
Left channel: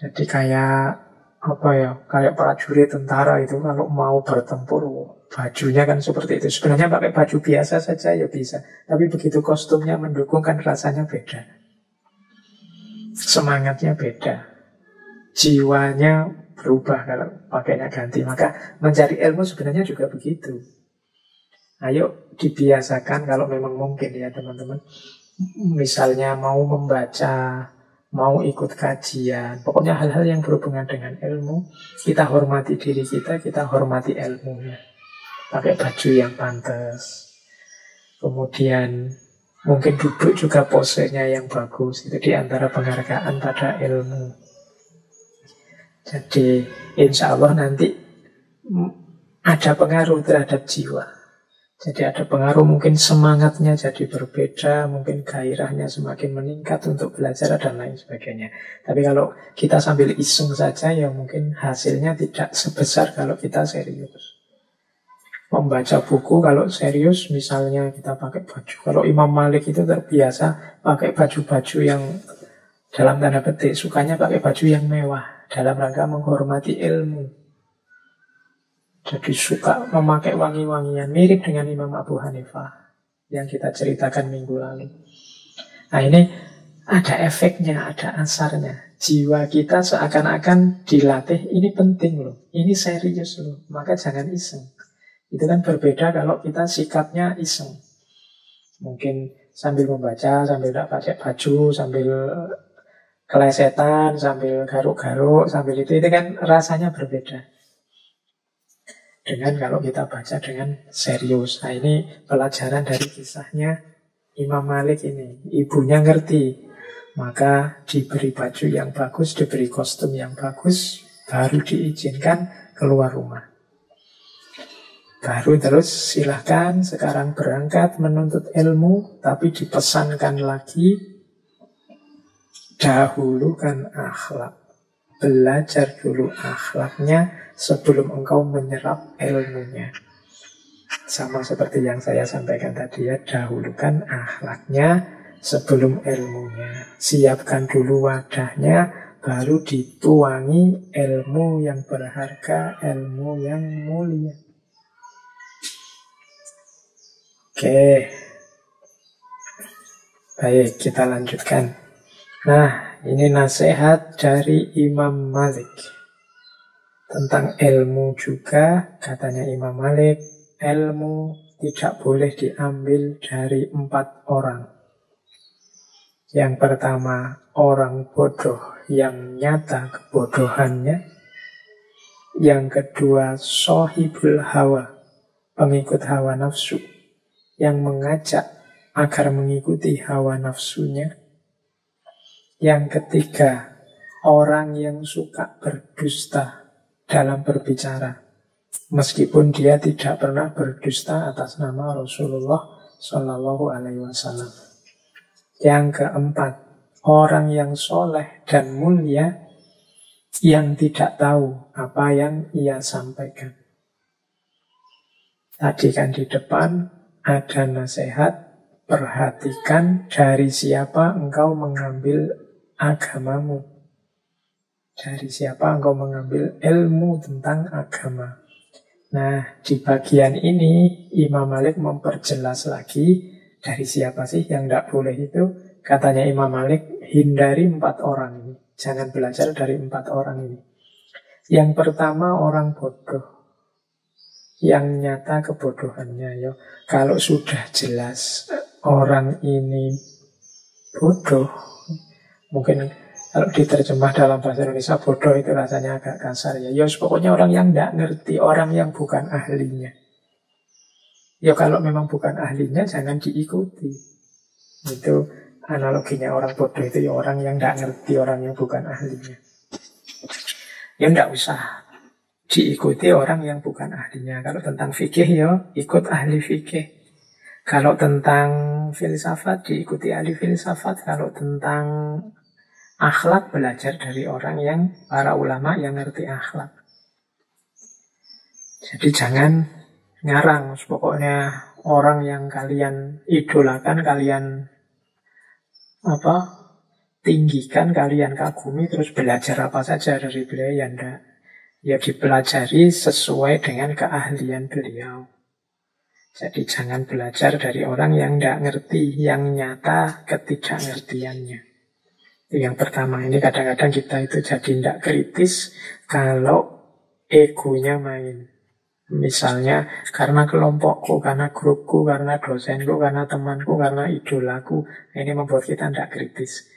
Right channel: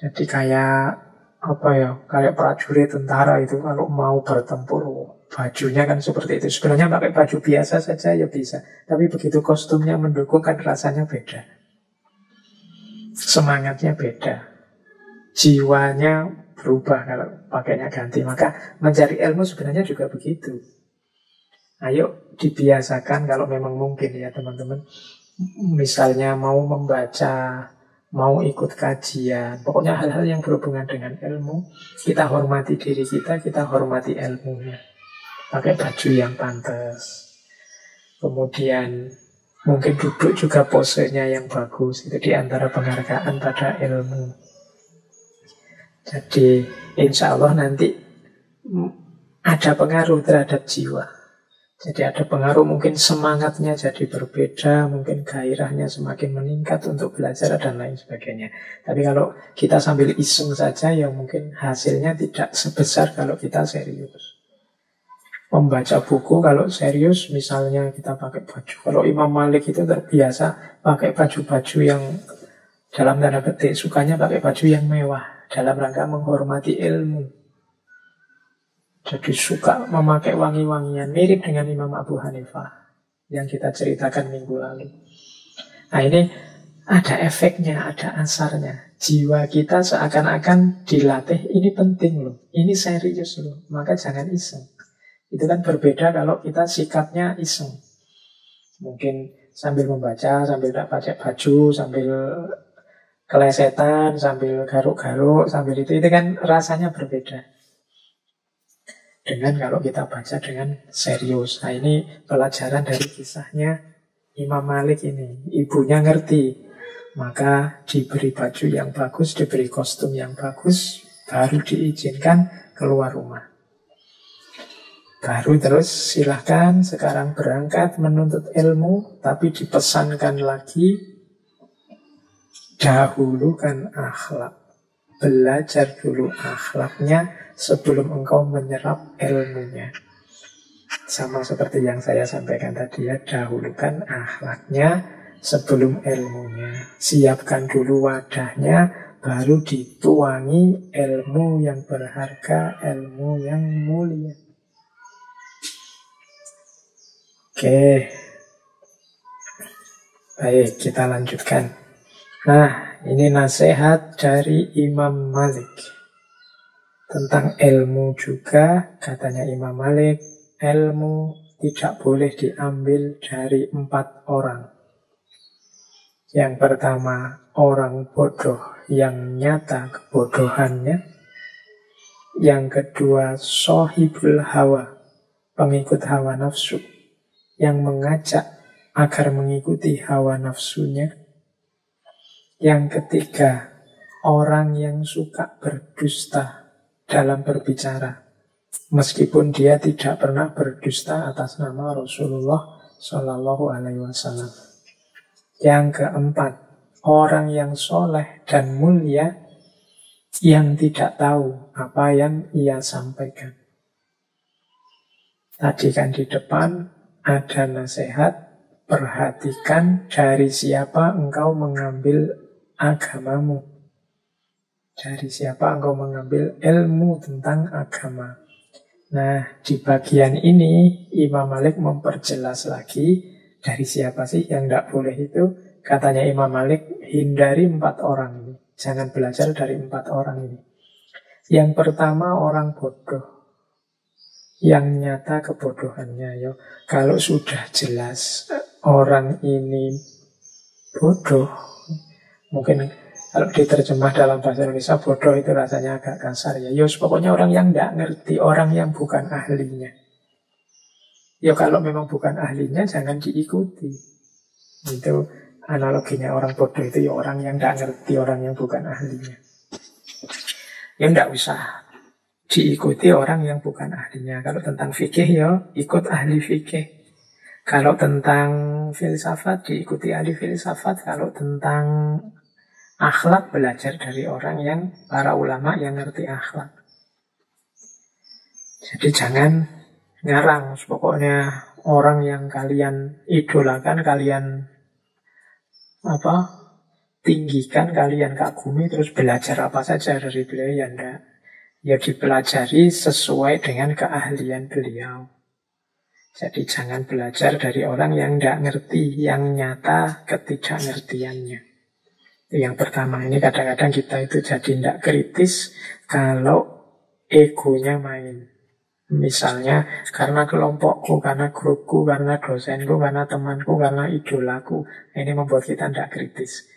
Jadi kayak apa ya, kayak prajurit tentara itu kalau mau bertempur, bajunya kan seperti itu. Sebenarnya pakai baju biasa saja ya bisa, tapi begitu kostumnya mendukung kan rasanya beda, semangatnya beda, jiwanya berubah kalau pakainya ganti. Maka mencari ilmu sebenarnya juga begitu. Ayo dibiasakan kalau memang mungkin ya teman-teman. Misalnya mau membaca, mau ikut kajian, pokoknya hal-hal yang berhubungan dengan ilmu, kita hormati diri kita hormati ilmunya. Pakai baju yang pantas. Kemudian mungkin duduk juga posenya yang bagus. Itu diantara penghargaan pada ilmu. Jadi insya Allah nanti ada pengaruh terhadap jiwa. Jadi ada pengaruh, mungkin semangatnya jadi berbeda, mungkin gairahnya semakin meningkat untuk belajar dan lain sebagainya. Tapi kalau kita sambil iseng saja, ya mungkin hasilnya tidak sebesar kalau kita serius. Membaca buku kalau serius, misalnya kita pakai baju. Kalau Imam Malik itu terbiasa pakai baju-baju yang dalam tanda petik, sukanya pakai baju yang mewah dalam rangka menghormati ilmu. Jadi suka memakai wangi-wangian, mirip dengan Imam Abu Hanifah yang kita ceritakan minggu lalu. Nah ini ada efeknya, ada asarnya. Jiwa kita seakan-akan dilatih, ini penting loh, ini serius loh, maka jangan iseng. Itu kan berbeda kalau kita sikapnya iseng. Mungkin sambil membaca, sambil tidak pakai baju, sambil kelesetan, sambil garuk-garuk, sambil itu kan rasanya berbeda dengan kalau kita baca dengan serius. Nah ini pelajaran dari kisahnya Imam Malik ini. Ibunya ngerti, maka diberi baju yang bagus, diberi kostum yang bagus, baru diizinkan keluar rumah. Baru terus silahkan sekarang berangkat menuntut ilmu, tapi dipesankan lagi, dahulukan akhlak. Belajar dulu akhlaknya sebelum engkau menyerap ilmunya. Sama seperti yang saya sampaikan tadi ya, dahulukan akhlaknya sebelum ilmunya. Siapkan dulu wadahnya, baru dituangi ilmu yang berharga, ilmu yang mulia. Oke, baik, kita lanjutkan. Nah, ini nasihat dari Imam Malik tentang ilmu juga. Katanya Imam Malik, ilmu tidak boleh diambil dari 4 orang. Yang pertama, orang bodoh yang nyata kebodohannya. Yang kedua, sohibul hawa, pengikut hawa nafsu, yang mengajak agar mengikuti hawa nafsunya. Yang ketiga, orang yang suka berdusta dalam berbicara, meskipun dia tidak pernah berdusta atas nama Rasulullah Shallallahu Alaihi Wasallam. Yang keempat, orang yang soleh dan mulia yang tidak tahu apa yang ia sampaikan. Tadi kan di depan ada nasihat, perhatikan dari siapa engkau mengambil agamamu. Dari siapa engkau mengambil ilmu tentang agama? Nah, di bagian ini Imam Malik memperjelas lagi dari siapa sih yang tidak boleh itu. Katanya Imam Malik, hindari 4 orang ini. Jangan belajar dari 4 orang ini. Yang pertama orang bodoh, yang nyata kebodohannya. Ya. Kalau sudah jelas orang ini bodoh, mungkin kalau diterjemah dalam bahasa Indonesia bodoh itu rasanya agak kasar ya. Ya pokoknya orang yang tidak ngerti, orang yang bukan ahlinya. Ya kalau memang bukan ahlinya jangan diikuti. Itu analoginya orang bodoh itu ya orang yang tidak ngerti, orang yang bukan ahlinya. Ya tidak usah diikuti orang yang bukan ahlinya. Kalau tentang fikih ya ikut ahli fikih. Kalau tentang filsafat diikuti ahli filsafat. Kalau tentang akhlak belajar dari orang yang para ulama yang ngerti akhlak. Jadi jangan ngarang. Pokoknya orang yang kalian idolakan, kalian tinggikan, kalian kagumi, terus belajar apa saja dari beliau, ya enggak. Ya dipelajari sesuai dengan keahlian beliau. Jadi jangan belajar dari orang yang tidak ngerti, yang nyata ketidakngertiannya. Itu yang pertama. Ini kadang-kadang kita itu jadi tidak kritis kalau egonya main. Misalnya karena kelompokku, karena grupku, karena dosenku, karena temanku, karena idolaku. Ini membuat kita tidak kritis.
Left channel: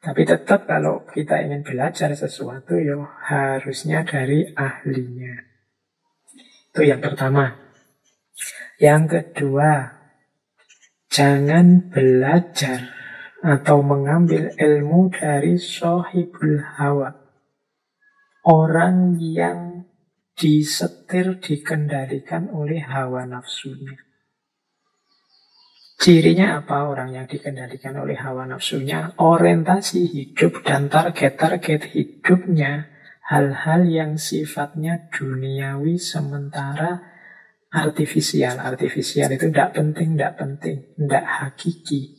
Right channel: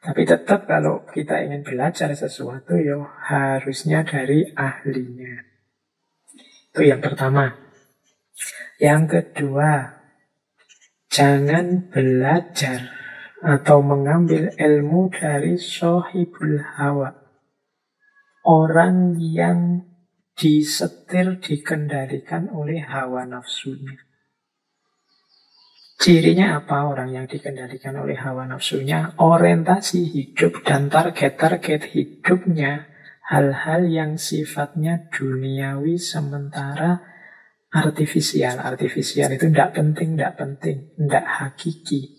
Tapi tetap kalau kita ingin belajar sesuatu, ya harusnya dari ahlinya. Itu yang pertama. Yang kedua, jangan belajar atau mengambil ilmu dari sohibul hawa. Orang yang disetir, dikendalikan oleh hawa nafsunya. Cirinya apa orang yang dikendalikan oleh hawa nafsunya? Orientasi hidup dan target-target hidupnya hal-hal yang sifatnya duniawi sementara artifisial. Artifisial itu tidak penting, tidak hakiki.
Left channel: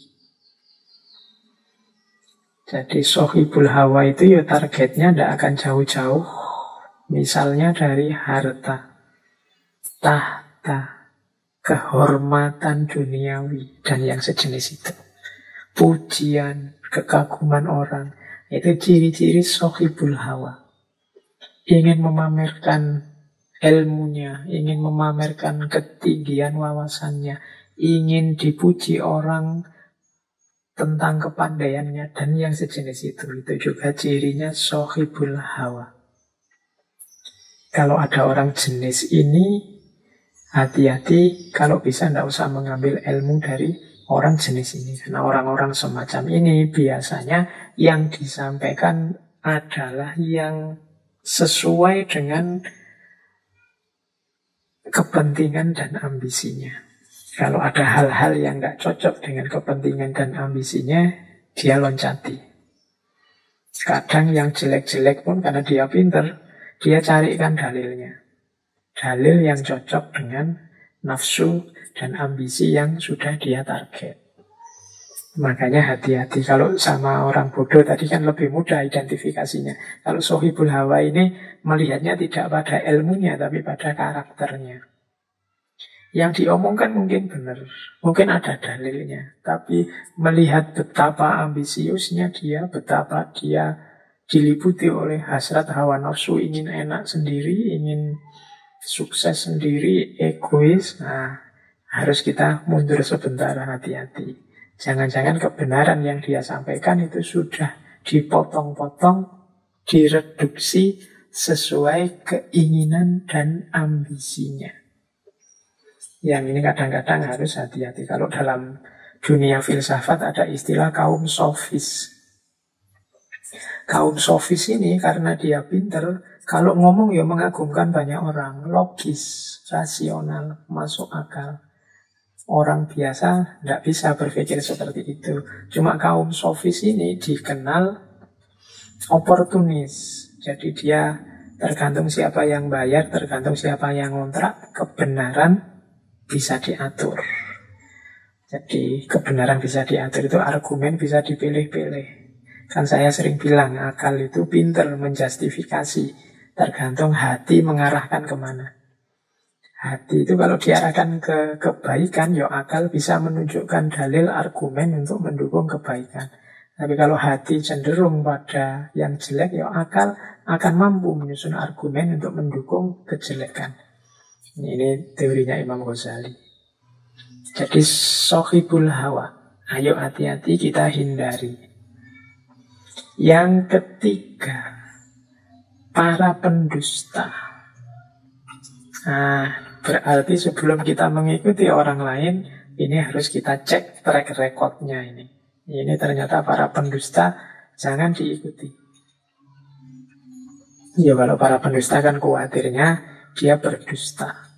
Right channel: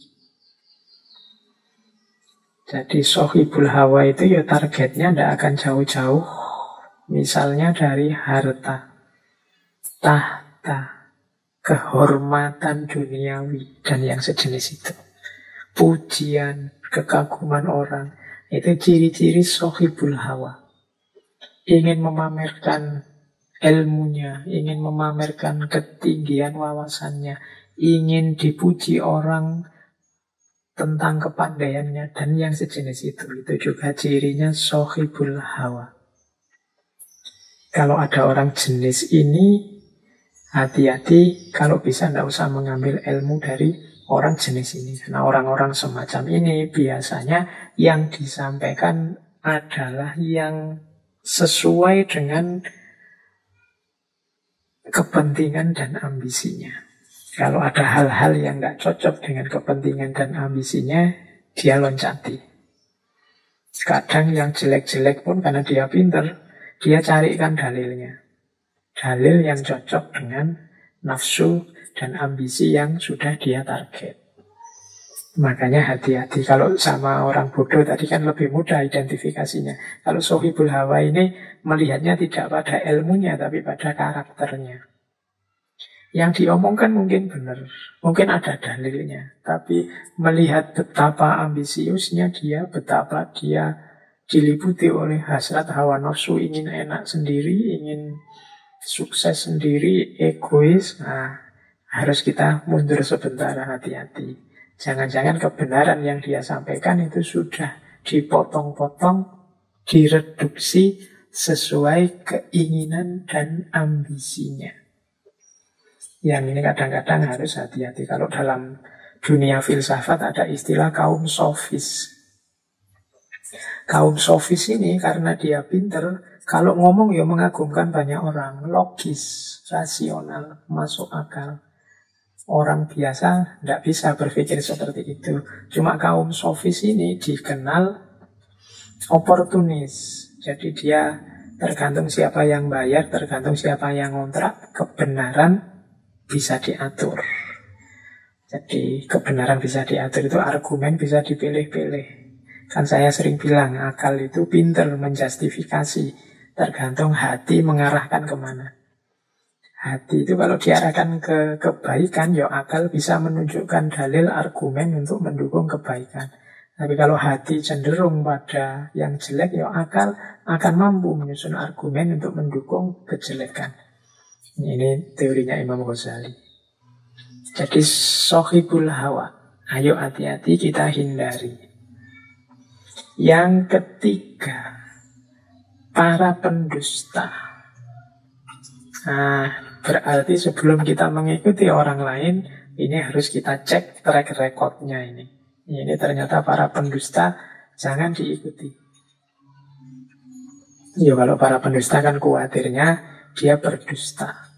Jadi sohibul hawa itu ya targetnya tidak akan jauh-jauh. Misalnya dari harta, tahta, kehormatan duniawi, dan yang sejenis itu. Pujian, kekaguman orang. Itu ciri-ciri sohibul hawa. Ingin memamerkan ilmunya, ingin memamerkan ketinggian wawasannya, ingin dipuji orang tentang kepandaiannya, dan yang sejenis itu. Itu juga cirinya sohibul hawa. Kalau ada orang jenis ini, hati-hati, kalau bisa tidak usah mengambil ilmu dari orang jenis ini. Karena orang-orang semacam ini biasanya yang disampaikan adalah yang sesuai dengan kepentingan dan ambisinya. Kalau ada hal-hal yang tidak cocok dengan kepentingan dan ambisinya, dia loncati. Kadang yang jelek-jelek pun karena dia pintar, dia carikan dalilnya. Dalil yang cocok dengan nafsu dan ambisi yang sudah dia target. Makanya hati-hati. Kalau sama orang bodoh tadi kan lebih mudah identifikasinya. Kalau sohibul hawa ini melihatnya tidak pada ilmunya, tapi pada karakternya. Yang diomongkan mungkin benar, mungkin ada dalilnya, tapi melihat betapa ambisiusnya dia, betapa dia diliputi oleh hasrat hawa nafsu, ingin enak sendiri, ingin sukses sendiri, egois. Nah, harus kita mundur sebentar, hati-hati. Jangan-jangan kebenaran yang dia sampaikan itu sudah dipotong-potong, direduksi sesuai keinginan dan ambisinya. Yang ini kadang-kadang harus hati-hati. Kalau dalam dunia filsafat ada istilah kaum sofis. Kaum sofis ini karena dia pinter, kalau ngomong ya mengagumkan banyak orang, logis, rasional, masuk akal. Orang biasa tidak bisa berpikir seperti itu. Cuma kaum sofis ini dikenal oportunis. Jadi dia tergantung siapa yang bayar, tergantung siapa yang ngontrak, kebenaran bisa diatur. Jadi kebenaran bisa diatur itu argumen bisa dipilih-pilih. Kan saya sering bilang, akal itu pinter menjustifikasi. Tergantung hati mengarahkan kemana. Hati itu kalau diarahkan ke kebaikan, ya akal bisa menunjukkan dalil argumen untuk mendukung kebaikan. Tapi kalau hati cenderung pada yang jelek, ya akal akan mampu menyusun argumen untuk mendukung kejelekan. Ini teorinya Imam Ghazali. Jadi sohibul hawa, ayo hati-hati kita hindari. Yang ketiga, para pendusta. Nah, berarti sebelum kita mengikuti orang lain, ini harus kita cek track recordnya ini. Ini ternyata para pendusta jangan diikuti. Ya kalau para pendusta kan khawatirnya dia berdusta,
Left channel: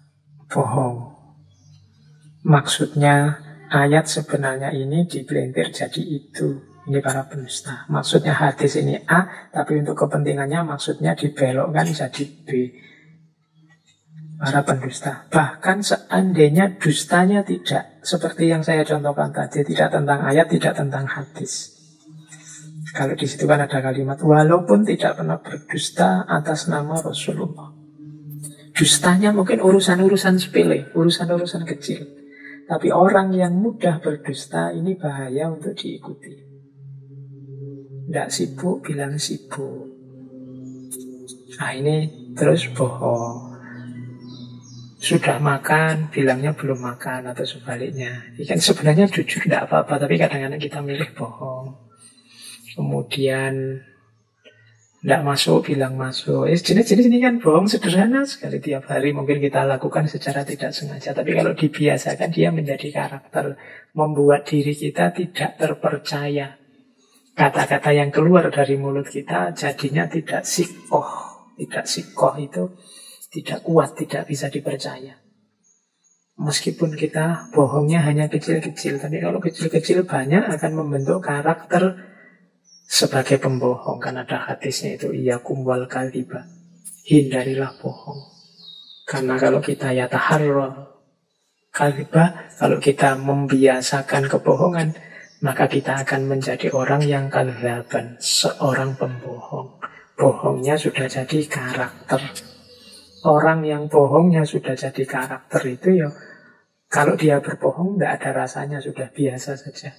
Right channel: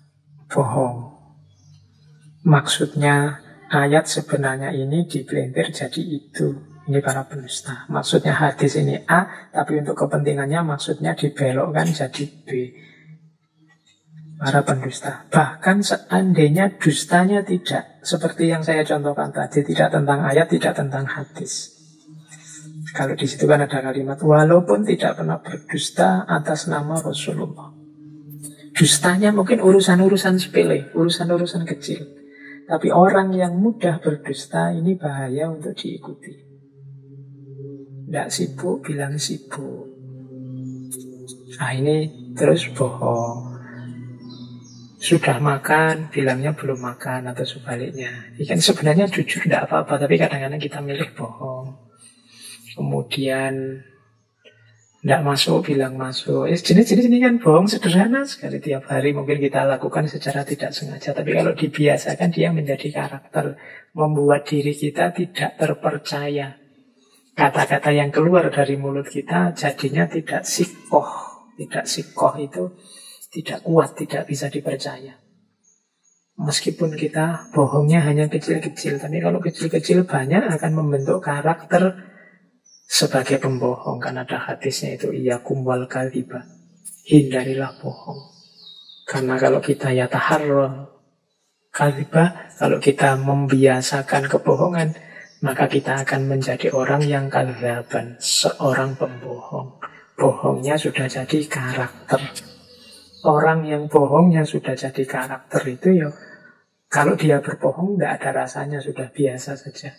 bohong. Maksudnya ayat sebenarnya ini dipelintir jadi itu. Ini para pendusta. Maksudnya hadis ini A, tapi untuk kepentingannya maksudnya dibelokkan jadi B. Para pendusta. Bahkan seandainya dustanya tidak seperti yang saya contohkan tadi, tidak tentang ayat, tidak tentang hadis. Kalau di situ kan ada kalimat walaupun tidak pernah berdusta atas nama Rasulullah. Dustanya mungkin urusan-urusan sepele, urusan-urusan kecil. Tapi orang yang mudah berdusta ini bahaya untuk diikuti. Tidak sibuk, bilang sibuk. Nah ini terus bohong. Sudah makan, bilangnya belum makan, atau sebaliknya. Ini kan sebenarnya jujur tidak apa-apa, tapi kadang-kadang kita milih bohong. Kemudian tidak masuk, bilang masuk. Jenis-jenis ini kan bohong sederhana sekali tiap hari. Mungkin kita lakukan secara tidak sengaja. Tapi kalau dibiasakan dia menjadi karakter. Membuat diri kita tidak terpercaya. Kata-kata yang keluar dari mulut kita jadinya tidak sikoh. Tidak sikoh itu tidak kuat, tidak bisa dipercaya. Meskipun kita bohongnya hanya kecil-kecil. Tapi kalau kecil-kecil banyak akan membentuk karakter sebagai pembohong. Kan ada hadisnya itu, iyyakum wal kadhiba, hindarilah bohong. Karena kalau kita yataharral kadhiba, kalau kita membiasakan kebohongan, maka kita akan menjadi orang yang kadzaban, seorang pembohong. Bohongnya sudah jadi karakter. Orang yang bohongnya sudah jadi karakter itu ya, kalau dia berbohong tidak ada rasanya, sudah biasa saja.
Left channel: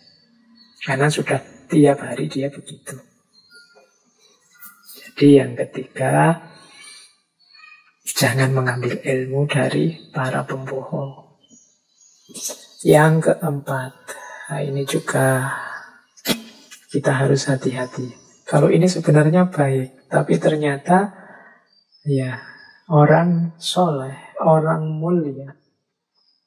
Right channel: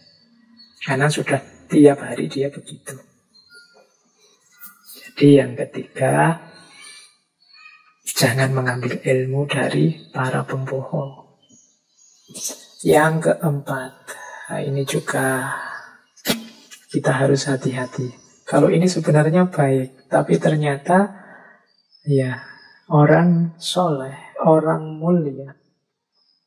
Karena sudah tiap hari dia begitu. Jadi yang ketiga, jangan mengambil ilmu dari para pembohong. Yang keempat, nah ini juga kita harus hati-hati. Kalau ini sebenarnya baik, tapi ternyata ya orang soleh, orang mulia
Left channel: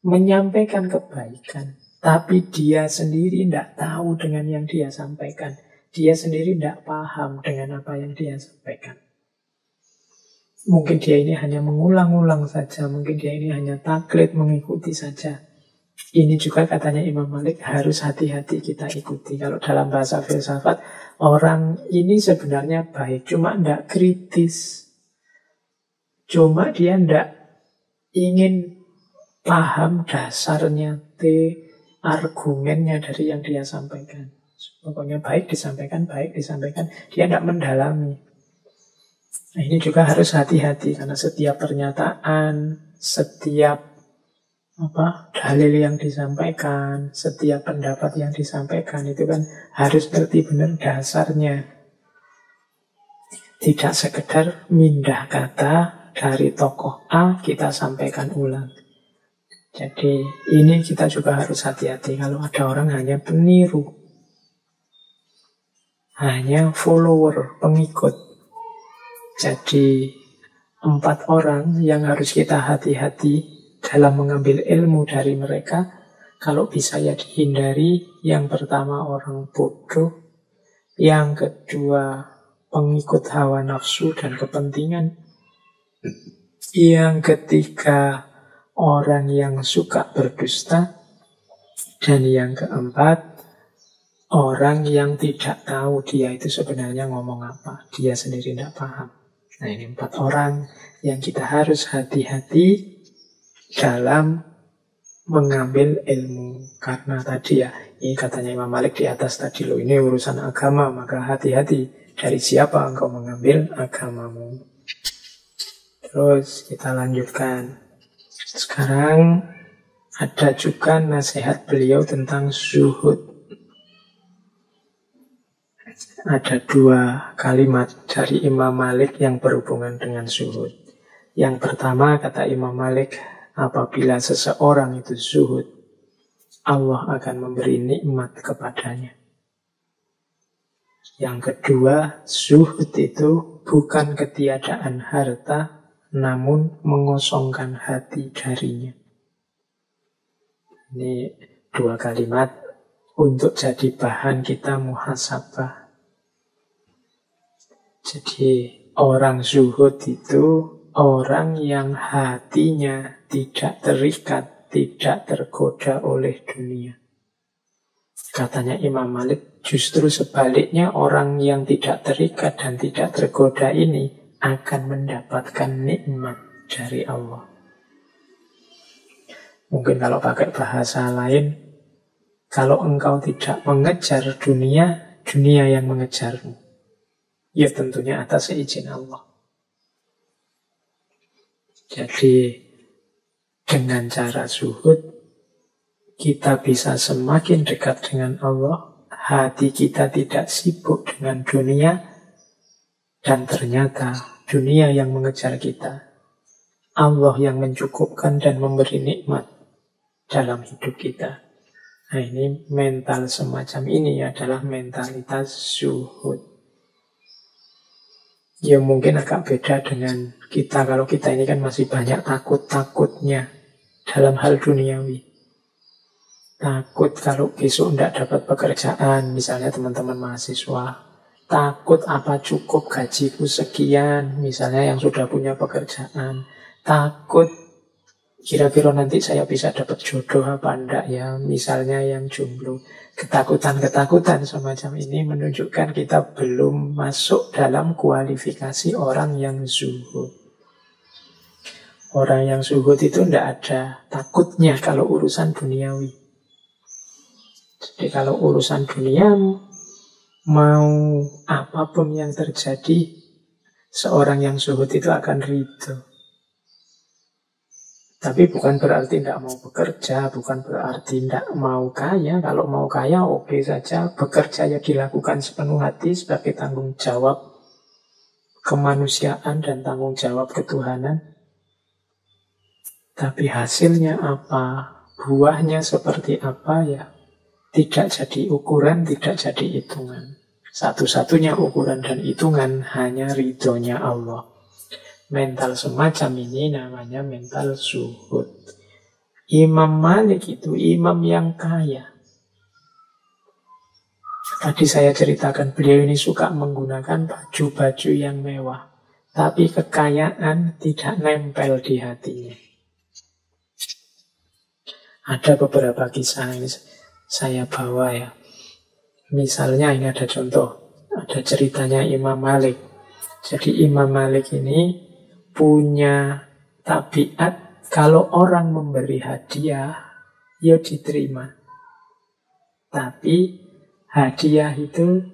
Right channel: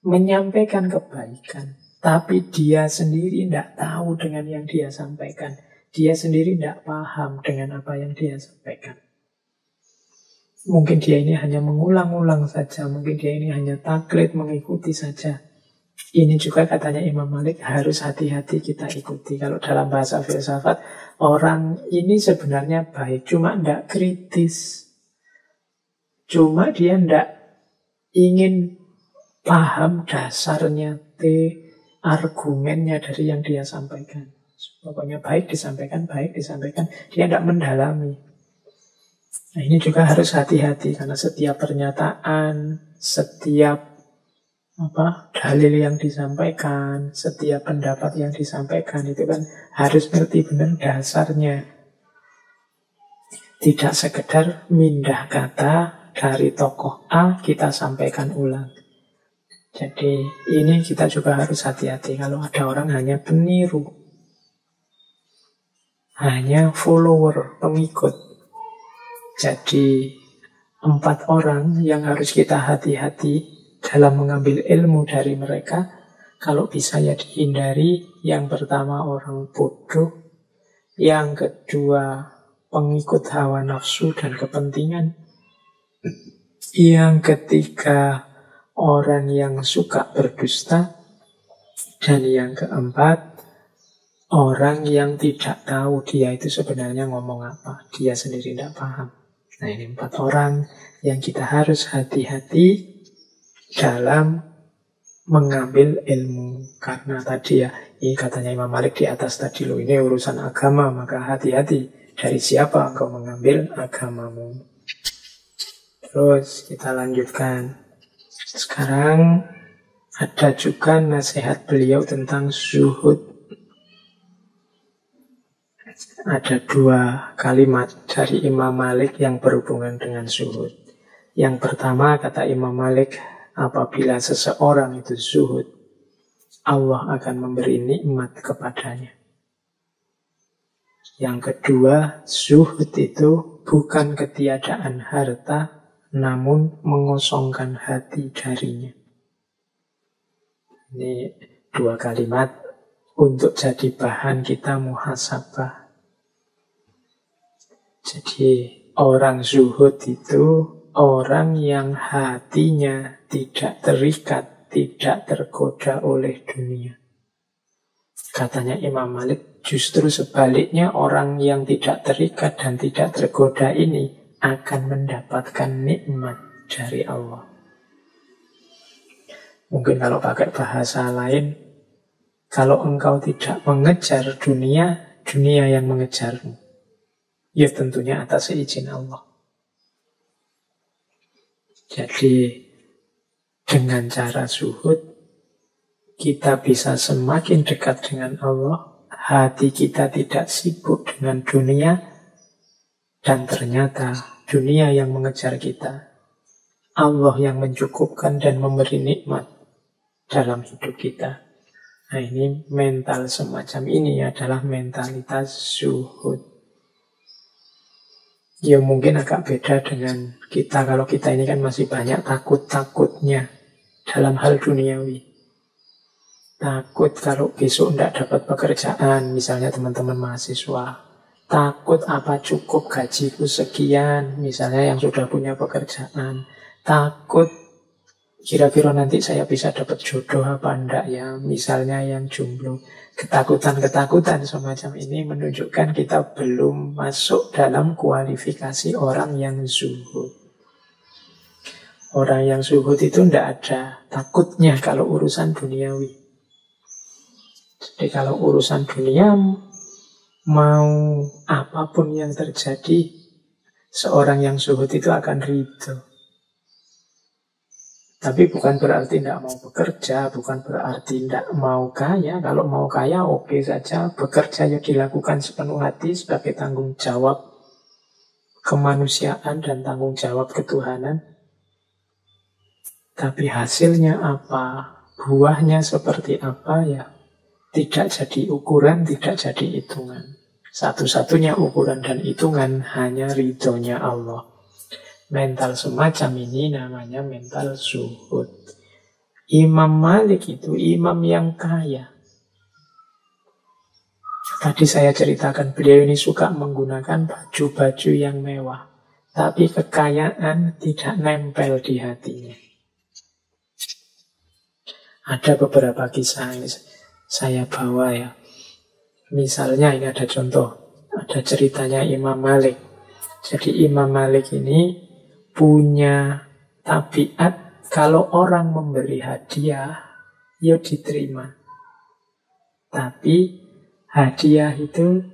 menyampaikan kebaikan, tapi dia sendiri tidak tahu dengan yang dia sampaikan. Dia sendiri tidak paham dengan apa yang dia sampaikan. Mungkin dia ini hanya mengulang-ulang saja, mungkin dia ini hanya taklid, mengikuti saja. Ini juga katanya Imam Malik harus hati-hati kita ikuti. Kalau dalam bahasa filsafat, orang ini sebenarnya baik, cuma tidak kritis. Cuma dia tidak ingin paham dasarnya, argumennya dari yang dia sampaikan. Pokoknya baik disampaikan. Dia tidak mendalami. Nah ini juga harus hati-hati, karena setiap pernyataan, setiap dalil yang disampaikan, setiap pendapat yang disampaikan itu kan harus ngerti benar dasarnya. Tidak sekedar mindah kata dari tokoh A kita sampaikan ulang. Jadi ini kita juga harus hati-hati kalau ada orang hanya peniru, hanya follower, pengikut. Jadi 4 orang yang harus kita hati-hati dalam mengambil ilmu dari mereka. Kalau bisa ya dihindari. Yang pertama orang bodoh, yang kedua pengikut hawa nafsu dan kepentingan, yang ketiga orang yang suka berdusta, dan yang keempat orang yang tidak tahu dia itu sebenarnya ngomong apa, dia sendiri tidak paham. Nah ini 4 orang yang kita harus hati-hati dalam mengambil ilmu. Karena tadi ya, ini katanya Imam Malik di atas tadi loh, ini urusan agama, maka hati-hati dari siapa engkau mengambil agamamu. Terus kita lanjutkan. Sekarang ada juga nasihat beliau tentang zuhud. Ada 2 kalimat dari Imam Malik yang berhubungan dengan zuhud. Yang pertama kata Imam Malik, apabila seseorang itu zuhud, Allah akan memberi nikmat kepadanya. Yang kedua, zuhud itu bukan ketiadaan harta, namun mengosongkan hati darinya. Ini 2 kalimat untuk jadi bahan kita muhasabah. Jadi orang zuhud itu orang yang hatinya tidak terikat, tidak tergoda oleh dunia. Katanya Imam Malik, justru sebaliknya orang yang tidak terikat dan tidak tergoda ini akan mendapatkan nikmat dari Allah. Mungkin kalau pakai bahasa lain, kalau engkau tidak mengejar dunia, dunia yang mengejarmu. Ya tentunya atas izin Allah. Jadi dengan cara zuhud, kita bisa semakin dekat dengan Allah, hati kita tidak sibuk dengan dunia, dan ternyata dunia yang mengejar kita, Allah yang mencukupkan dan memberi nikmat dalam hidup kita. Nah ini mental semacam ini adalah mentalitas zuhud. Ya mungkin agak beda dengan kita, kalau kita ini kan masih banyak takut-takutnya dalam hal duniawi. Takut kalau besok tidak dapat pekerjaan, misalnya teman-teman mahasiswa. Takut apa cukup gajiku sekian, misalnya yang sudah punya pekerjaan. Takut kira-kira nanti saya bisa dapat jodoh apa enggak ya, misalnya yang jomblo. Ketakutan-ketakutan semacam ini menunjukkan kita belum masuk dalam kualifikasi orang yang zuhud. Orang yang zuhud itu tidak ada takutnya kalau urusan duniawi. Jadi kalau urusan dunia, mau apapun yang terjadi, seorang yang zuhud itu akan ridho. Tapi bukan berarti tidak mau bekerja, bukan berarti tidak mau kaya. Kalau mau kaya oke saja, bekerja ya dilakukan sepenuh hati sebagai tanggung jawab kemanusiaan dan tanggung jawab ketuhanan. Tapi hasilnya apa, buahnya seperti apa ya, tidak jadi ukuran, tidak jadi hitungan. Satu-satunya ukuran dan hitungan hanya ridhonya Allah. Mental semacam ini namanya mental zuhud. Imam Malik itu imam yang kaya. Tadi saya ceritakan beliau ini suka menggunakan baju-baju yang mewah, tapi kekayaan tidak nempel di hatinya. Ada beberapa kisah yang saya bawa ya. Misalnya ini ada contoh, ada ceritanya Imam Malik. Jadi Imam Malik ini punya tabiat kalau orang memberi hadiah, ya diterima. Tapi hadiah itu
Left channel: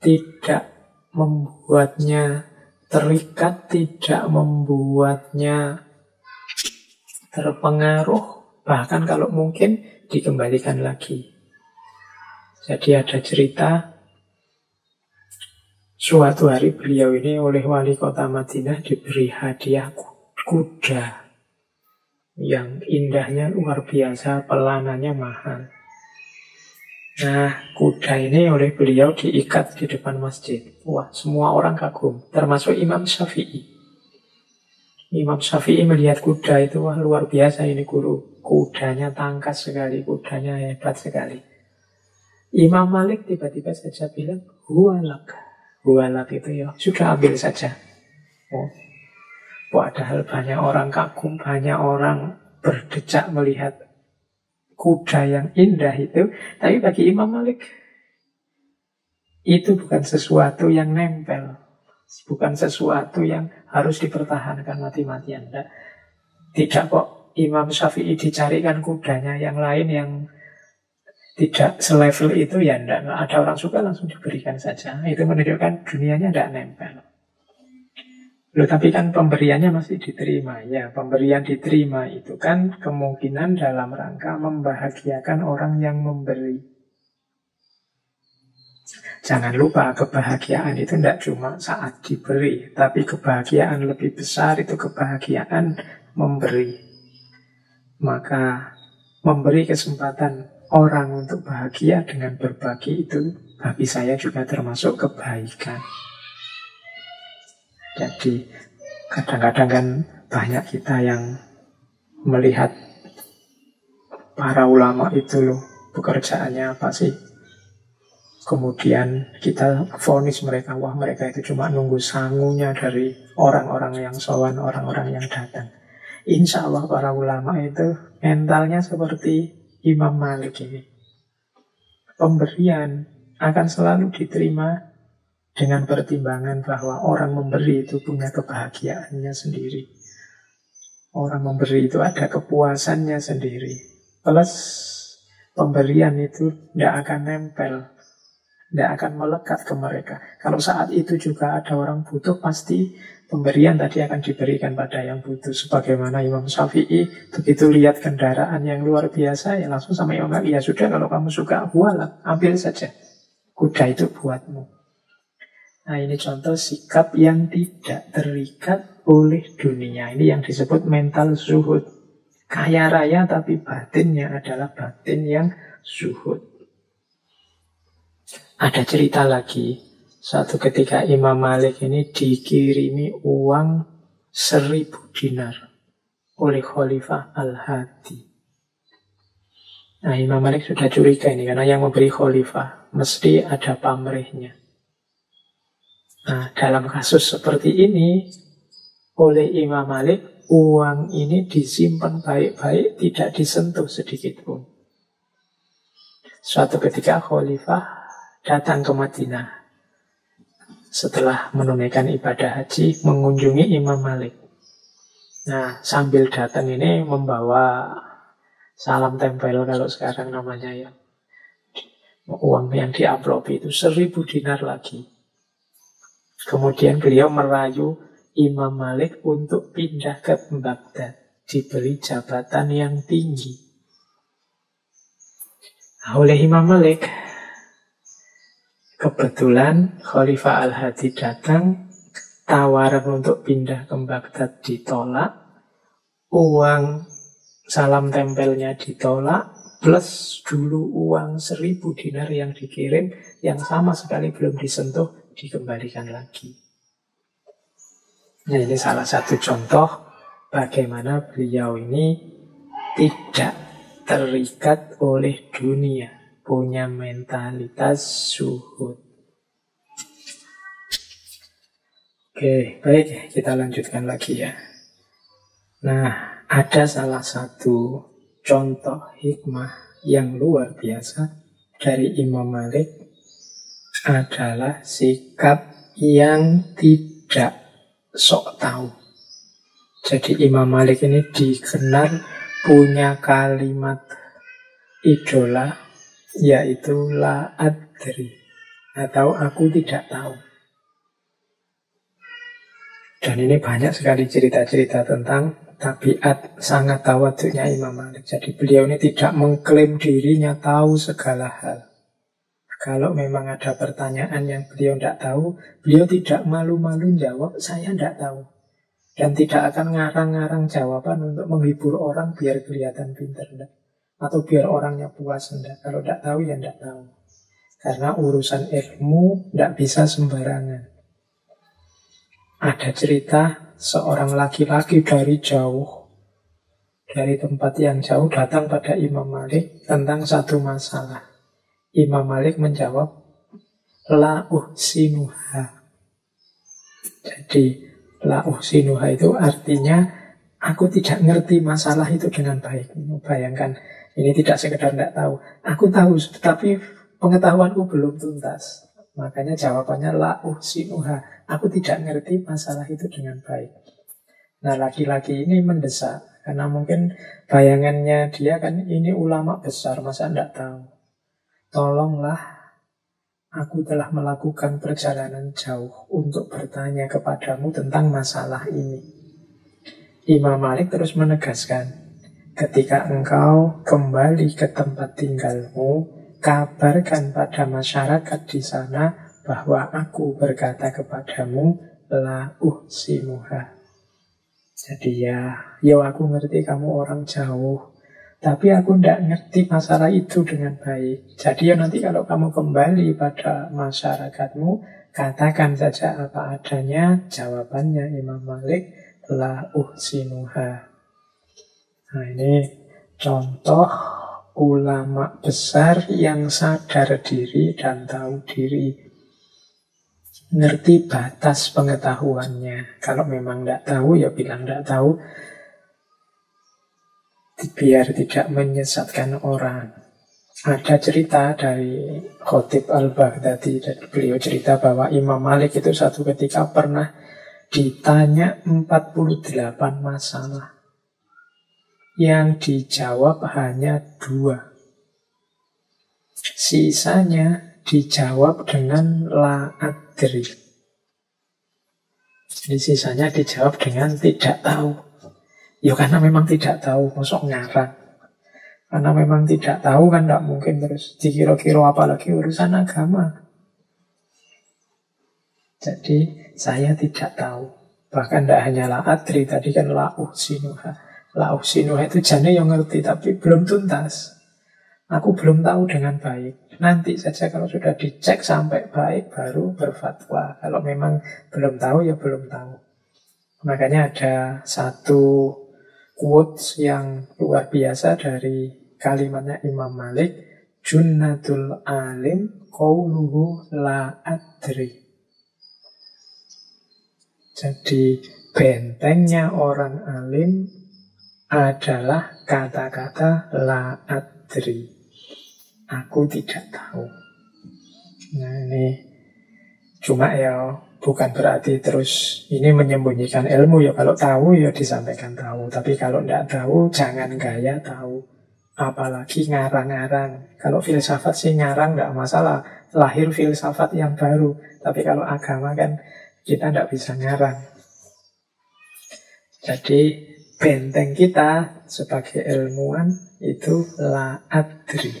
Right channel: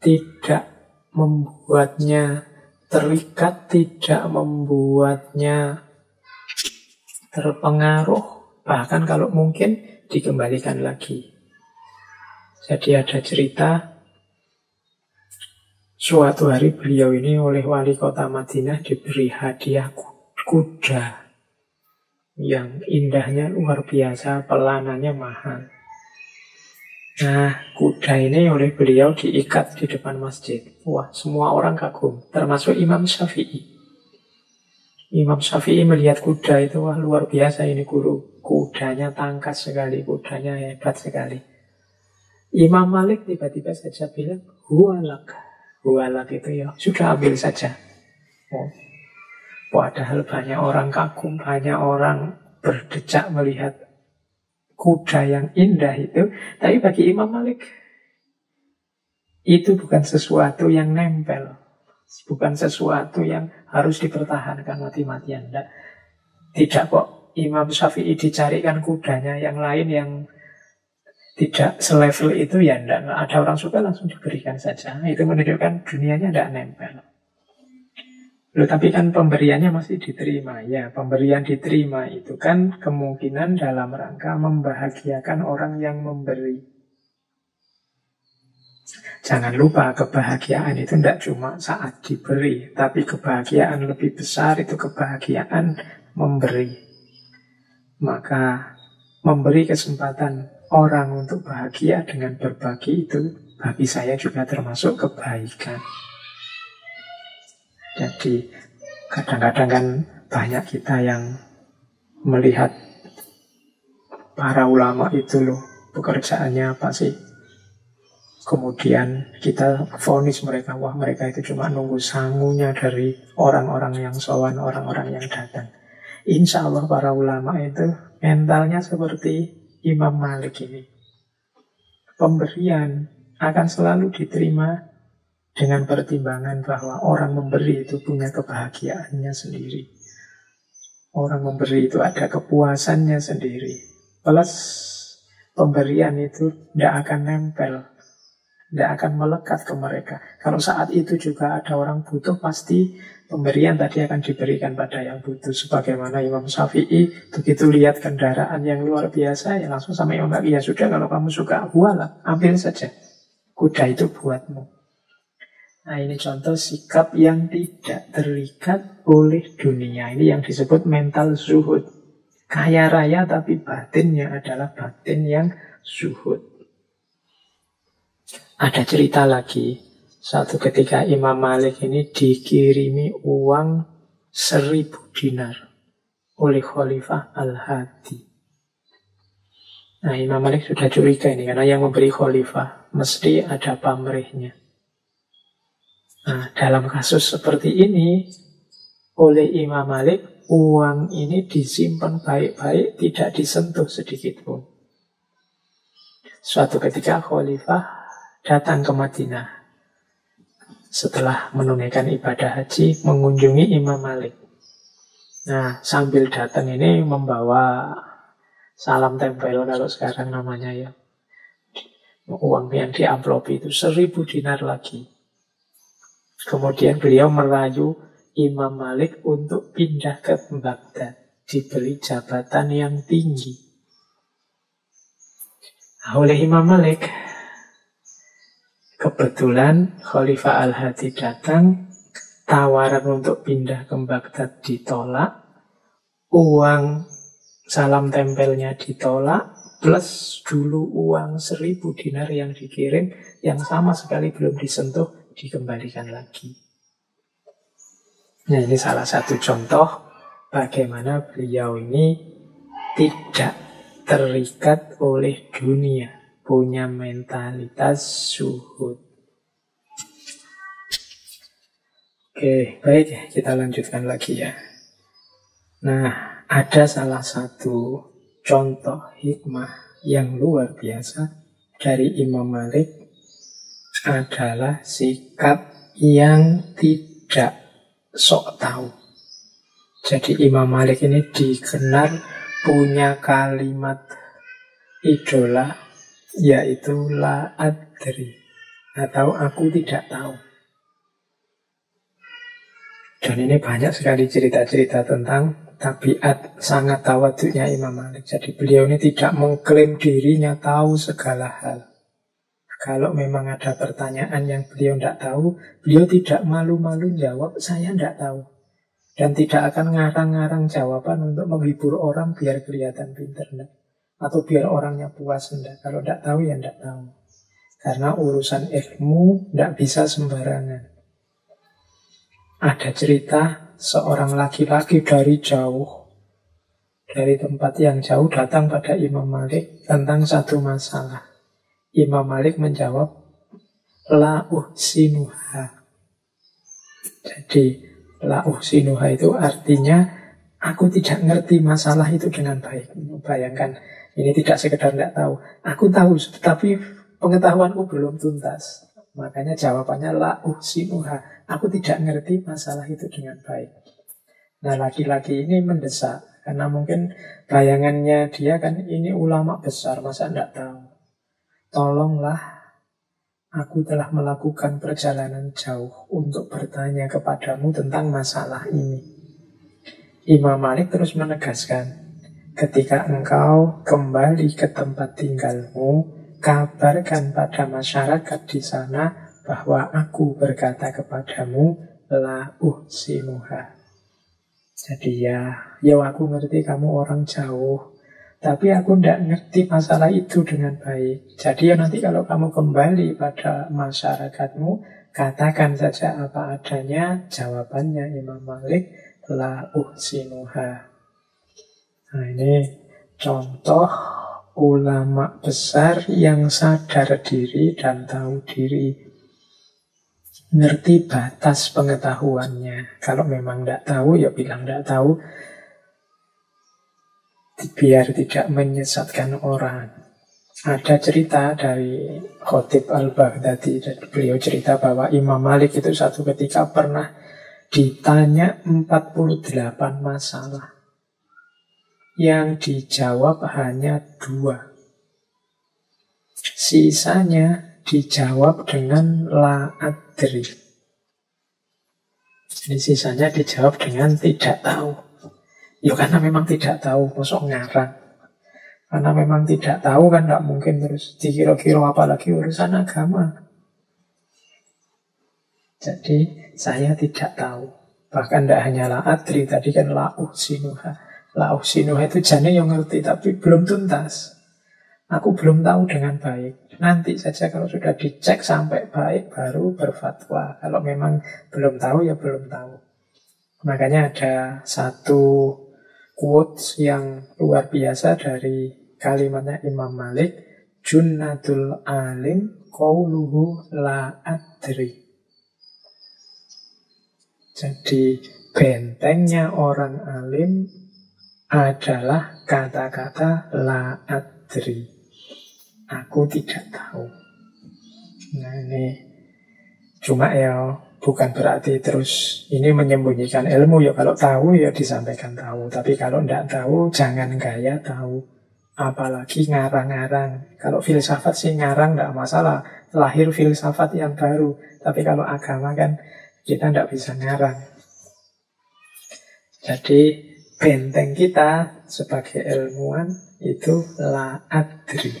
tidak membuatnya terikat, tidak membuatnya terpengaruh, bahkan kalau mungkin dikembalikan lagi. Jadi ada cerita, suatu hari beliau ini oleh wali kota Madinah diberi hadiah kuda yang indahnya luar biasa, pelanannya mahal. Nah, kuda ini oleh beliau diikat di depan masjid. Wah, semua orang kagum, termasuk Imam Syafi'i. Imam Syafi'i melihat kuda itu, wah luar biasa ini guru. Kudanya tangkas sekali, kudanya hebat sekali. Imam Malik tiba-tiba saja bilang, huwalak. Huwalak itu ya, sudah ambil saja. Oh. Padahal banyak orang kagum, banyak orang berdecak melihat kuda yang indah itu. Tapi bagi Imam Malik, itu bukan sesuatu yang nempel. Bukan sesuatu yang harus dipertahankan mati-matian. Tidak kok Imam Syafi'i dicarikan kudanya yang lain yang tidak selevel itu, ya enggak. Ada orang suka langsung diberikan saja. Itu menunjukkan dunianya enggak nempel. Loh, tapi kan pemberiannya masih diterima. Ya, pemberian diterima itu kan kemungkinan dalam rangka membahagiakan orang yang memberi. Jangan lupa, kebahagiaan itu tidak cuma saat diberi, tapi kebahagiaan lebih besar itu kebahagiaan memberi. Maka memberi kesempatan orang untuk bahagia dengan berbagi itu bagi saya juga termasuk kebaikan. Jadi kadang-kadang kan banyak kita yang melihat para ulama itu loh, pekerjaannya apa sih? Kemudian kita vonis mereka, wah mereka itu cuma nunggu sangunya dari orang-orang yang sowan, orang-orang yang datang. Insya Allah para ulama itu mentalnya seperti Imam Malik ini. Pemberian akan selalu diterima dengan pertimbangan bahwa orang memberi itu punya kebahagiaannya sendiri. Orang memberi itu ada kepuasannya sendiri. Plus pemberian itu tidak akan nempel, tidak akan melekat ke mereka. Kalau saat itu juga ada orang butuh, pasti pemberian tadi akan diberikan pada yang butuh. Sebagaimana Imam Syafi'i begitu lihat kendaraan yang luar biasa, ya langsung sama Imam Syafi'i, ya sudah kalau kamu suka, walah, ambil saja. Kuda itu buatmu. Nah, ini contoh sikap yang tidak terikat oleh dunia. Ini yang disebut mental zuhud. Kaya raya tapi batinnya adalah batin yang zuhud. Ada cerita lagi. Suatu ketika Imam Malik ini dikirimi uang 1000 dinar oleh Khalifah Al-Hadi. Nah, Imam Malik sudah curiga ini, karena yang memberi Khalifah mesti ada pamrihnya. Nah, dalam kasus seperti ini, oleh Imam Malik, uang ini disimpan baik-baik, tidak disentuh sedikit pun. Suatu ketika Khalifah datang ke Madinah. Setelah menunaikan ibadah haji, mengunjungi Imam Malik. Nah, sambil datang ini membawa salam tempel, kalau sekarang namanya ya. Uang yang diamplopi itu 1000 dinar lagi. Kemudian beliau merayu Imam Malik untuk pindah ke Baghdad, diberi jabatan yang tinggi. Nah, oleh Imam Malik, kebetulan Khalifah Al-Hadi datang, tawaran untuk pindah ke Baghdad ditolak, uang salam tempelnya ditolak, plus dulu uang 1000 dinar yang dikirim, yang sama sekali belum disentuh, dikembalikan lagi. Nah, ini salah satu contoh bagaimana beliau ini tidak terikat oleh dunia, punya mentalitas zuhud. Oke, baik, kita lanjutkan lagi ya. Nah, ada salah satu contoh hikmah yang luar biasa dari Imam Malik adalah sikap yang tidak sok tahu. Jadi Imam Malik ini dikenal punya kalimat idola, yaitu la adri, atau aku tidak tahu. Dan ini banyak sekali cerita-cerita tentang tabiat sangat tawaduknya Imam Malik. Jadi beliau ini tidak mengklaim dirinya tahu segala hal. Kalau memang ada pertanyaan yang beliau tidak tahu, beliau tidak malu-malu jawab, saya tidak tahu. Dan tidak akan ngarang-ngarang jawaban untuk menghibur orang biar kelihatan pintar, enggak. Atau biar orangnya puas, enggak. Kalau tidak tahu, ya tidak tahu. Karena urusan ilmu tidak bisa sembarangan. Ada cerita seorang laki-laki dari jauh, dari tempat yang jauh, datang pada Imam Malik tentang satu masalah. Imam Malik menjawab, la uhsinuha. Jadi la uhsinuha itu artinya aku tidak ngerti masalah itu dengan baik. Bayangkan, ini tidak sekedar tidak tahu, aku tahu tapi pengetahuanku belum tuntas. Makanya jawabannya la uhsinuha, aku tidak ngerti masalah itu dengan baik. Nah, laki-laki ini mendesak Karena mungkin bayangannya dia kan ini ulama besar, masa tidak tahu. Tolonglah, aku telah melakukan perjalanan jauh untuk bertanya kepadamu tentang masalah ini. Imam Malik terus menegaskan, ketika engkau kembali ke tempat tinggalmu, kabarkan pada masyarakat di sana bahwa aku berkata kepadamu, la uhsinuha. Jadi ya aku ngerti kamu orang jauh, tapi aku tidak ngerti masalah itu dengan baik. Jadi ya nanti kalau kamu kembali pada masyarakatmu, katakan saja apa adanya. Jawabannya Imam Malik, la uhsinuha. Nah ini contoh ulama besar yang sadar diri dan tahu diri. Ngerti batas pengetahuannya. Kalau memang tidak tahu, ya bilang tidak tahu, biar tidak menyesatkan orang. Ada cerita dari Khatib Al-Baghdadi, beliau cerita bahwa Imam Malik itu satu ketika pernah ditanya 48 masalah. Yang dijawab hanya 2. Sisanya dijawab dengan la adri. Jadi sisanya dijawab dengan tidak tahu. Ya karena memang tidak tahu, masuk ngarang. Karena memang tidak tahu kan tidak mungkin terus dikira-kira apalagi urusan agama. Jadi saya tidak tahu. Bahkan tidak hanya la adri, tadi kan la uhsinuha. La uhsinuha itu jane yang ngerti tapi belum tuntas. Aku belum tahu dengan baik. Nanti saja kalau sudah dicek sampai baik baru berfatwa. Kalau memang belum tahu ya belum tahu. Makanya ada satu quotes yang luar biasa dari kalimatnya Imam Malik, Junnatul alim qauluhu la adri. Jadi bentengnya orang alim adalah kata-kata la adri. Aku tidak tahu. Nah ini cuma ya bukan berarti terus ini menyembunyikan ilmu. Ya kalau tahu ya disampaikan tahu. Tapi kalau tidak tahu jangan gaya tahu. Apalagi ngarang-ngarang. Kalau filsafat sih ngarang tidak masalah. Lahir filsafat yang baru. Tapi kalau agama kan kita tidak bisa ngarang. Jadi benteng kita sebagai ilmuwan itu la adri.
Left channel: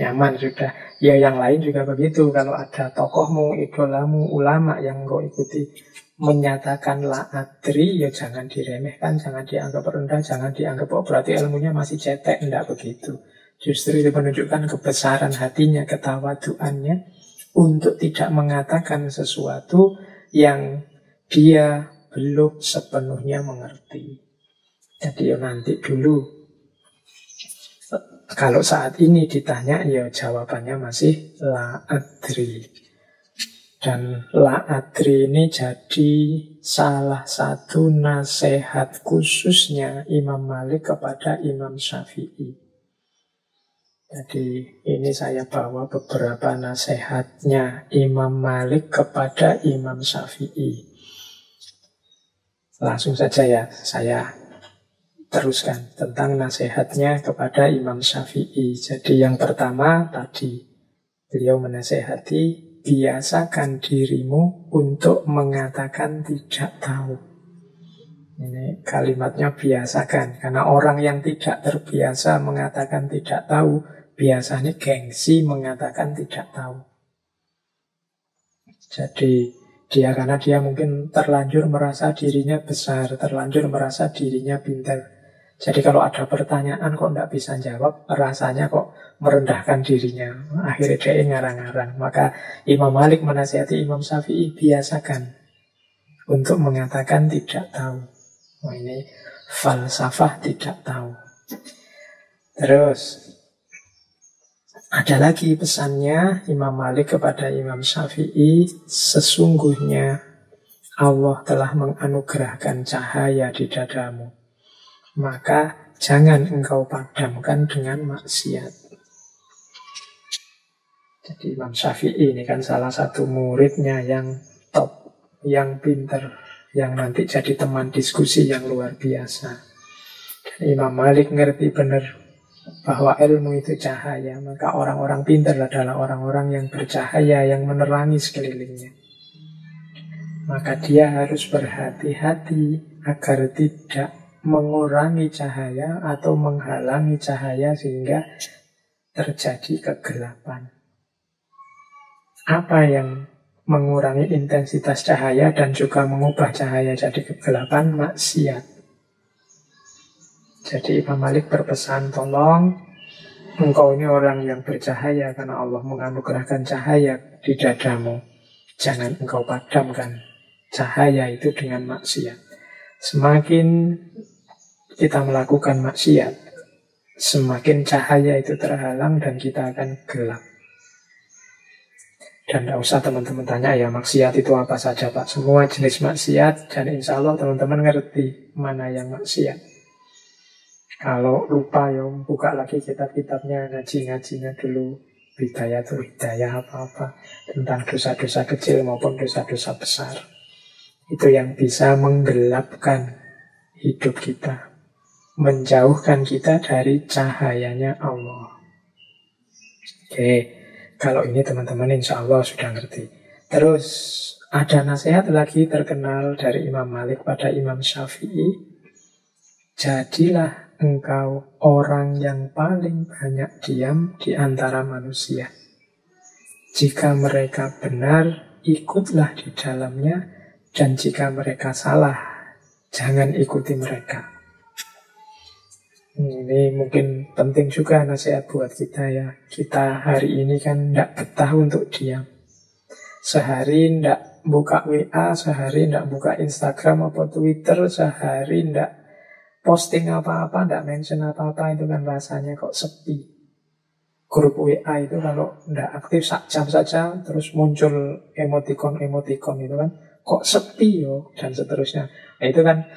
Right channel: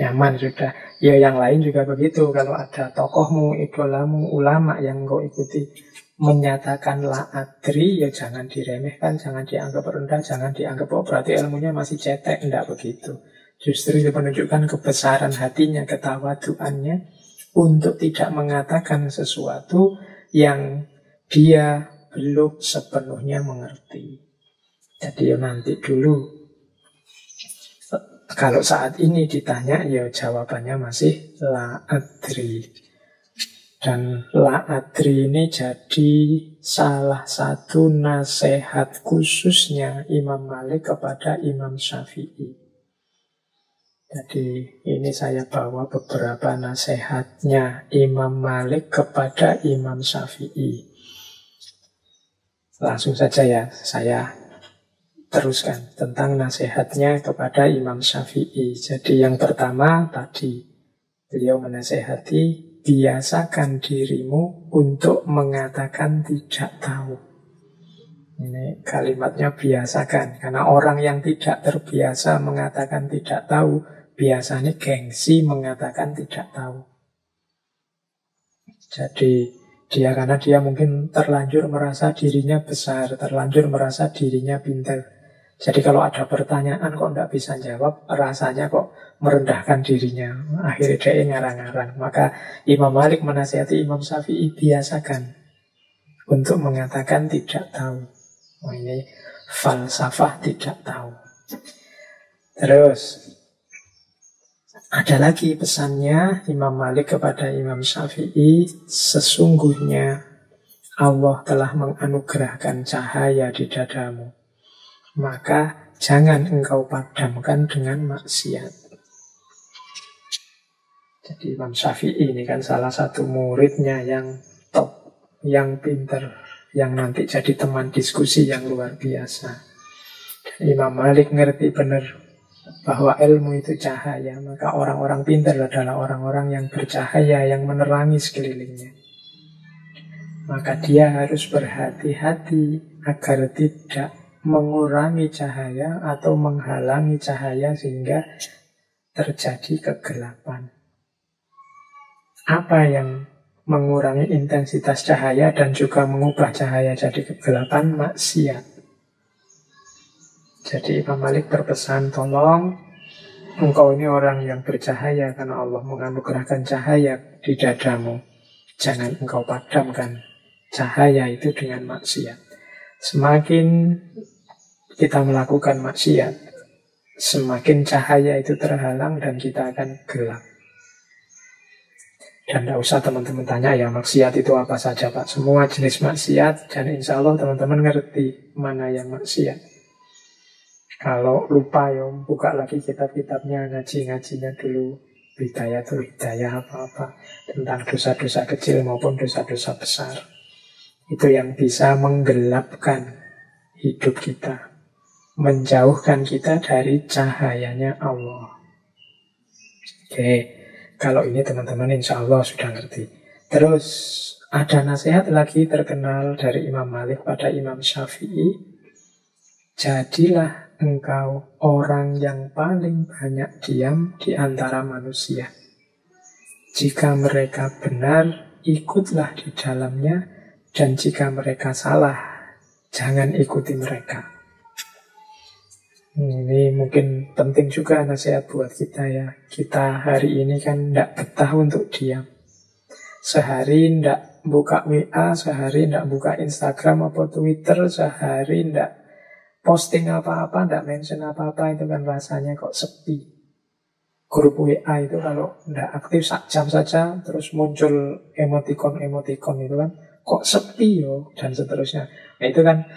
Nyaman sudah. Ya yang lain juga begitu. Kalau ada tokohmu, idolamu, ulama yang kau ikuti menyatakan la adri, ya jangan diremehkan, jangan dianggap rendah, jangan dianggap berarti ilmunya masih cetek. Tidak begitu. Justru itu menunjukkan kebesaran hatinya, ketawaduannya untuk tidak mengatakan sesuatu yang dia belum sepenuhnya mengerti. Jadi ya nanti dulu. Kalau saat ini ditanya, ya jawabannya masih la adri. Dan la adri ini jadi salah satu nasihat khususnya Imam Malik kepada Imam Syafi'i. Jadi ini saya bawa beberapa nasihatnya Imam Malik kepada Imam Syafi'i. Langsung saja ya, saya teruskan tentang nasihatnya kepada Imam Syafi'i. Jadi yang pertama tadi beliau menasihati, biasakan dirimu untuk mengatakan tidak tahu. Ini kalimatnya biasakan. Karena orang yang tidak terbiasa mengatakan tidak tahu, biasanya gengsi mengatakan tidak tahu. Jadi karena dia mungkin terlanjur merasa dirinya besar, terlanjur merasa dirinya pintar. Jadi kalau ada pertanyaan kok tidak bisa jawab, rasanya kok merendahkan dirinya. Akhirnya dia ngarang-ngarang. Maka Imam Malik menasihati Imam Syafi'i, biasakan untuk mengatakan tidak tahu. Oh, ini falsafah tidak tahu. Terus ada lagi pesannya Imam Malik kepada Imam Syafi'i, sesungguhnya Allah telah menganugerahkan cahaya di dadamu. Maka jangan engkau padamkan dengan maksiat. Jadi Imam Syafi'i ini kan salah satu muridnya yang top, yang pinter, yang nanti jadi teman diskusi yang luar biasa. Imam Malik ngerti benar bahwa ilmu itu cahaya. Maka orang-orang pintar adalah orang-orang yang bercahaya, yang menerangi sekelilingnya. Maka dia harus berhati-hati agar tidak mengurangi cahaya atau menghalangi cahaya sehingga terjadi kegelapan. Apa yang mengurangi intensitas cahaya dan juga mengubah cahaya jadi kegelapan? Maksiat. Jadi Imam Malik berpesan, tolong engkau ini orang yang bercahaya karena Allah menganugerahkan cahaya di dadamu. Jangan engkau padamkan cahaya itu dengan maksiat. Semakin kita melakukan maksiat, semakin cahaya itu terhalang dan kita akan gelap. Dan tidak usah teman-teman tanya ya maksiat itu apa saja Pak. Semua jenis maksiat, dan insya Allah teman-teman ngerti mana yang maksiat. Kalau lupa ya buka lagi kitab-kitabnya, ngaji-ngajinya dulu. Bidayatul Hidayah apa-apa tentang dosa-dosa kecil maupun dosa-dosa besar. Itu yang bisa menggelapkan hidup kita, menjauhkan kita dari cahayanya Allah. Oke, kalau ini teman-teman insya Allah sudah ngerti. Terus ada nasihat lagi terkenal dari Imam Malik pada Imam Syafi'i. Jadilah engkau orang yang paling banyak diam di antara manusia. Jika mereka benar, ikutlah di dalamnya, dan jika mereka salah, jangan ikuti mereka. Ini mungkin penting juga nasihat buat kita ya. Kita hari ini kan tidak betah untuk diam. Sehari tidak buka WA, sehari tidak buka Instagram atau Twitter, sehari tidak posting apa-apa, tidak mention apa-apa, itu kan rasanya kok sepi. Grup WA itu kalau tidak aktif sak jam saja, terus muncul emoticon-emoticon itu kan, kok sepi yo, dan seterusnya. Nah itu kan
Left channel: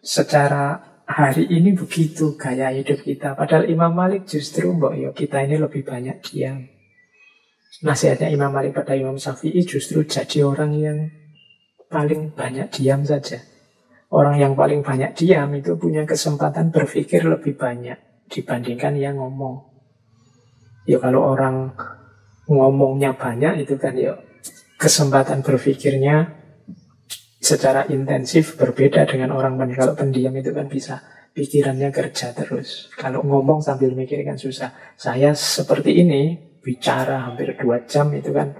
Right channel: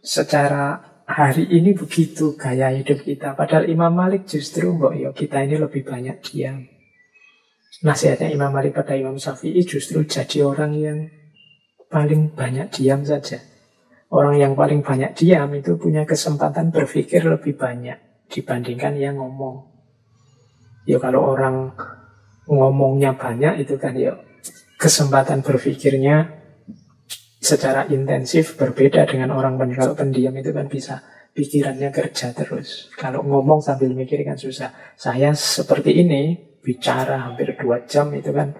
secara hari ini begitu gaya hidup kita. Padahal Imam Malik justru kita ini lebih banyak diam. Nasihatnya Imam Malik pada Imam Syafi'i justru jadi orang yang paling banyak diam saja. Orang yang paling banyak diam itu punya kesempatan berpikir lebih banyak dibandingkan yang ngomong. Ya kalau orang ngomongnya banyak itu kan ya kesempatan berpikirnya secara intensif berbeda dengan orang banyak. Kalau pendiam itu kan bisa pikirannya kerja terus. Kalau ngomong sambil mikir kan susah. Saya seperti ini bicara hampir 2 jam itu kan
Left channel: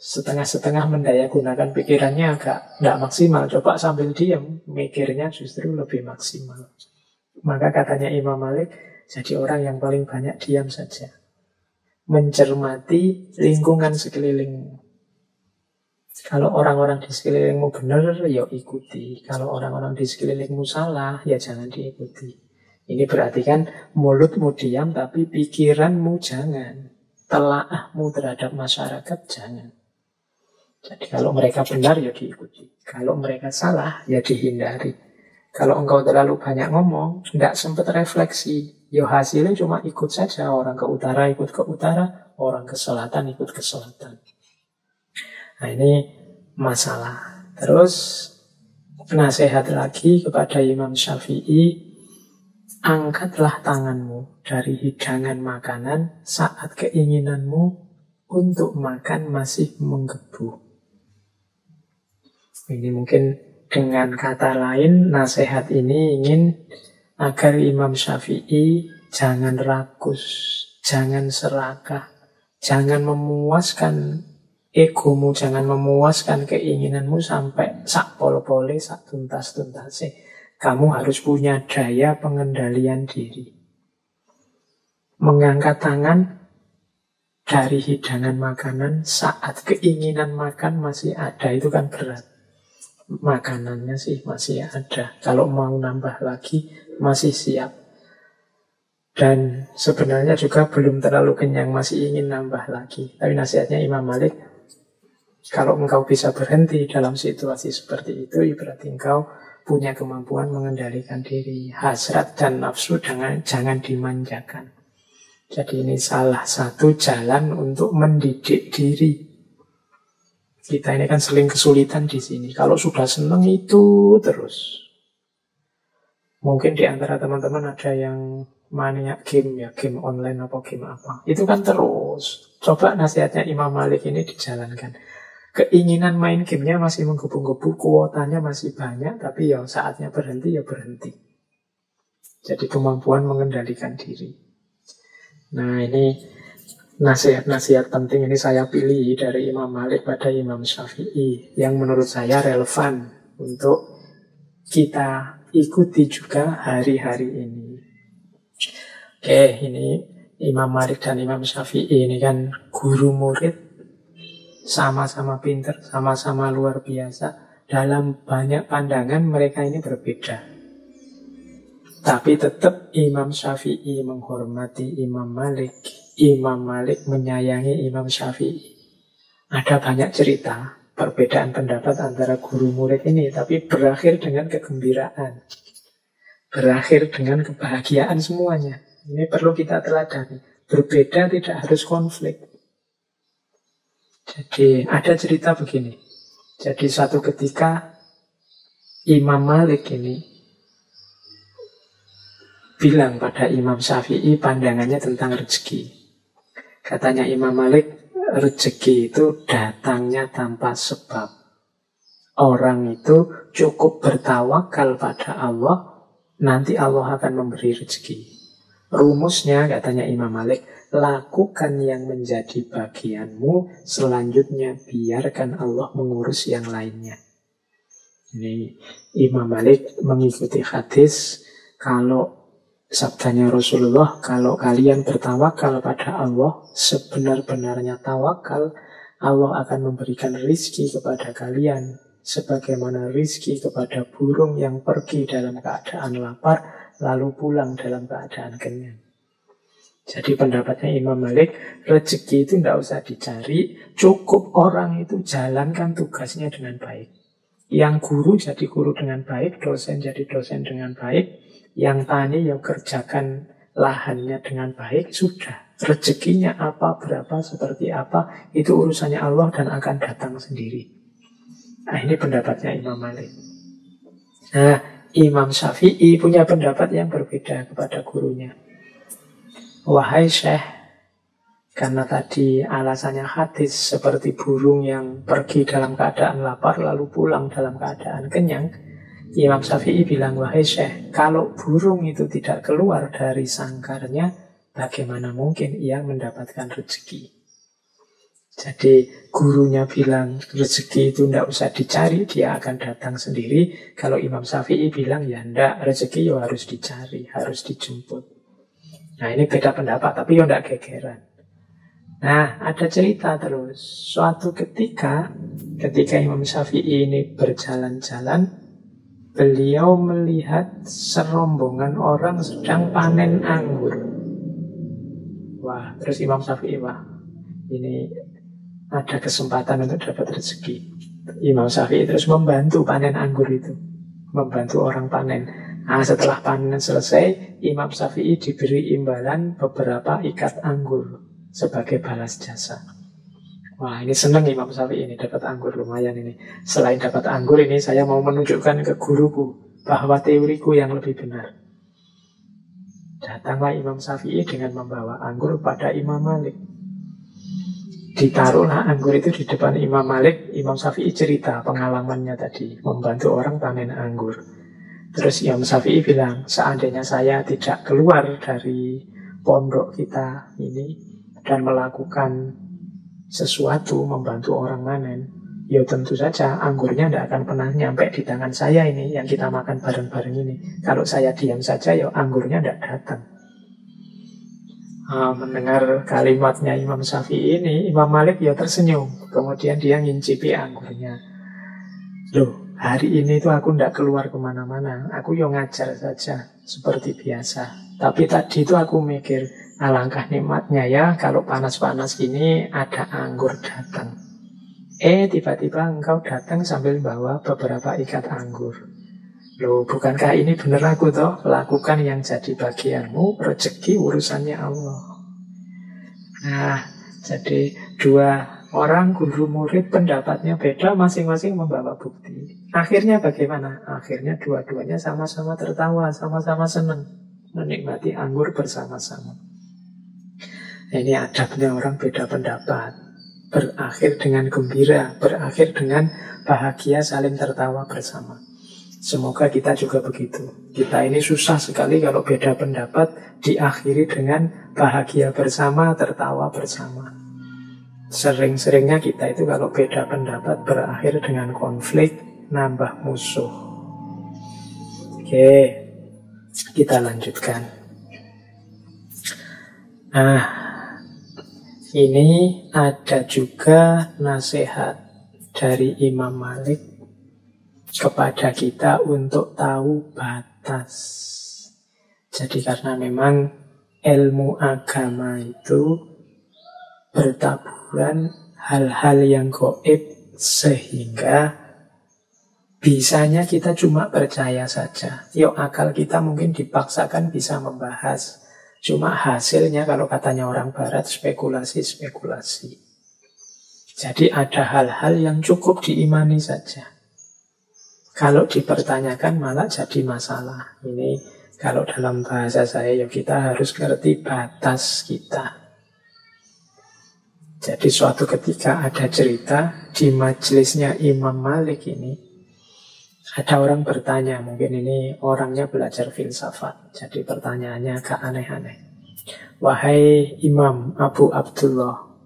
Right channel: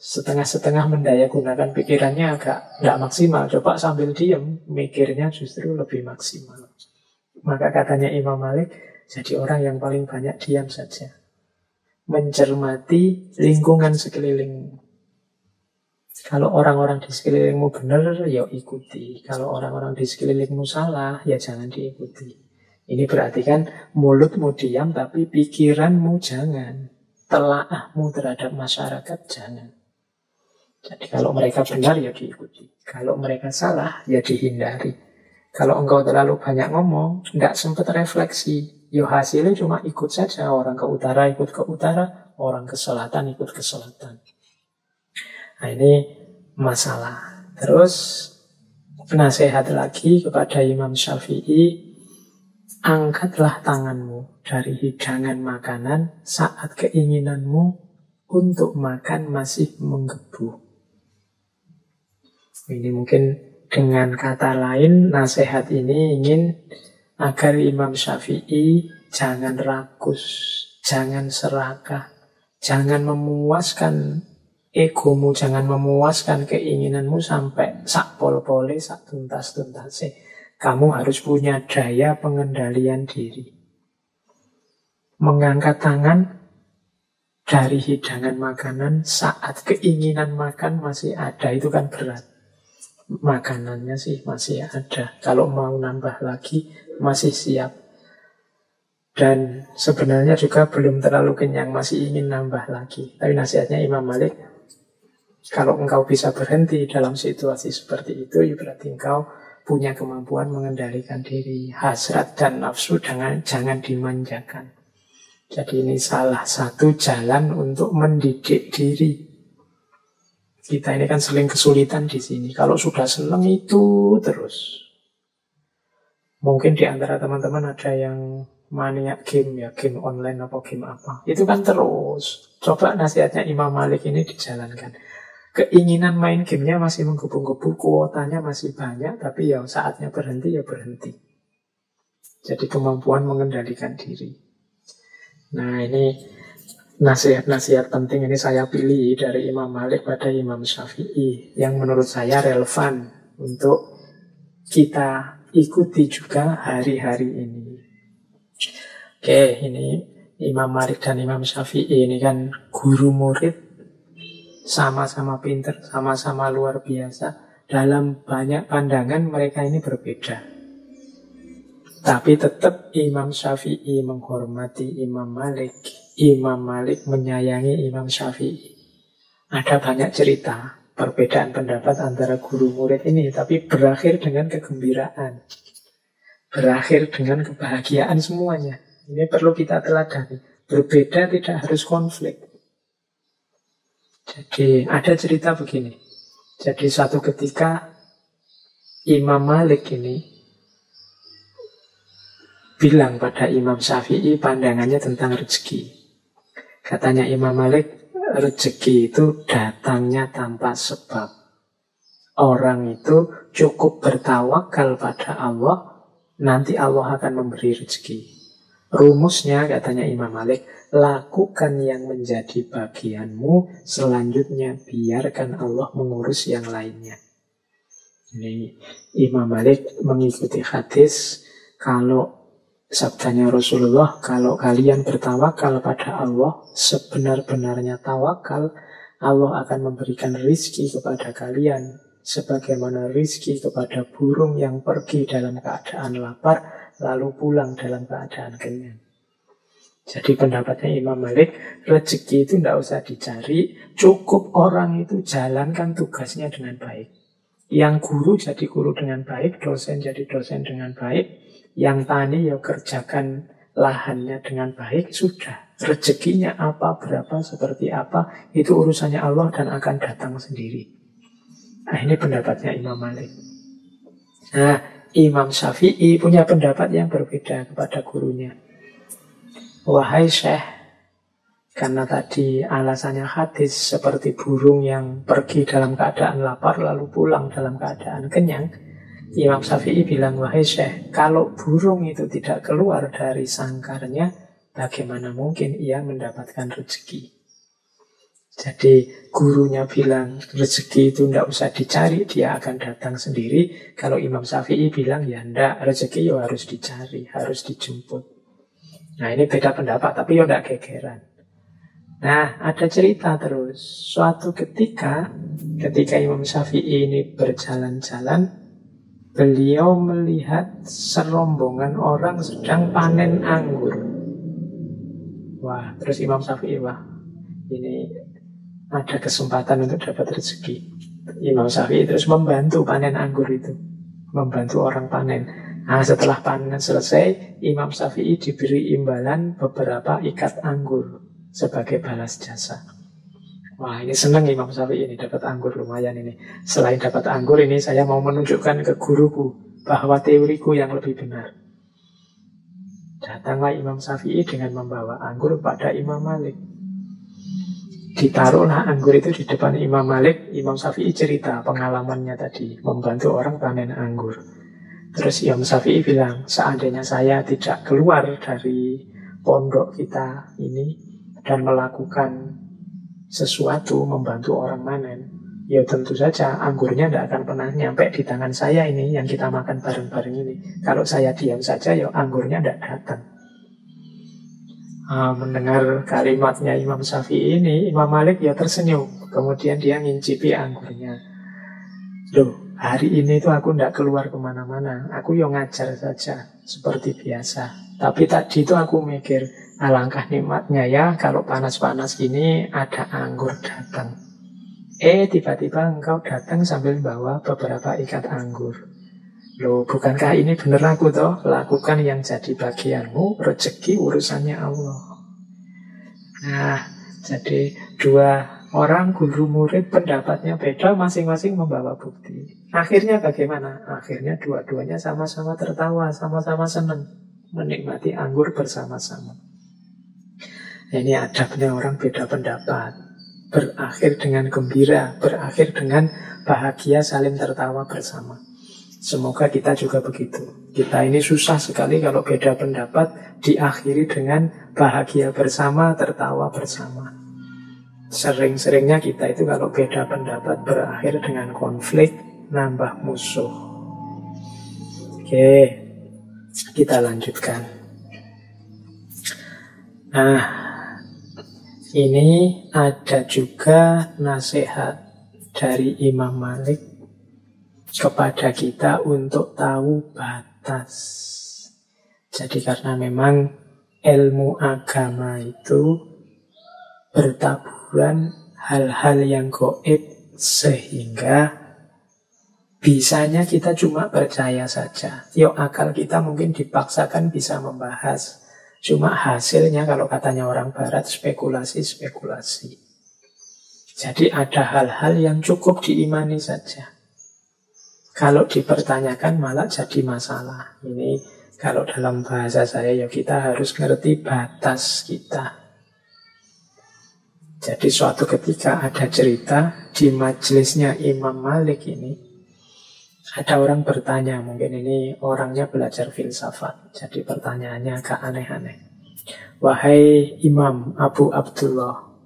setengah-setengah mendaya gunakan pikirannya agak tidak maksimal. Coba sambil diam, mikirnya justru lebih maksimal. Maka katanya Imam Malik, jadi orang yang paling banyak diam saja. Mencermati lingkungan sekelilingmu. Kalau orang-orang di sekelilingmu benar, ya ikuti. Kalau orang-orang di sekelilingmu salah, ya jangan diikuti. Ini berarti kan mulutmu diam, tapi pikiranmu jangan. Telaahmu terhadap masyarakat jangan. Jadi kalau mereka benar ya diikuti. Kalau mereka salah ya dihindari. Kalau engkau terlalu banyak ngomong, tidak sempat refleksi, ya hasilnya cuma ikut saja. Orang ke utara ikut ke utara, orang ke selatan ikut ke selatan. Nah ini masalah. Terus nasihat lagi kepada Imam Syafi'i, angkatlah tanganmu dari hidangan makanan saat keinginanmu untuk makan masih menggebu. Ini mungkin dengan kata lain, nasihat ini ingin agar Imam Syafi'i jangan rakus, jangan serakah, jangan memuaskan egomu, jangan memuaskan keinginanmu sampai sak pol-pole, sak tuntas-tuntase. Kamu harus punya daya pengendalian diri. Mengangkat tangan dari hidangan makanan saat keinginan makan masih ada, itu kan berat. Makanannya sih masih ada. Kalau mau nambah lagi masih siap. Dan sebenarnya juga belum terlalu kenyang, masih ingin nambah lagi. Tapi nasihatnya Imam Malik, kalau engkau bisa berhenti dalam situasi seperti itu, berarti engkau punya kemampuan mengendalikan diri. Hasrat dan nafsu jangan dimanjakan. Jadi ini salah satu jalan untuk mendidik diri. Kita ini kan sering kesulitan di sini. Kalau sudah senang itu terus. Mungkin di antara teman-teman ada yang maniak game, ya game online apa game apa. Itu kan terus. Coba nasihatnya Imam Malik ini dijalankan. Keinginan main gamenya masih menggebu-gebu, kuotanya masih banyak, tapi ya saatnya berhenti ya berhenti. Jadi kemampuan mengendalikan diri. Nah, ini nasihat-nasihat penting ini saya pilih dari Imam Malik pada Imam Syafi'i yang menurut saya relevan untuk kita ikuti juga hari-hari ini. Oke, ini Imam Malik dan Imam Syafi'i ini kan guru murid, sama-sama pinter, sama-sama luar biasa. Dalam banyak pandangan mereka ini berbeda. Tapi tetap Imam Syafi'i menghormati Imam Malik. Imam Malik menyayangi Imam Syafi'i. Ada banyak cerita perbedaan pendapat antara guru murid ini, tapi berakhir dengan kegembiraan. Berakhir dengan kebahagiaan semuanya. Ini perlu kita teladani. Berbeda tidak harus konflik. Jadi ada cerita begini. Jadi suatu ketika Imam Malik ini bilang pada Imam Syafi'i pandangannya tentang rezeki. Katanya Imam Malik, rezeki itu datangnya tanpa sebab. Orang itu cukup bertawakal pada Allah, nanti Allah akan memberi rezeki. Rumusnya, katanya Imam Malik, lakukan yang menjadi bagianmu, selanjutnya biarkan Allah mengurus yang lainnya. Ini Imam Malik mengikuti hadis, kalau sabdanya Rasulullah, kalau kalian bertawakal pada Allah, sebenar-benarnya tawakal, Allah akan memberikan rizki kepada kalian, sebagaimana rizki kepada burung yang pergi dalam keadaan lapar, lalu pulang dalam keadaan kenyang. Jadi pendapatnya Imam Malik, rezeki itu tidak usah dicari, cukup orang itu jalankan tugasnya dengan baik. Yang guru jadi guru dengan baik, dosen jadi dosen dengan baik, yang tani ya kerjakan lahannya dengan baik, sudah. Rezekinya apa, berapa, seperti apa, itu urusannya Allah dan akan datang sendiri. Nah, ini pendapatnya Imam Malik. Nah, Imam Syafi'i punya pendapat yang berbeda kepada gurunya. Wahai Syekh, karena tadi alasannya hadis seperti burung yang pergi dalam keadaan lapar lalu pulang dalam keadaan kenyang, Imam Syafi'i bilang, wahai Syekh, kalau burung itu tidak keluar dari sangkarnya, bagaimana mungkin ia mendapatkan rezeki? Jadi gurunya bilang rezeki itu tidak usah dicari, dia akan datang sendiri. Kalau Imam Syafi'i bilang, ya tidak, rezeki ya harus dicari, harus dijemput. Nah, ini beda pendapat, tapi ya tidak gegeran. Nah, ada cerita terus. Suatu ketika Imam Syafi'i ini berjalan-jalan, beliau melihat serombongan orang sedang panen anggur. Wah, terus Imam Syafi'i, wah, ini ada kesempatan untuk dapat rezeki. Imam Syafi'i terus membantu panen anggur itu, membantu orang panen. Nah, setelah panen selesai, Imam Syafi'i diberi imbalan beberapa ikat anggur sebagai balas jasa. Wah, ini senang Imam Syafi'i ini dapat anggur, lumayan ini. Selain dapat anggur ini, saya mau menunjukkan ke guruku bahwa teoriku yang lebih benar. Datanglah Imam Syafi'i dengan membawa anggur pada Imam Malik. Ditaruhlah anggur itu di depan Imam Malik. Imam Syafi'i cerita pengalamannya tadi, membantu orang panen anggur. Terus Imam Syafi'i bilang, seandainya saya tidak keluar dari pondok kita ini dan melakukan sesuatu membantu orang panen, ya tentu saja anggurnya tidak akan pernah nyampe di tangan saya ini yang kita makan bareng-bareng ini. Kalau saya diam saja, ya anggurnya tidak datang. Mendengar kalimatnya Imam Syafi'i ini, Imam Malik ya tersenyum. Kemudian dia ngincipi anggurnya. Loh, hari ini itu aku tidak keluar kemana-mana. Aku ya ngajar saja seperti biasa. Tapi tadi itu aku mikir, alangkah nikmatnya ya kalau panas-panas gini ada anggur datang. Tiba-tiba engkau datang sambil bawa beberapa ikat anggur. Loh, bukankah ini benar aku toh? Lakukan yang jadi bagianmu, rezeki urusannya Allah. Nah, jadi dua Orang guru murid pendapatnya beda, masing-masing membawa bukti. Akhirnya bagaimana? Akhirnya dua-duanya sama-sama tertawa, sama-sama senang, menikmati anggur bersama-sama. Ini adabnya orang beda pendapat. Berakhir dengan gembira, berakhir dengan bahagia, saling tertawa bersama. Semoga kita juga begitu. Kita ini susah sekali kalau beda pendapat diakhiri dengan bahagia bersama, tertawa bersama. Sering-seringnya kita itu kalau beda pendapat berakhir dengan konflik, nambah musuh. Oke, kita lanjutkan. Nah, ini ada juga nasihat dari Imam Malik kepada kita untuk tahu batas. Jadi karena memang ilmu agama itu bertaburan hal-hal yang gaib, sehingga bisanya kita cuma percaya saja. Yuk, akal kita mungkin dipaksakan bisa membahas. Cuma hasilnya kalau katanya orang barat spekulasi-spekulasi. Jadi ada hal-hal yang cukup diimani saja. Kalau dipertanyakan malah jadi masalah. Ini kalau dalam bahasa saya ya kita harus ngerti batas kita. Jadi suatu ketika ada cerita di majelisnya Imam Malik ini, ada orang bertanya, mungkin ini orangnya belajar filsafat, jadi pertanyaannya agak aneh-aneh. Wahai Imam Abu Abdullah,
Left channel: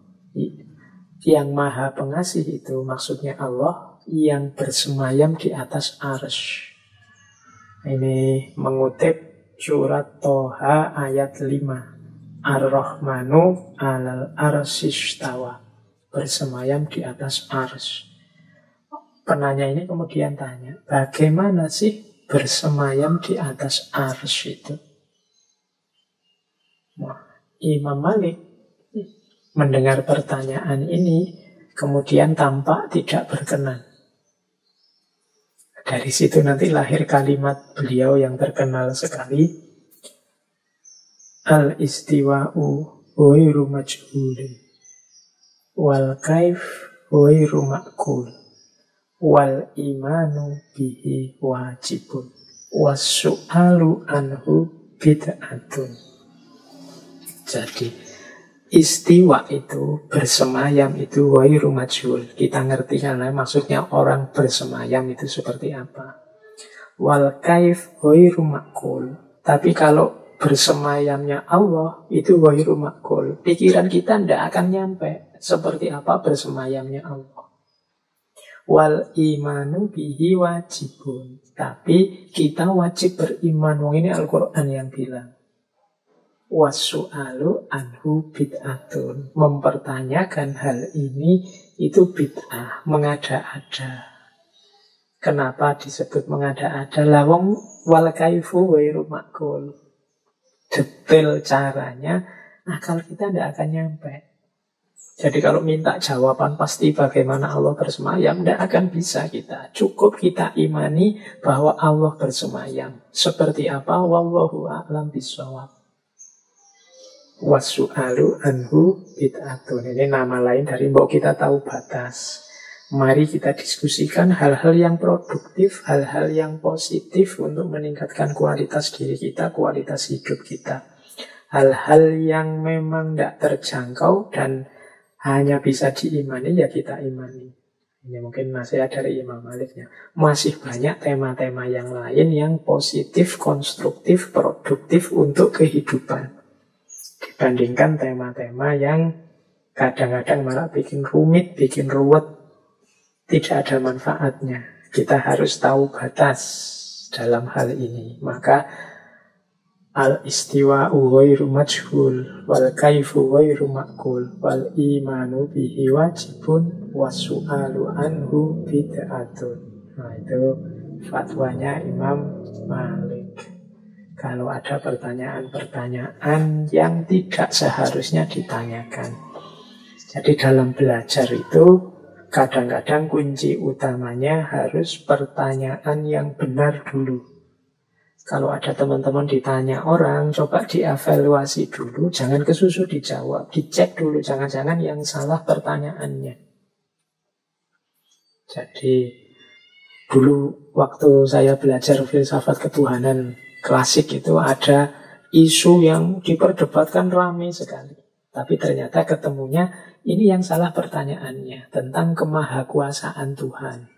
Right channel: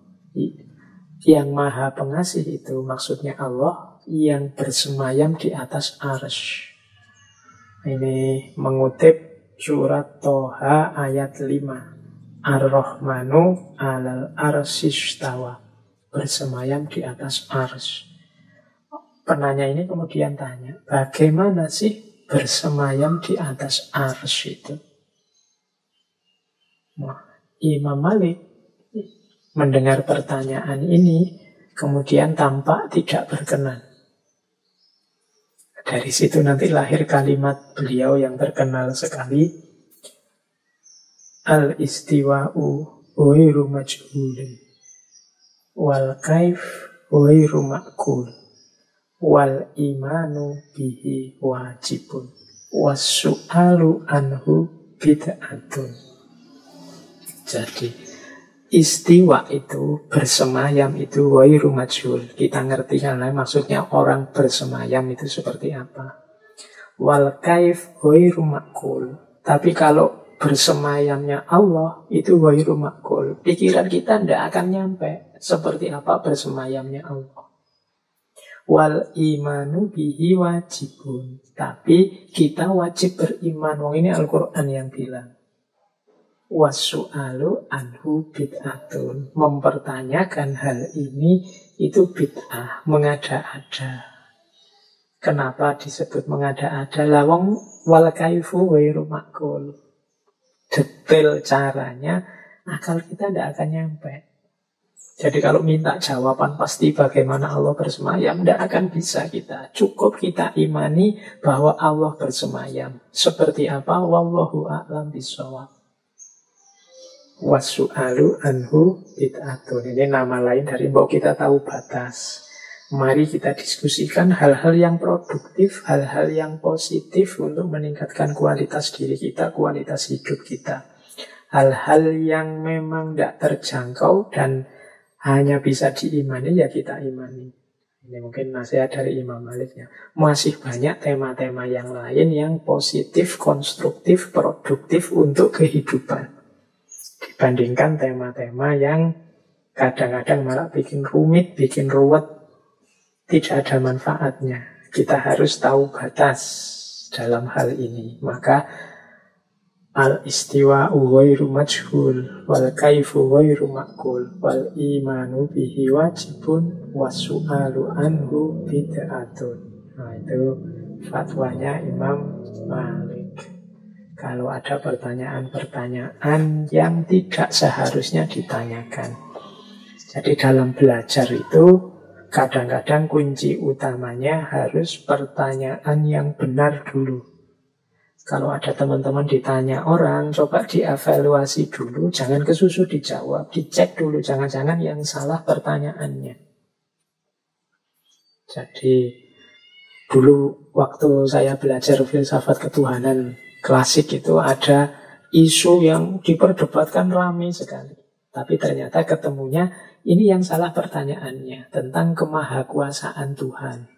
yang maha pengasih itu maksudnya Allah yang bersemayam di atas arsy. Ini mengutip surat Toha ayat 5. Ar-Rahmanu alal arsyistawa, bersemayam di atas arsy. Penanya ini kemudian tanya, bagaimana sih bersemayam di atas arsy itu? Wah, Imam Malik mendengar pertanyaan ini kemudian tampak tidak berkenan. Dari situ nanti lahir kalimat beliau yang terkenal sekali, al-istiwa'u ghairu majhulin wal kaif ghairu ma'qul wal imanu bihi wajibun was-su'alu anhu bid'atun. Jadi istiwa itu, bersemayam itu ghairu majhul. Kita ngerti karena maksudnya orang bersemayam itu seperti apa. Wal kaif ghairu ma'qul. Tapi kalau bersemayamnya Allah itu ghairu ma'qul. Pikiran kita tidak akan nyampe seperti apa bersemayamnya Allah. Wal imanu bihi wajibun. Tapi kita wajib beriman. Ini Al-Quran yang bilang. Wasu'alu anhu bid'atun. Mempertanyakan hal ini itu bid'ah, mengada-ada. Kenapa disebut mengada-ada? Lawang wal kaifu ghairu ma'qul. Detail caranya akal kita tidak akan nyampe. Jadi kalau minta jawaban pasti bagaimana Allah bersemayam, tidak akan bisa kita. Cukup kita imani bahwa Allah bersemayam. Seperti apa? Wallahu a'lam bishawab. Wasu'alu anhu bid'atun. Ini nama lain dari bahwa kita tahu batas. Mari kita diskusikan hal-hal yang produktif, hal-hal yang positif untuk meningkatkan kualitas diri kita, kualitas hidup kita. Hal-hal yang memang tidak terjangkau dan hanya bisa diimani, ya kita imani. Ini mungkin nasihat dari Imam Maliknya. Masih banyak tema-tema yang lain yang positif, konstruktif, produktif untuk kehidupan. Dibandingkan tema-tema yang kadang-kadang malah bikin rumit, bikin ruwet, tidak ada manfaatnya. Kita harus tahu batas dalam hal ini. Maka al-istiwa'u ghairu majhul wal kaifu ghairu ma'qul wal imanu bihi wajibun wasu'alu anhu bid'atun. Nah, itu fatwanya Imam Malik. Kalau ada pertanyaan-pertanyaan yang tidak seharusnya ditanyakan. Jadi dalam belajar itu kadang-kadang kunci utamanya harus pertanyaan yang benar dulu. Kalau ada teman-teman ditanya orang, coba dievaluasi dulu, jangan kesusu dijawab, dicek dulu, jangan-jangan yang salah pertanyaannya. Jadi dulu waktu saya belajar filsafat ketuhanan klasik itu ada isu yang diperdebatkan ramai sekali. Tapi ternyata ketemunya ini yang salah pertanyaannya, tentang kemahakuasaan Tuhan.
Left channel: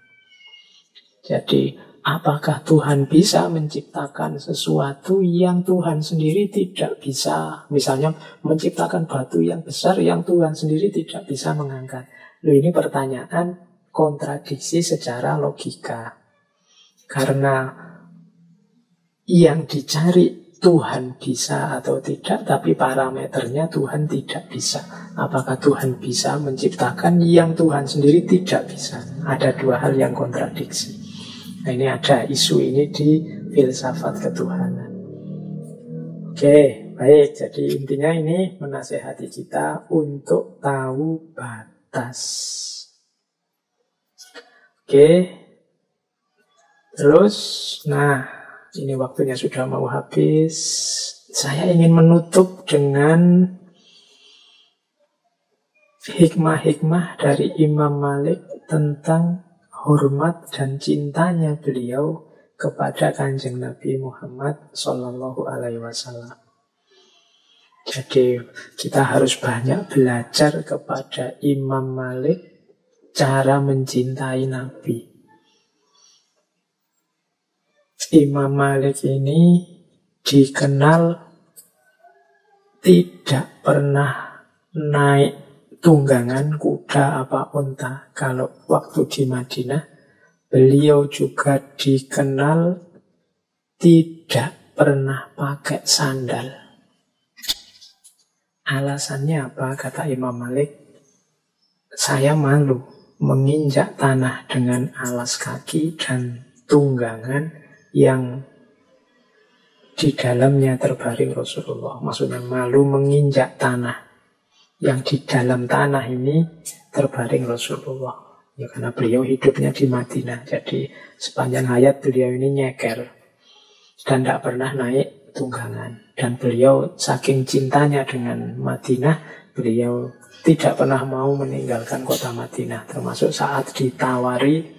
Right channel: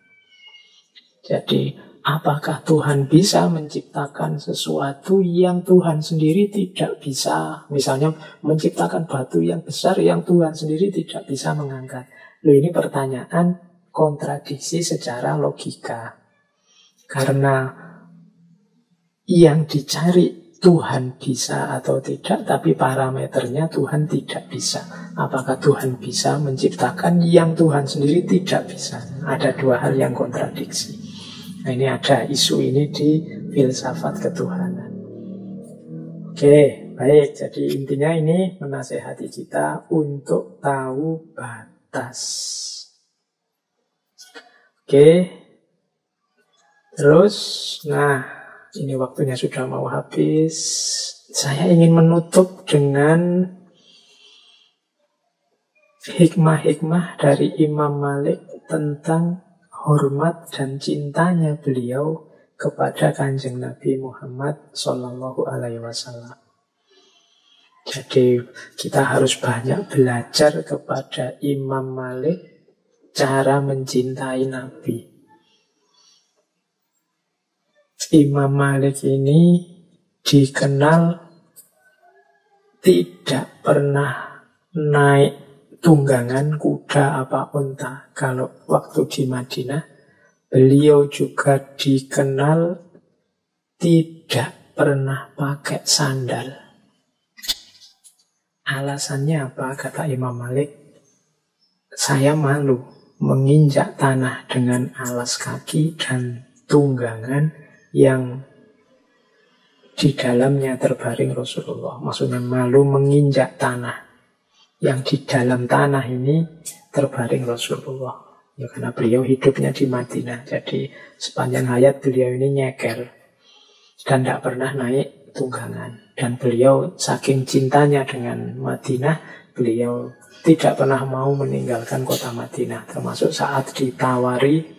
Jadi, apakah Tuhan bisa menciptakan sesuatu yang Tuhan sendiri tidak bisa? Misalnya menciptakan batu yang besar yang Tuhan sendiri tidak bisa mengangkat. Loh, ini pertanyaan kontradiksi secara logika. Karena yang dicari Tuhan bisa atau tidak, tapi parameternya Tuhan tidak bisa. Apakah Tuhan bisa menciptakan yang Tuhan sendiri tidak bisa? Ada dua hal yang kontradiksi. Nah, ini ada isu ini di filsafat ketuhanan. Oke, baik. Jadi intinya ini menasehati kita untuk tahu batas. Oke. Terus, nah, ini waktunya sudah mau habis. Saya ingin menutup dengan hikmah-hikmah dari Imam Malik tentang hormat dan cintanya beliau kepada Kanjeng Nabi Muhammad Sallallahu Alaihi Wasallam. Jadi kita harus banyak belajar kepada Imam Malik cara mencintai Nabi. Imam Malik ini dikenal tidak pernah naik tunggangan kuda apa unta. Kalau waktu di Madinah, beliau juga dikenal tidak pernah pakai sandal. Alasannya apa? Kata Imam Malik, saya malu menginjak tanah dengan alas kaki dan tunggangan yang di dalamnya terbaring Rasulullah. Maksudnya malu menginjak tanah yang di dalam tanah ini terbaring Rasulullah. Ya, karena beliau hidupnya di Madinah. Jadi sepanjang hayat beliau ini nyeker dan tidak pernah naik tunggangan. Dan beliau saking cintanya dengan Madinah, beliau tidak pernah mau meninggalkan kota Madinah. Termasuk saat ditawari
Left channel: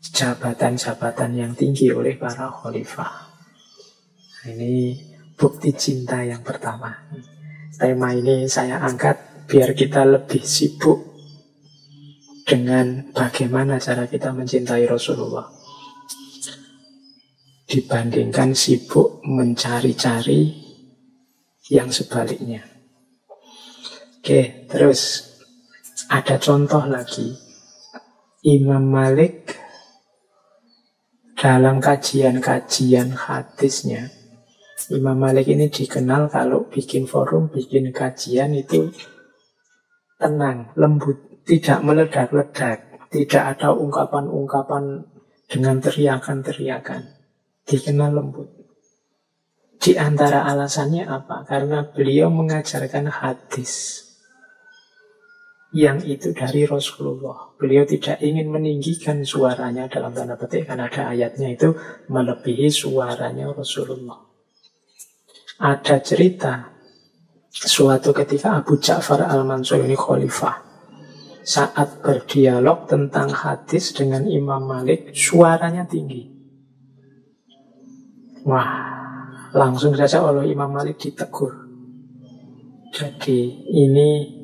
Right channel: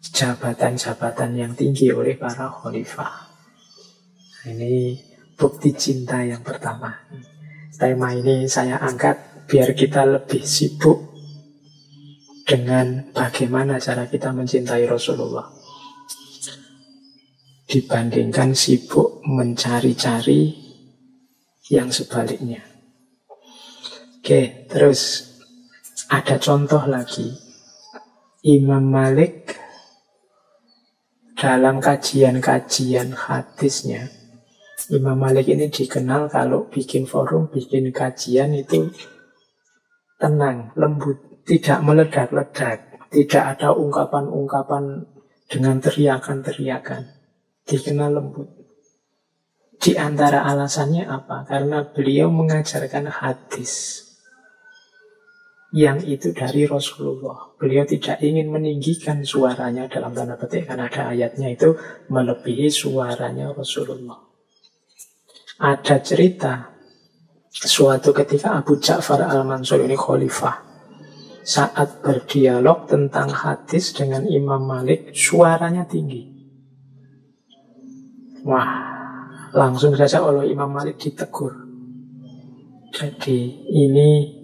jabatan-jabatan yang tinggi oleh para khalifah. Ini bukti cinta yang pertama. Tema ini saya angkat biar kita lebih sibuk dengan bagaimana cara kita mencintai Rasulullah dibandingkan sibuk mencari-cari yang sebaliknya. Oke, terus ada contoh lagi. Imam Malik dalam kajian-kajian hadisnya, Imam Malik ini dikenal kalau bikin forum, bikin kajian itu tenang, lembut, tidak meledak-ledak, tidak ada ungkapan-ungkapan dengan teriakan-teriakan, dikenal lembut. Di antara alasannya apa? Karena beliau mengajarkan hadis yang itu dari Rasulullah. Beliau tidak ingin meninggikan suaranya, dalam tanda petik, karena ada ayatnya itu melebihi suaranya Rasulullah. Ada cerita suatu ketika Abu Ja'far al-Mansur ini khalifah, saat berdialog tentang hadis dengan Imam Malik, suaranya tinggi. Wah, langsung saja oleh Imam Malik ditegur. Jadi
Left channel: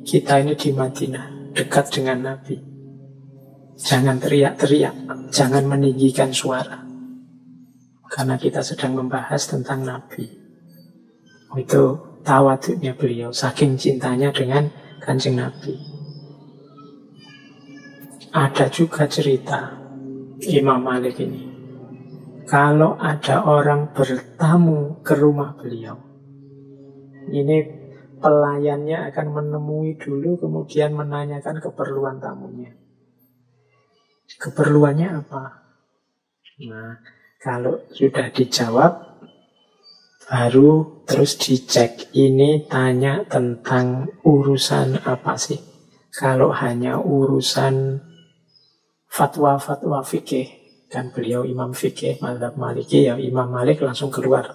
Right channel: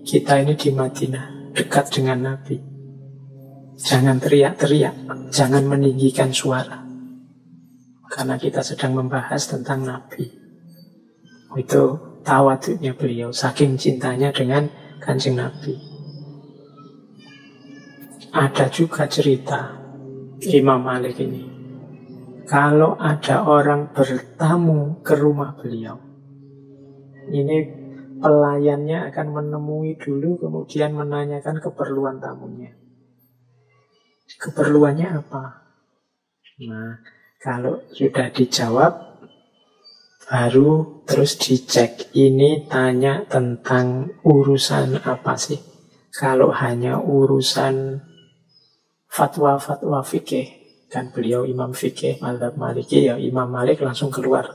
kita ini di Madinah, dekat dengan Nabi. Jangan teriak-teriak, jangan meninggikan suara, karena kita sedang membahas tentang Nabi. Itu tawaduknya beliau, saking cintanya dengan Kanjeng Nabi. Ada juga cerita Imam Malik ini, kalau ada orang bertamu ke rumah beliau, ini pelayannya akan menemui dulu, kemudian menanyakan keperluan tamunya. Keperluannya apa? Nah, kalau sudah dijawab, baru terus dicek, ini tanya tentang urusan apa sih. Kalau hanya urusan fatwa-fatwa fikih, Kan beliau imam fikih mazhab Maliki, ya Imam Malik langsung keluar.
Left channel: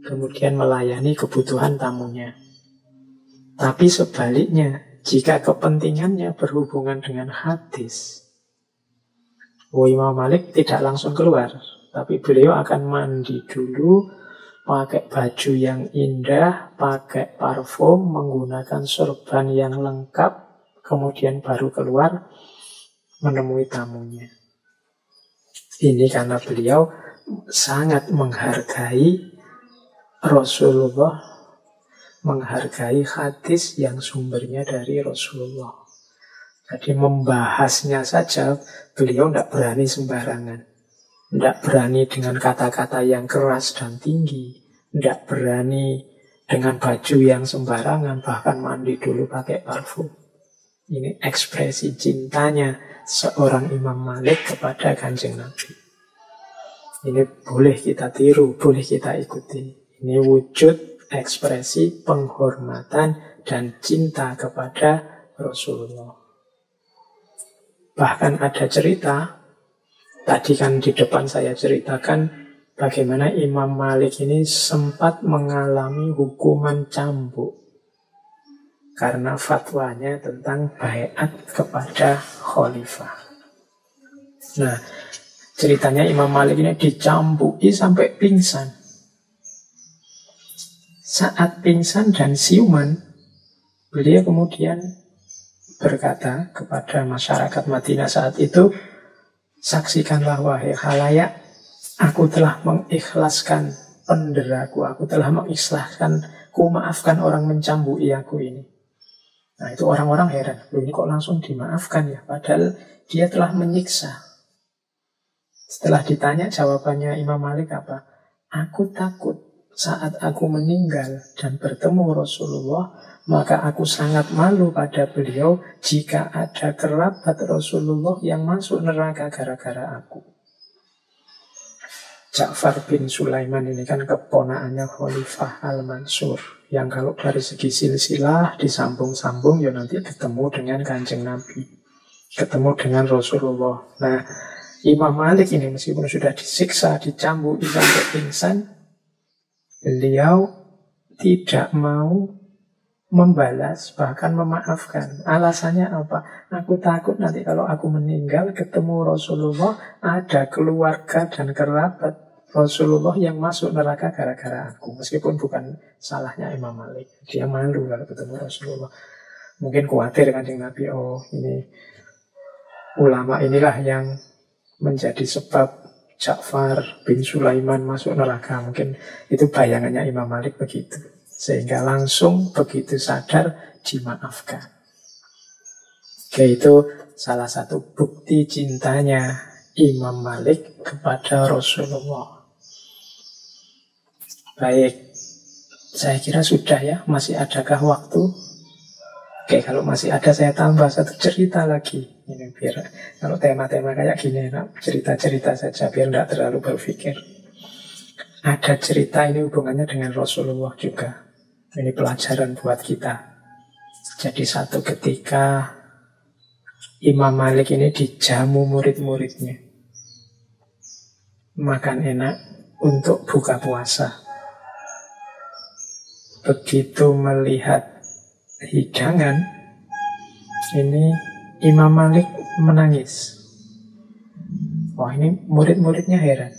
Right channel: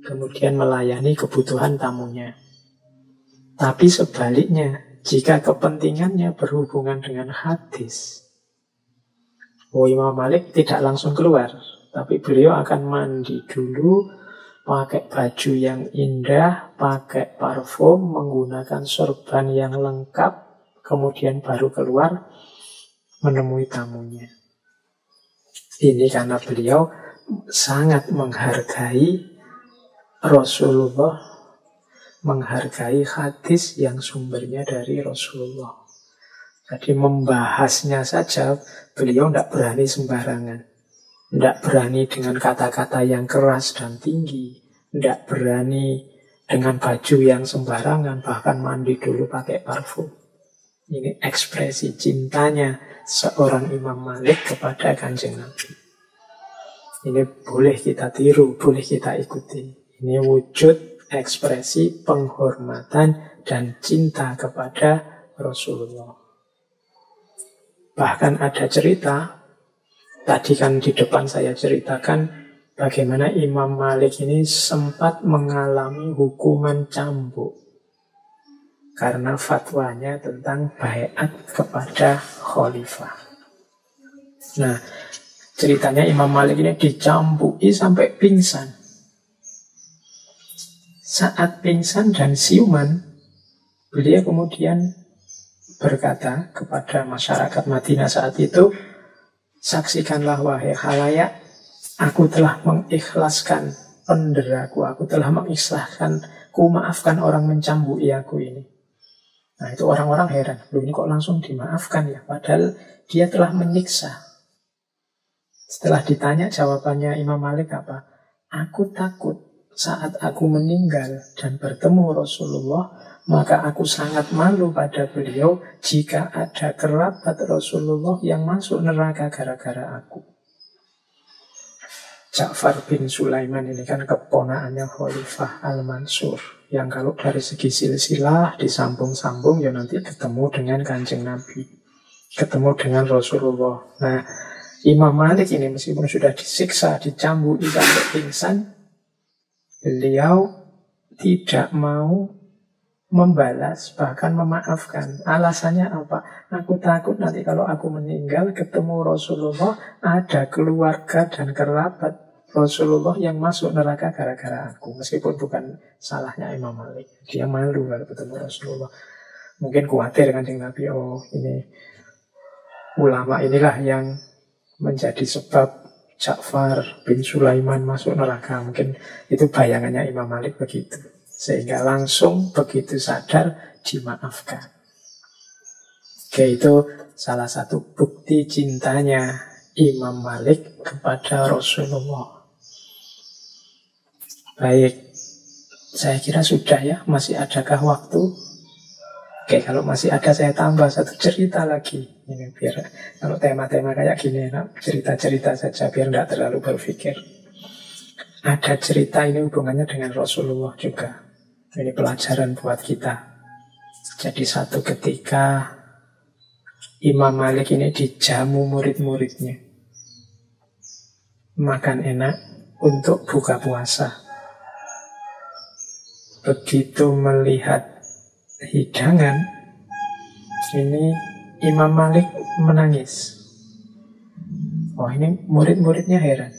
Kemudian melayani kebutuhan tamunya. Tapi sebaliknya, jika kepentingannya berhubungan dengan hadis, Imam Malik tidak langsung keluar, tapi beliau akan mandi dulu, pakai baju yang indah, pakai parfum, menggunakan sorban yang lengkap, kemudian baru keluar menemui tamunya. Ini karena beliau sangat menghargai Rasulullah, menghargai hadis yang sumbernya dari Rasulullah. Jadi membahasnya saja beliau tidak berani sembarangan. Tidak berani dengan kata-kata yang keras dan tinggi. Tidak berani dengan baju yang sembarangan, bahkan mandi dulu pakai parfum. Ini ekspresi cintanya seorang Imam Malik kepada Kanjeng Nabi. Ini boleh kita tiru, boleh kita ikuti. Ini wujud ekspresi penghormatan dan cinta kepada Rasulullah. Bahkan ada cerita, tadi kan di depan saya ceritakan bagaimana Imam Malik ini sempat mengalami hukuman cambuk karena fatwanya tentang baiat kepada khalifah. Nah, ceritanya Imam Malik ini dicambuki sampai pingsan. Saat pingsan dan siuman, beliau kemudian berkata kepada masyarakat Madinah saat itu, saksikanlah wahai khalayak, aku telah mengikhlaskan penderaku, aku telah mengikhlaskan, ku maafkan orang mencambuki aku ini. Nah itu orang-orang heran, ini kok langsung dimaafkan ya, padahal dia telah menyiksa. Setelah ditanya jawabannya Imam Malik apa? Aku takut saat aku meninggal dan bertemu Rasulullah, maka aku sangat malu pada beliau jika ada kerabat Rasulullah yang masuk neraka gara-gara aku. Ja'far bin Sulaiman ini kan keponakannya Khalifah Al-Mansur, yang kalau dari segi silsilah disambung-sambung ya nanti ketemu dengan Kanjeng Nabi, ketemu dengan Rasulullah. Nah, Imam Malik ini meskipun sudah disiksa, dicambuki sampai pingsan, beliau tidak mau membalas, bahkan memaafkan. Alasannya apa? Aku takut nanti kalau aku meninggal ketemu Rasulullah, ada keluarga dan kerabat Rasulullah yang masuk neraka gara-gara aku. Meskipun bukan salahnya Imam Malik, dia malu kalau ketemu Rasulullah. Mungkin khawatir Kanjeng Nabi, ini ulama inilah yang menjadi sebab Ja'far bin Sulaiman masuk neraka. Mungkin itu bayangannya Imam Malik begitu. Sehingga langsung begitu sadar dimaafkan. Oke, itu salah satu bukti cintanya Imam Malik kepada Rasulullah. Baik, saya kira sudah ya. Masih adakah waktu? Oke, kalau masih ada saya tambah satu cerita lagi. Ini biar kalau tema-tema kayak gini, cerita-cerita saja biar tidak terlalu berpikir. Ada cerita ini hubungannya dengan Rasulullah juga. Ini pelajaran buat kita. Jadi satu ketika Imam Malik ini dijamu murid-muridnya. Makan enak untuk buka puasa. Begitu melihat hidangan, ini Imam Malik menangis. Wah, ini murid-muridnya heran.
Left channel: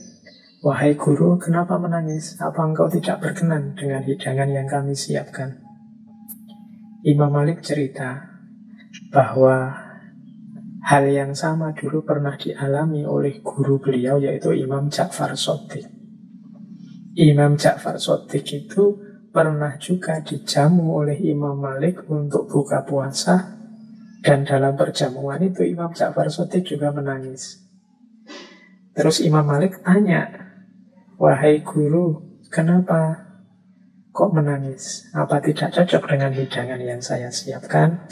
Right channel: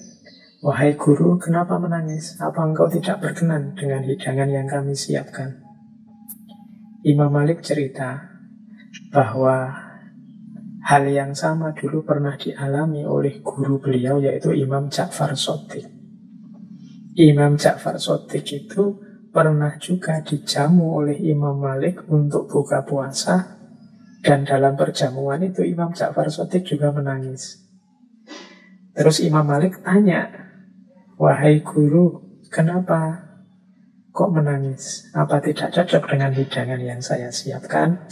Wahai guru, kenapa menangis? Apa engkau tidak berkenan dengan hidangan yang kami siapkan? Imam Malik cerita bahwa hal yang sama dulu pernah dialami oleh guru beliau, yaitu Imam Ja'far Shadiq. Imam Ja'far Shadiq itu pernah juga dijamu oleh Imam Malik untuk buka puasa, dan dalam perjamuan itu Imam Ja'far Shadiq juga menangis. Terus Imam Malik tanya, wahai guru, kenapa kok menangis? Apa tidak cocok dengan hidangan yang saya siapkan?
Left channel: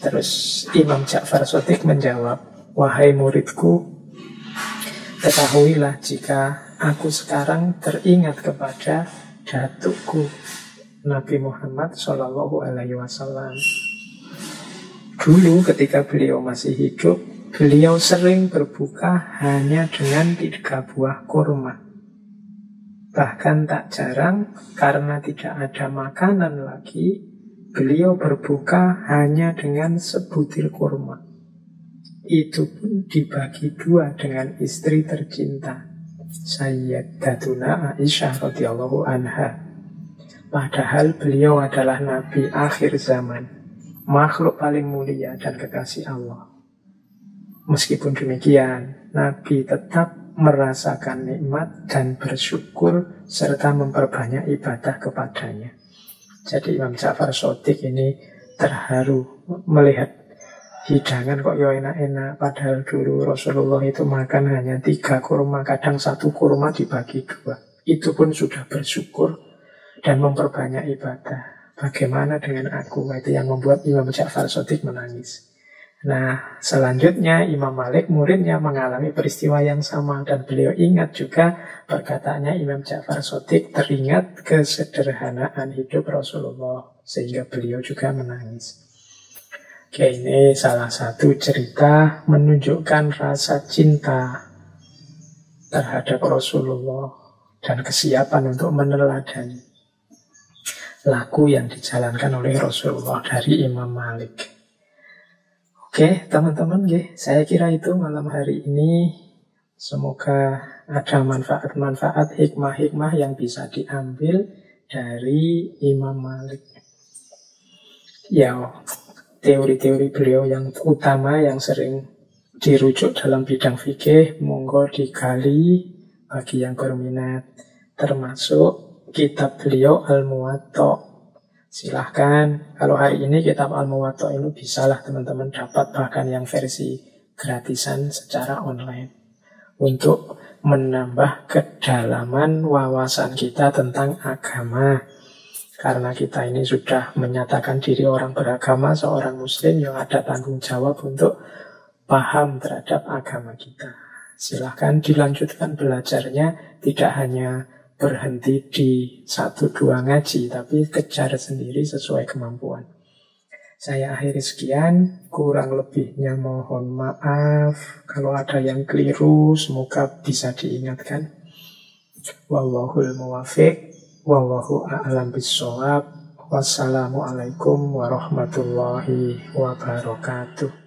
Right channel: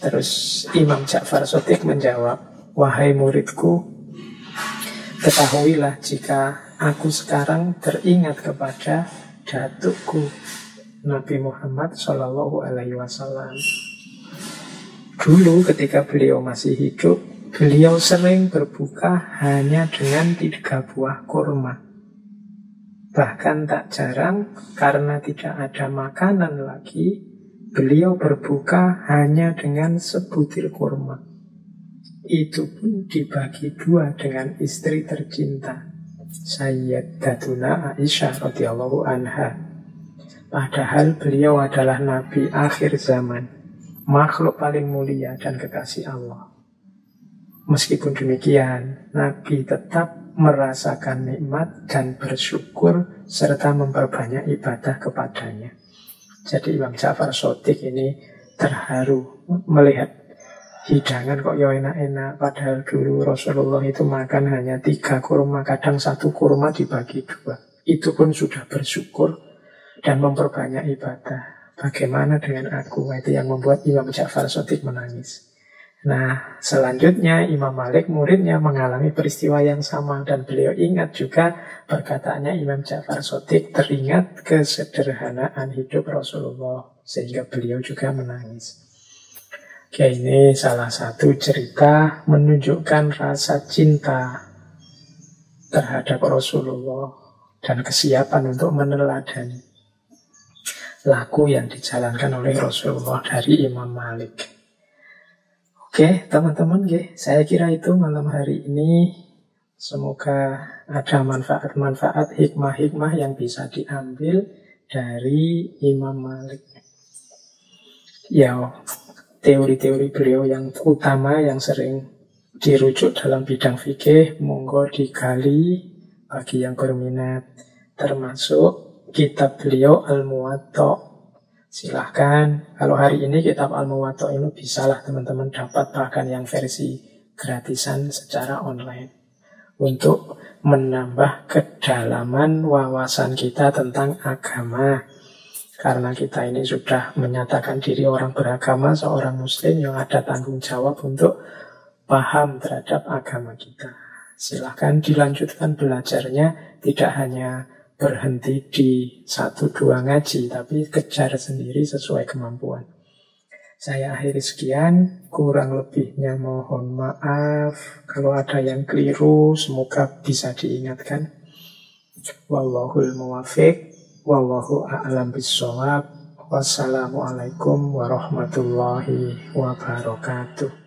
Terus Imam Ja'far Shadiq menjawab, wahai muridku, ketahuilah jika aku sekarang teringat kepada datukku Nabi Muhammad SAW. Dulu ketika beliau masih hidup, Beliau sering berbuka hanya dengan 3 buah kurma. Bahkan tak jarang karena tidak ada makanan lagi, beliau berbuka hanya dengan sebutir kurma. Itu pun dibagi 2 dengan istri tercinta, Sayyidatuna Aisyah radhiyallahu anha. Padahal beliau adalah nabi akhir zaman, makhluk paling mulia dan kekasih Allah. Meskipun demikian, Nabi tetap merasakan nikmat dan bersyukur serta memperbanyak ibadah kepadanya. Jadi Imam Ja'far Shadiq ini terharu melihat hidangan kok ya enak-enak. Padahal dulu Rasulullah itu makan hanya 3 kurma, kadang 1 kurma dibagi 2. Itu pun sudah bersyukur dan memperbanyak ibadah. Bagaimana dengan aku? Itu yang membuat Imam Ja'far Shadiq menangis. Nah, selanjutnya Imam Malik muridnya mengalami peristiwa yang sama dan beliau ingat juga perkataannya Imam Ja'far Shadiq, teringat kesederhanaan hidup Rasulullah sehingga beliau juga menangis. Oke, ini salah satu cerita menunjukkan rasa cinta terhadap Rasulullah dan kesiapan untuk meneladani laku yang dijalankan oleh Rasulullah dari Imam Malik. Oke, teman-teman, saya kira itu malam hari ini. Semoga ada manfaat-manfaat, hikmah-hikmah yang bisa diambil dari Imam Malik. Ya, teori-teori beliau yang utama yang sering dirujuk dalam bidang fikih, monggo digali bagi yang berminat. Termasuk kitab beliau Al-Muwatta. Silahkan, kalau hari ini kitab Al-Muwatta ini bisalah teman-teman dapat bahkan yang versi gratisan secara online untuk menambah kedalaman wawasan kita tentang agama. Karena kita ini sudah menyatakan diri orang beragama, seorang muslim yang ada tanggung jawab untuk paham terhadap agama kita. Silahkan dilanjutkan belajarnya, tidak hanya berhenti di 1-2 ngaji, tapi kejar sendiri sesuai kemampuan. Saya akhiri sekian, kurang lebihnya mohon maaf. Kalau ada yang keliru, semoga bisa diingatkan. Wallahul muwafiq, wallahu a'lam bissawab. Wassalamualaikum warahmatullahi wabarakatuh.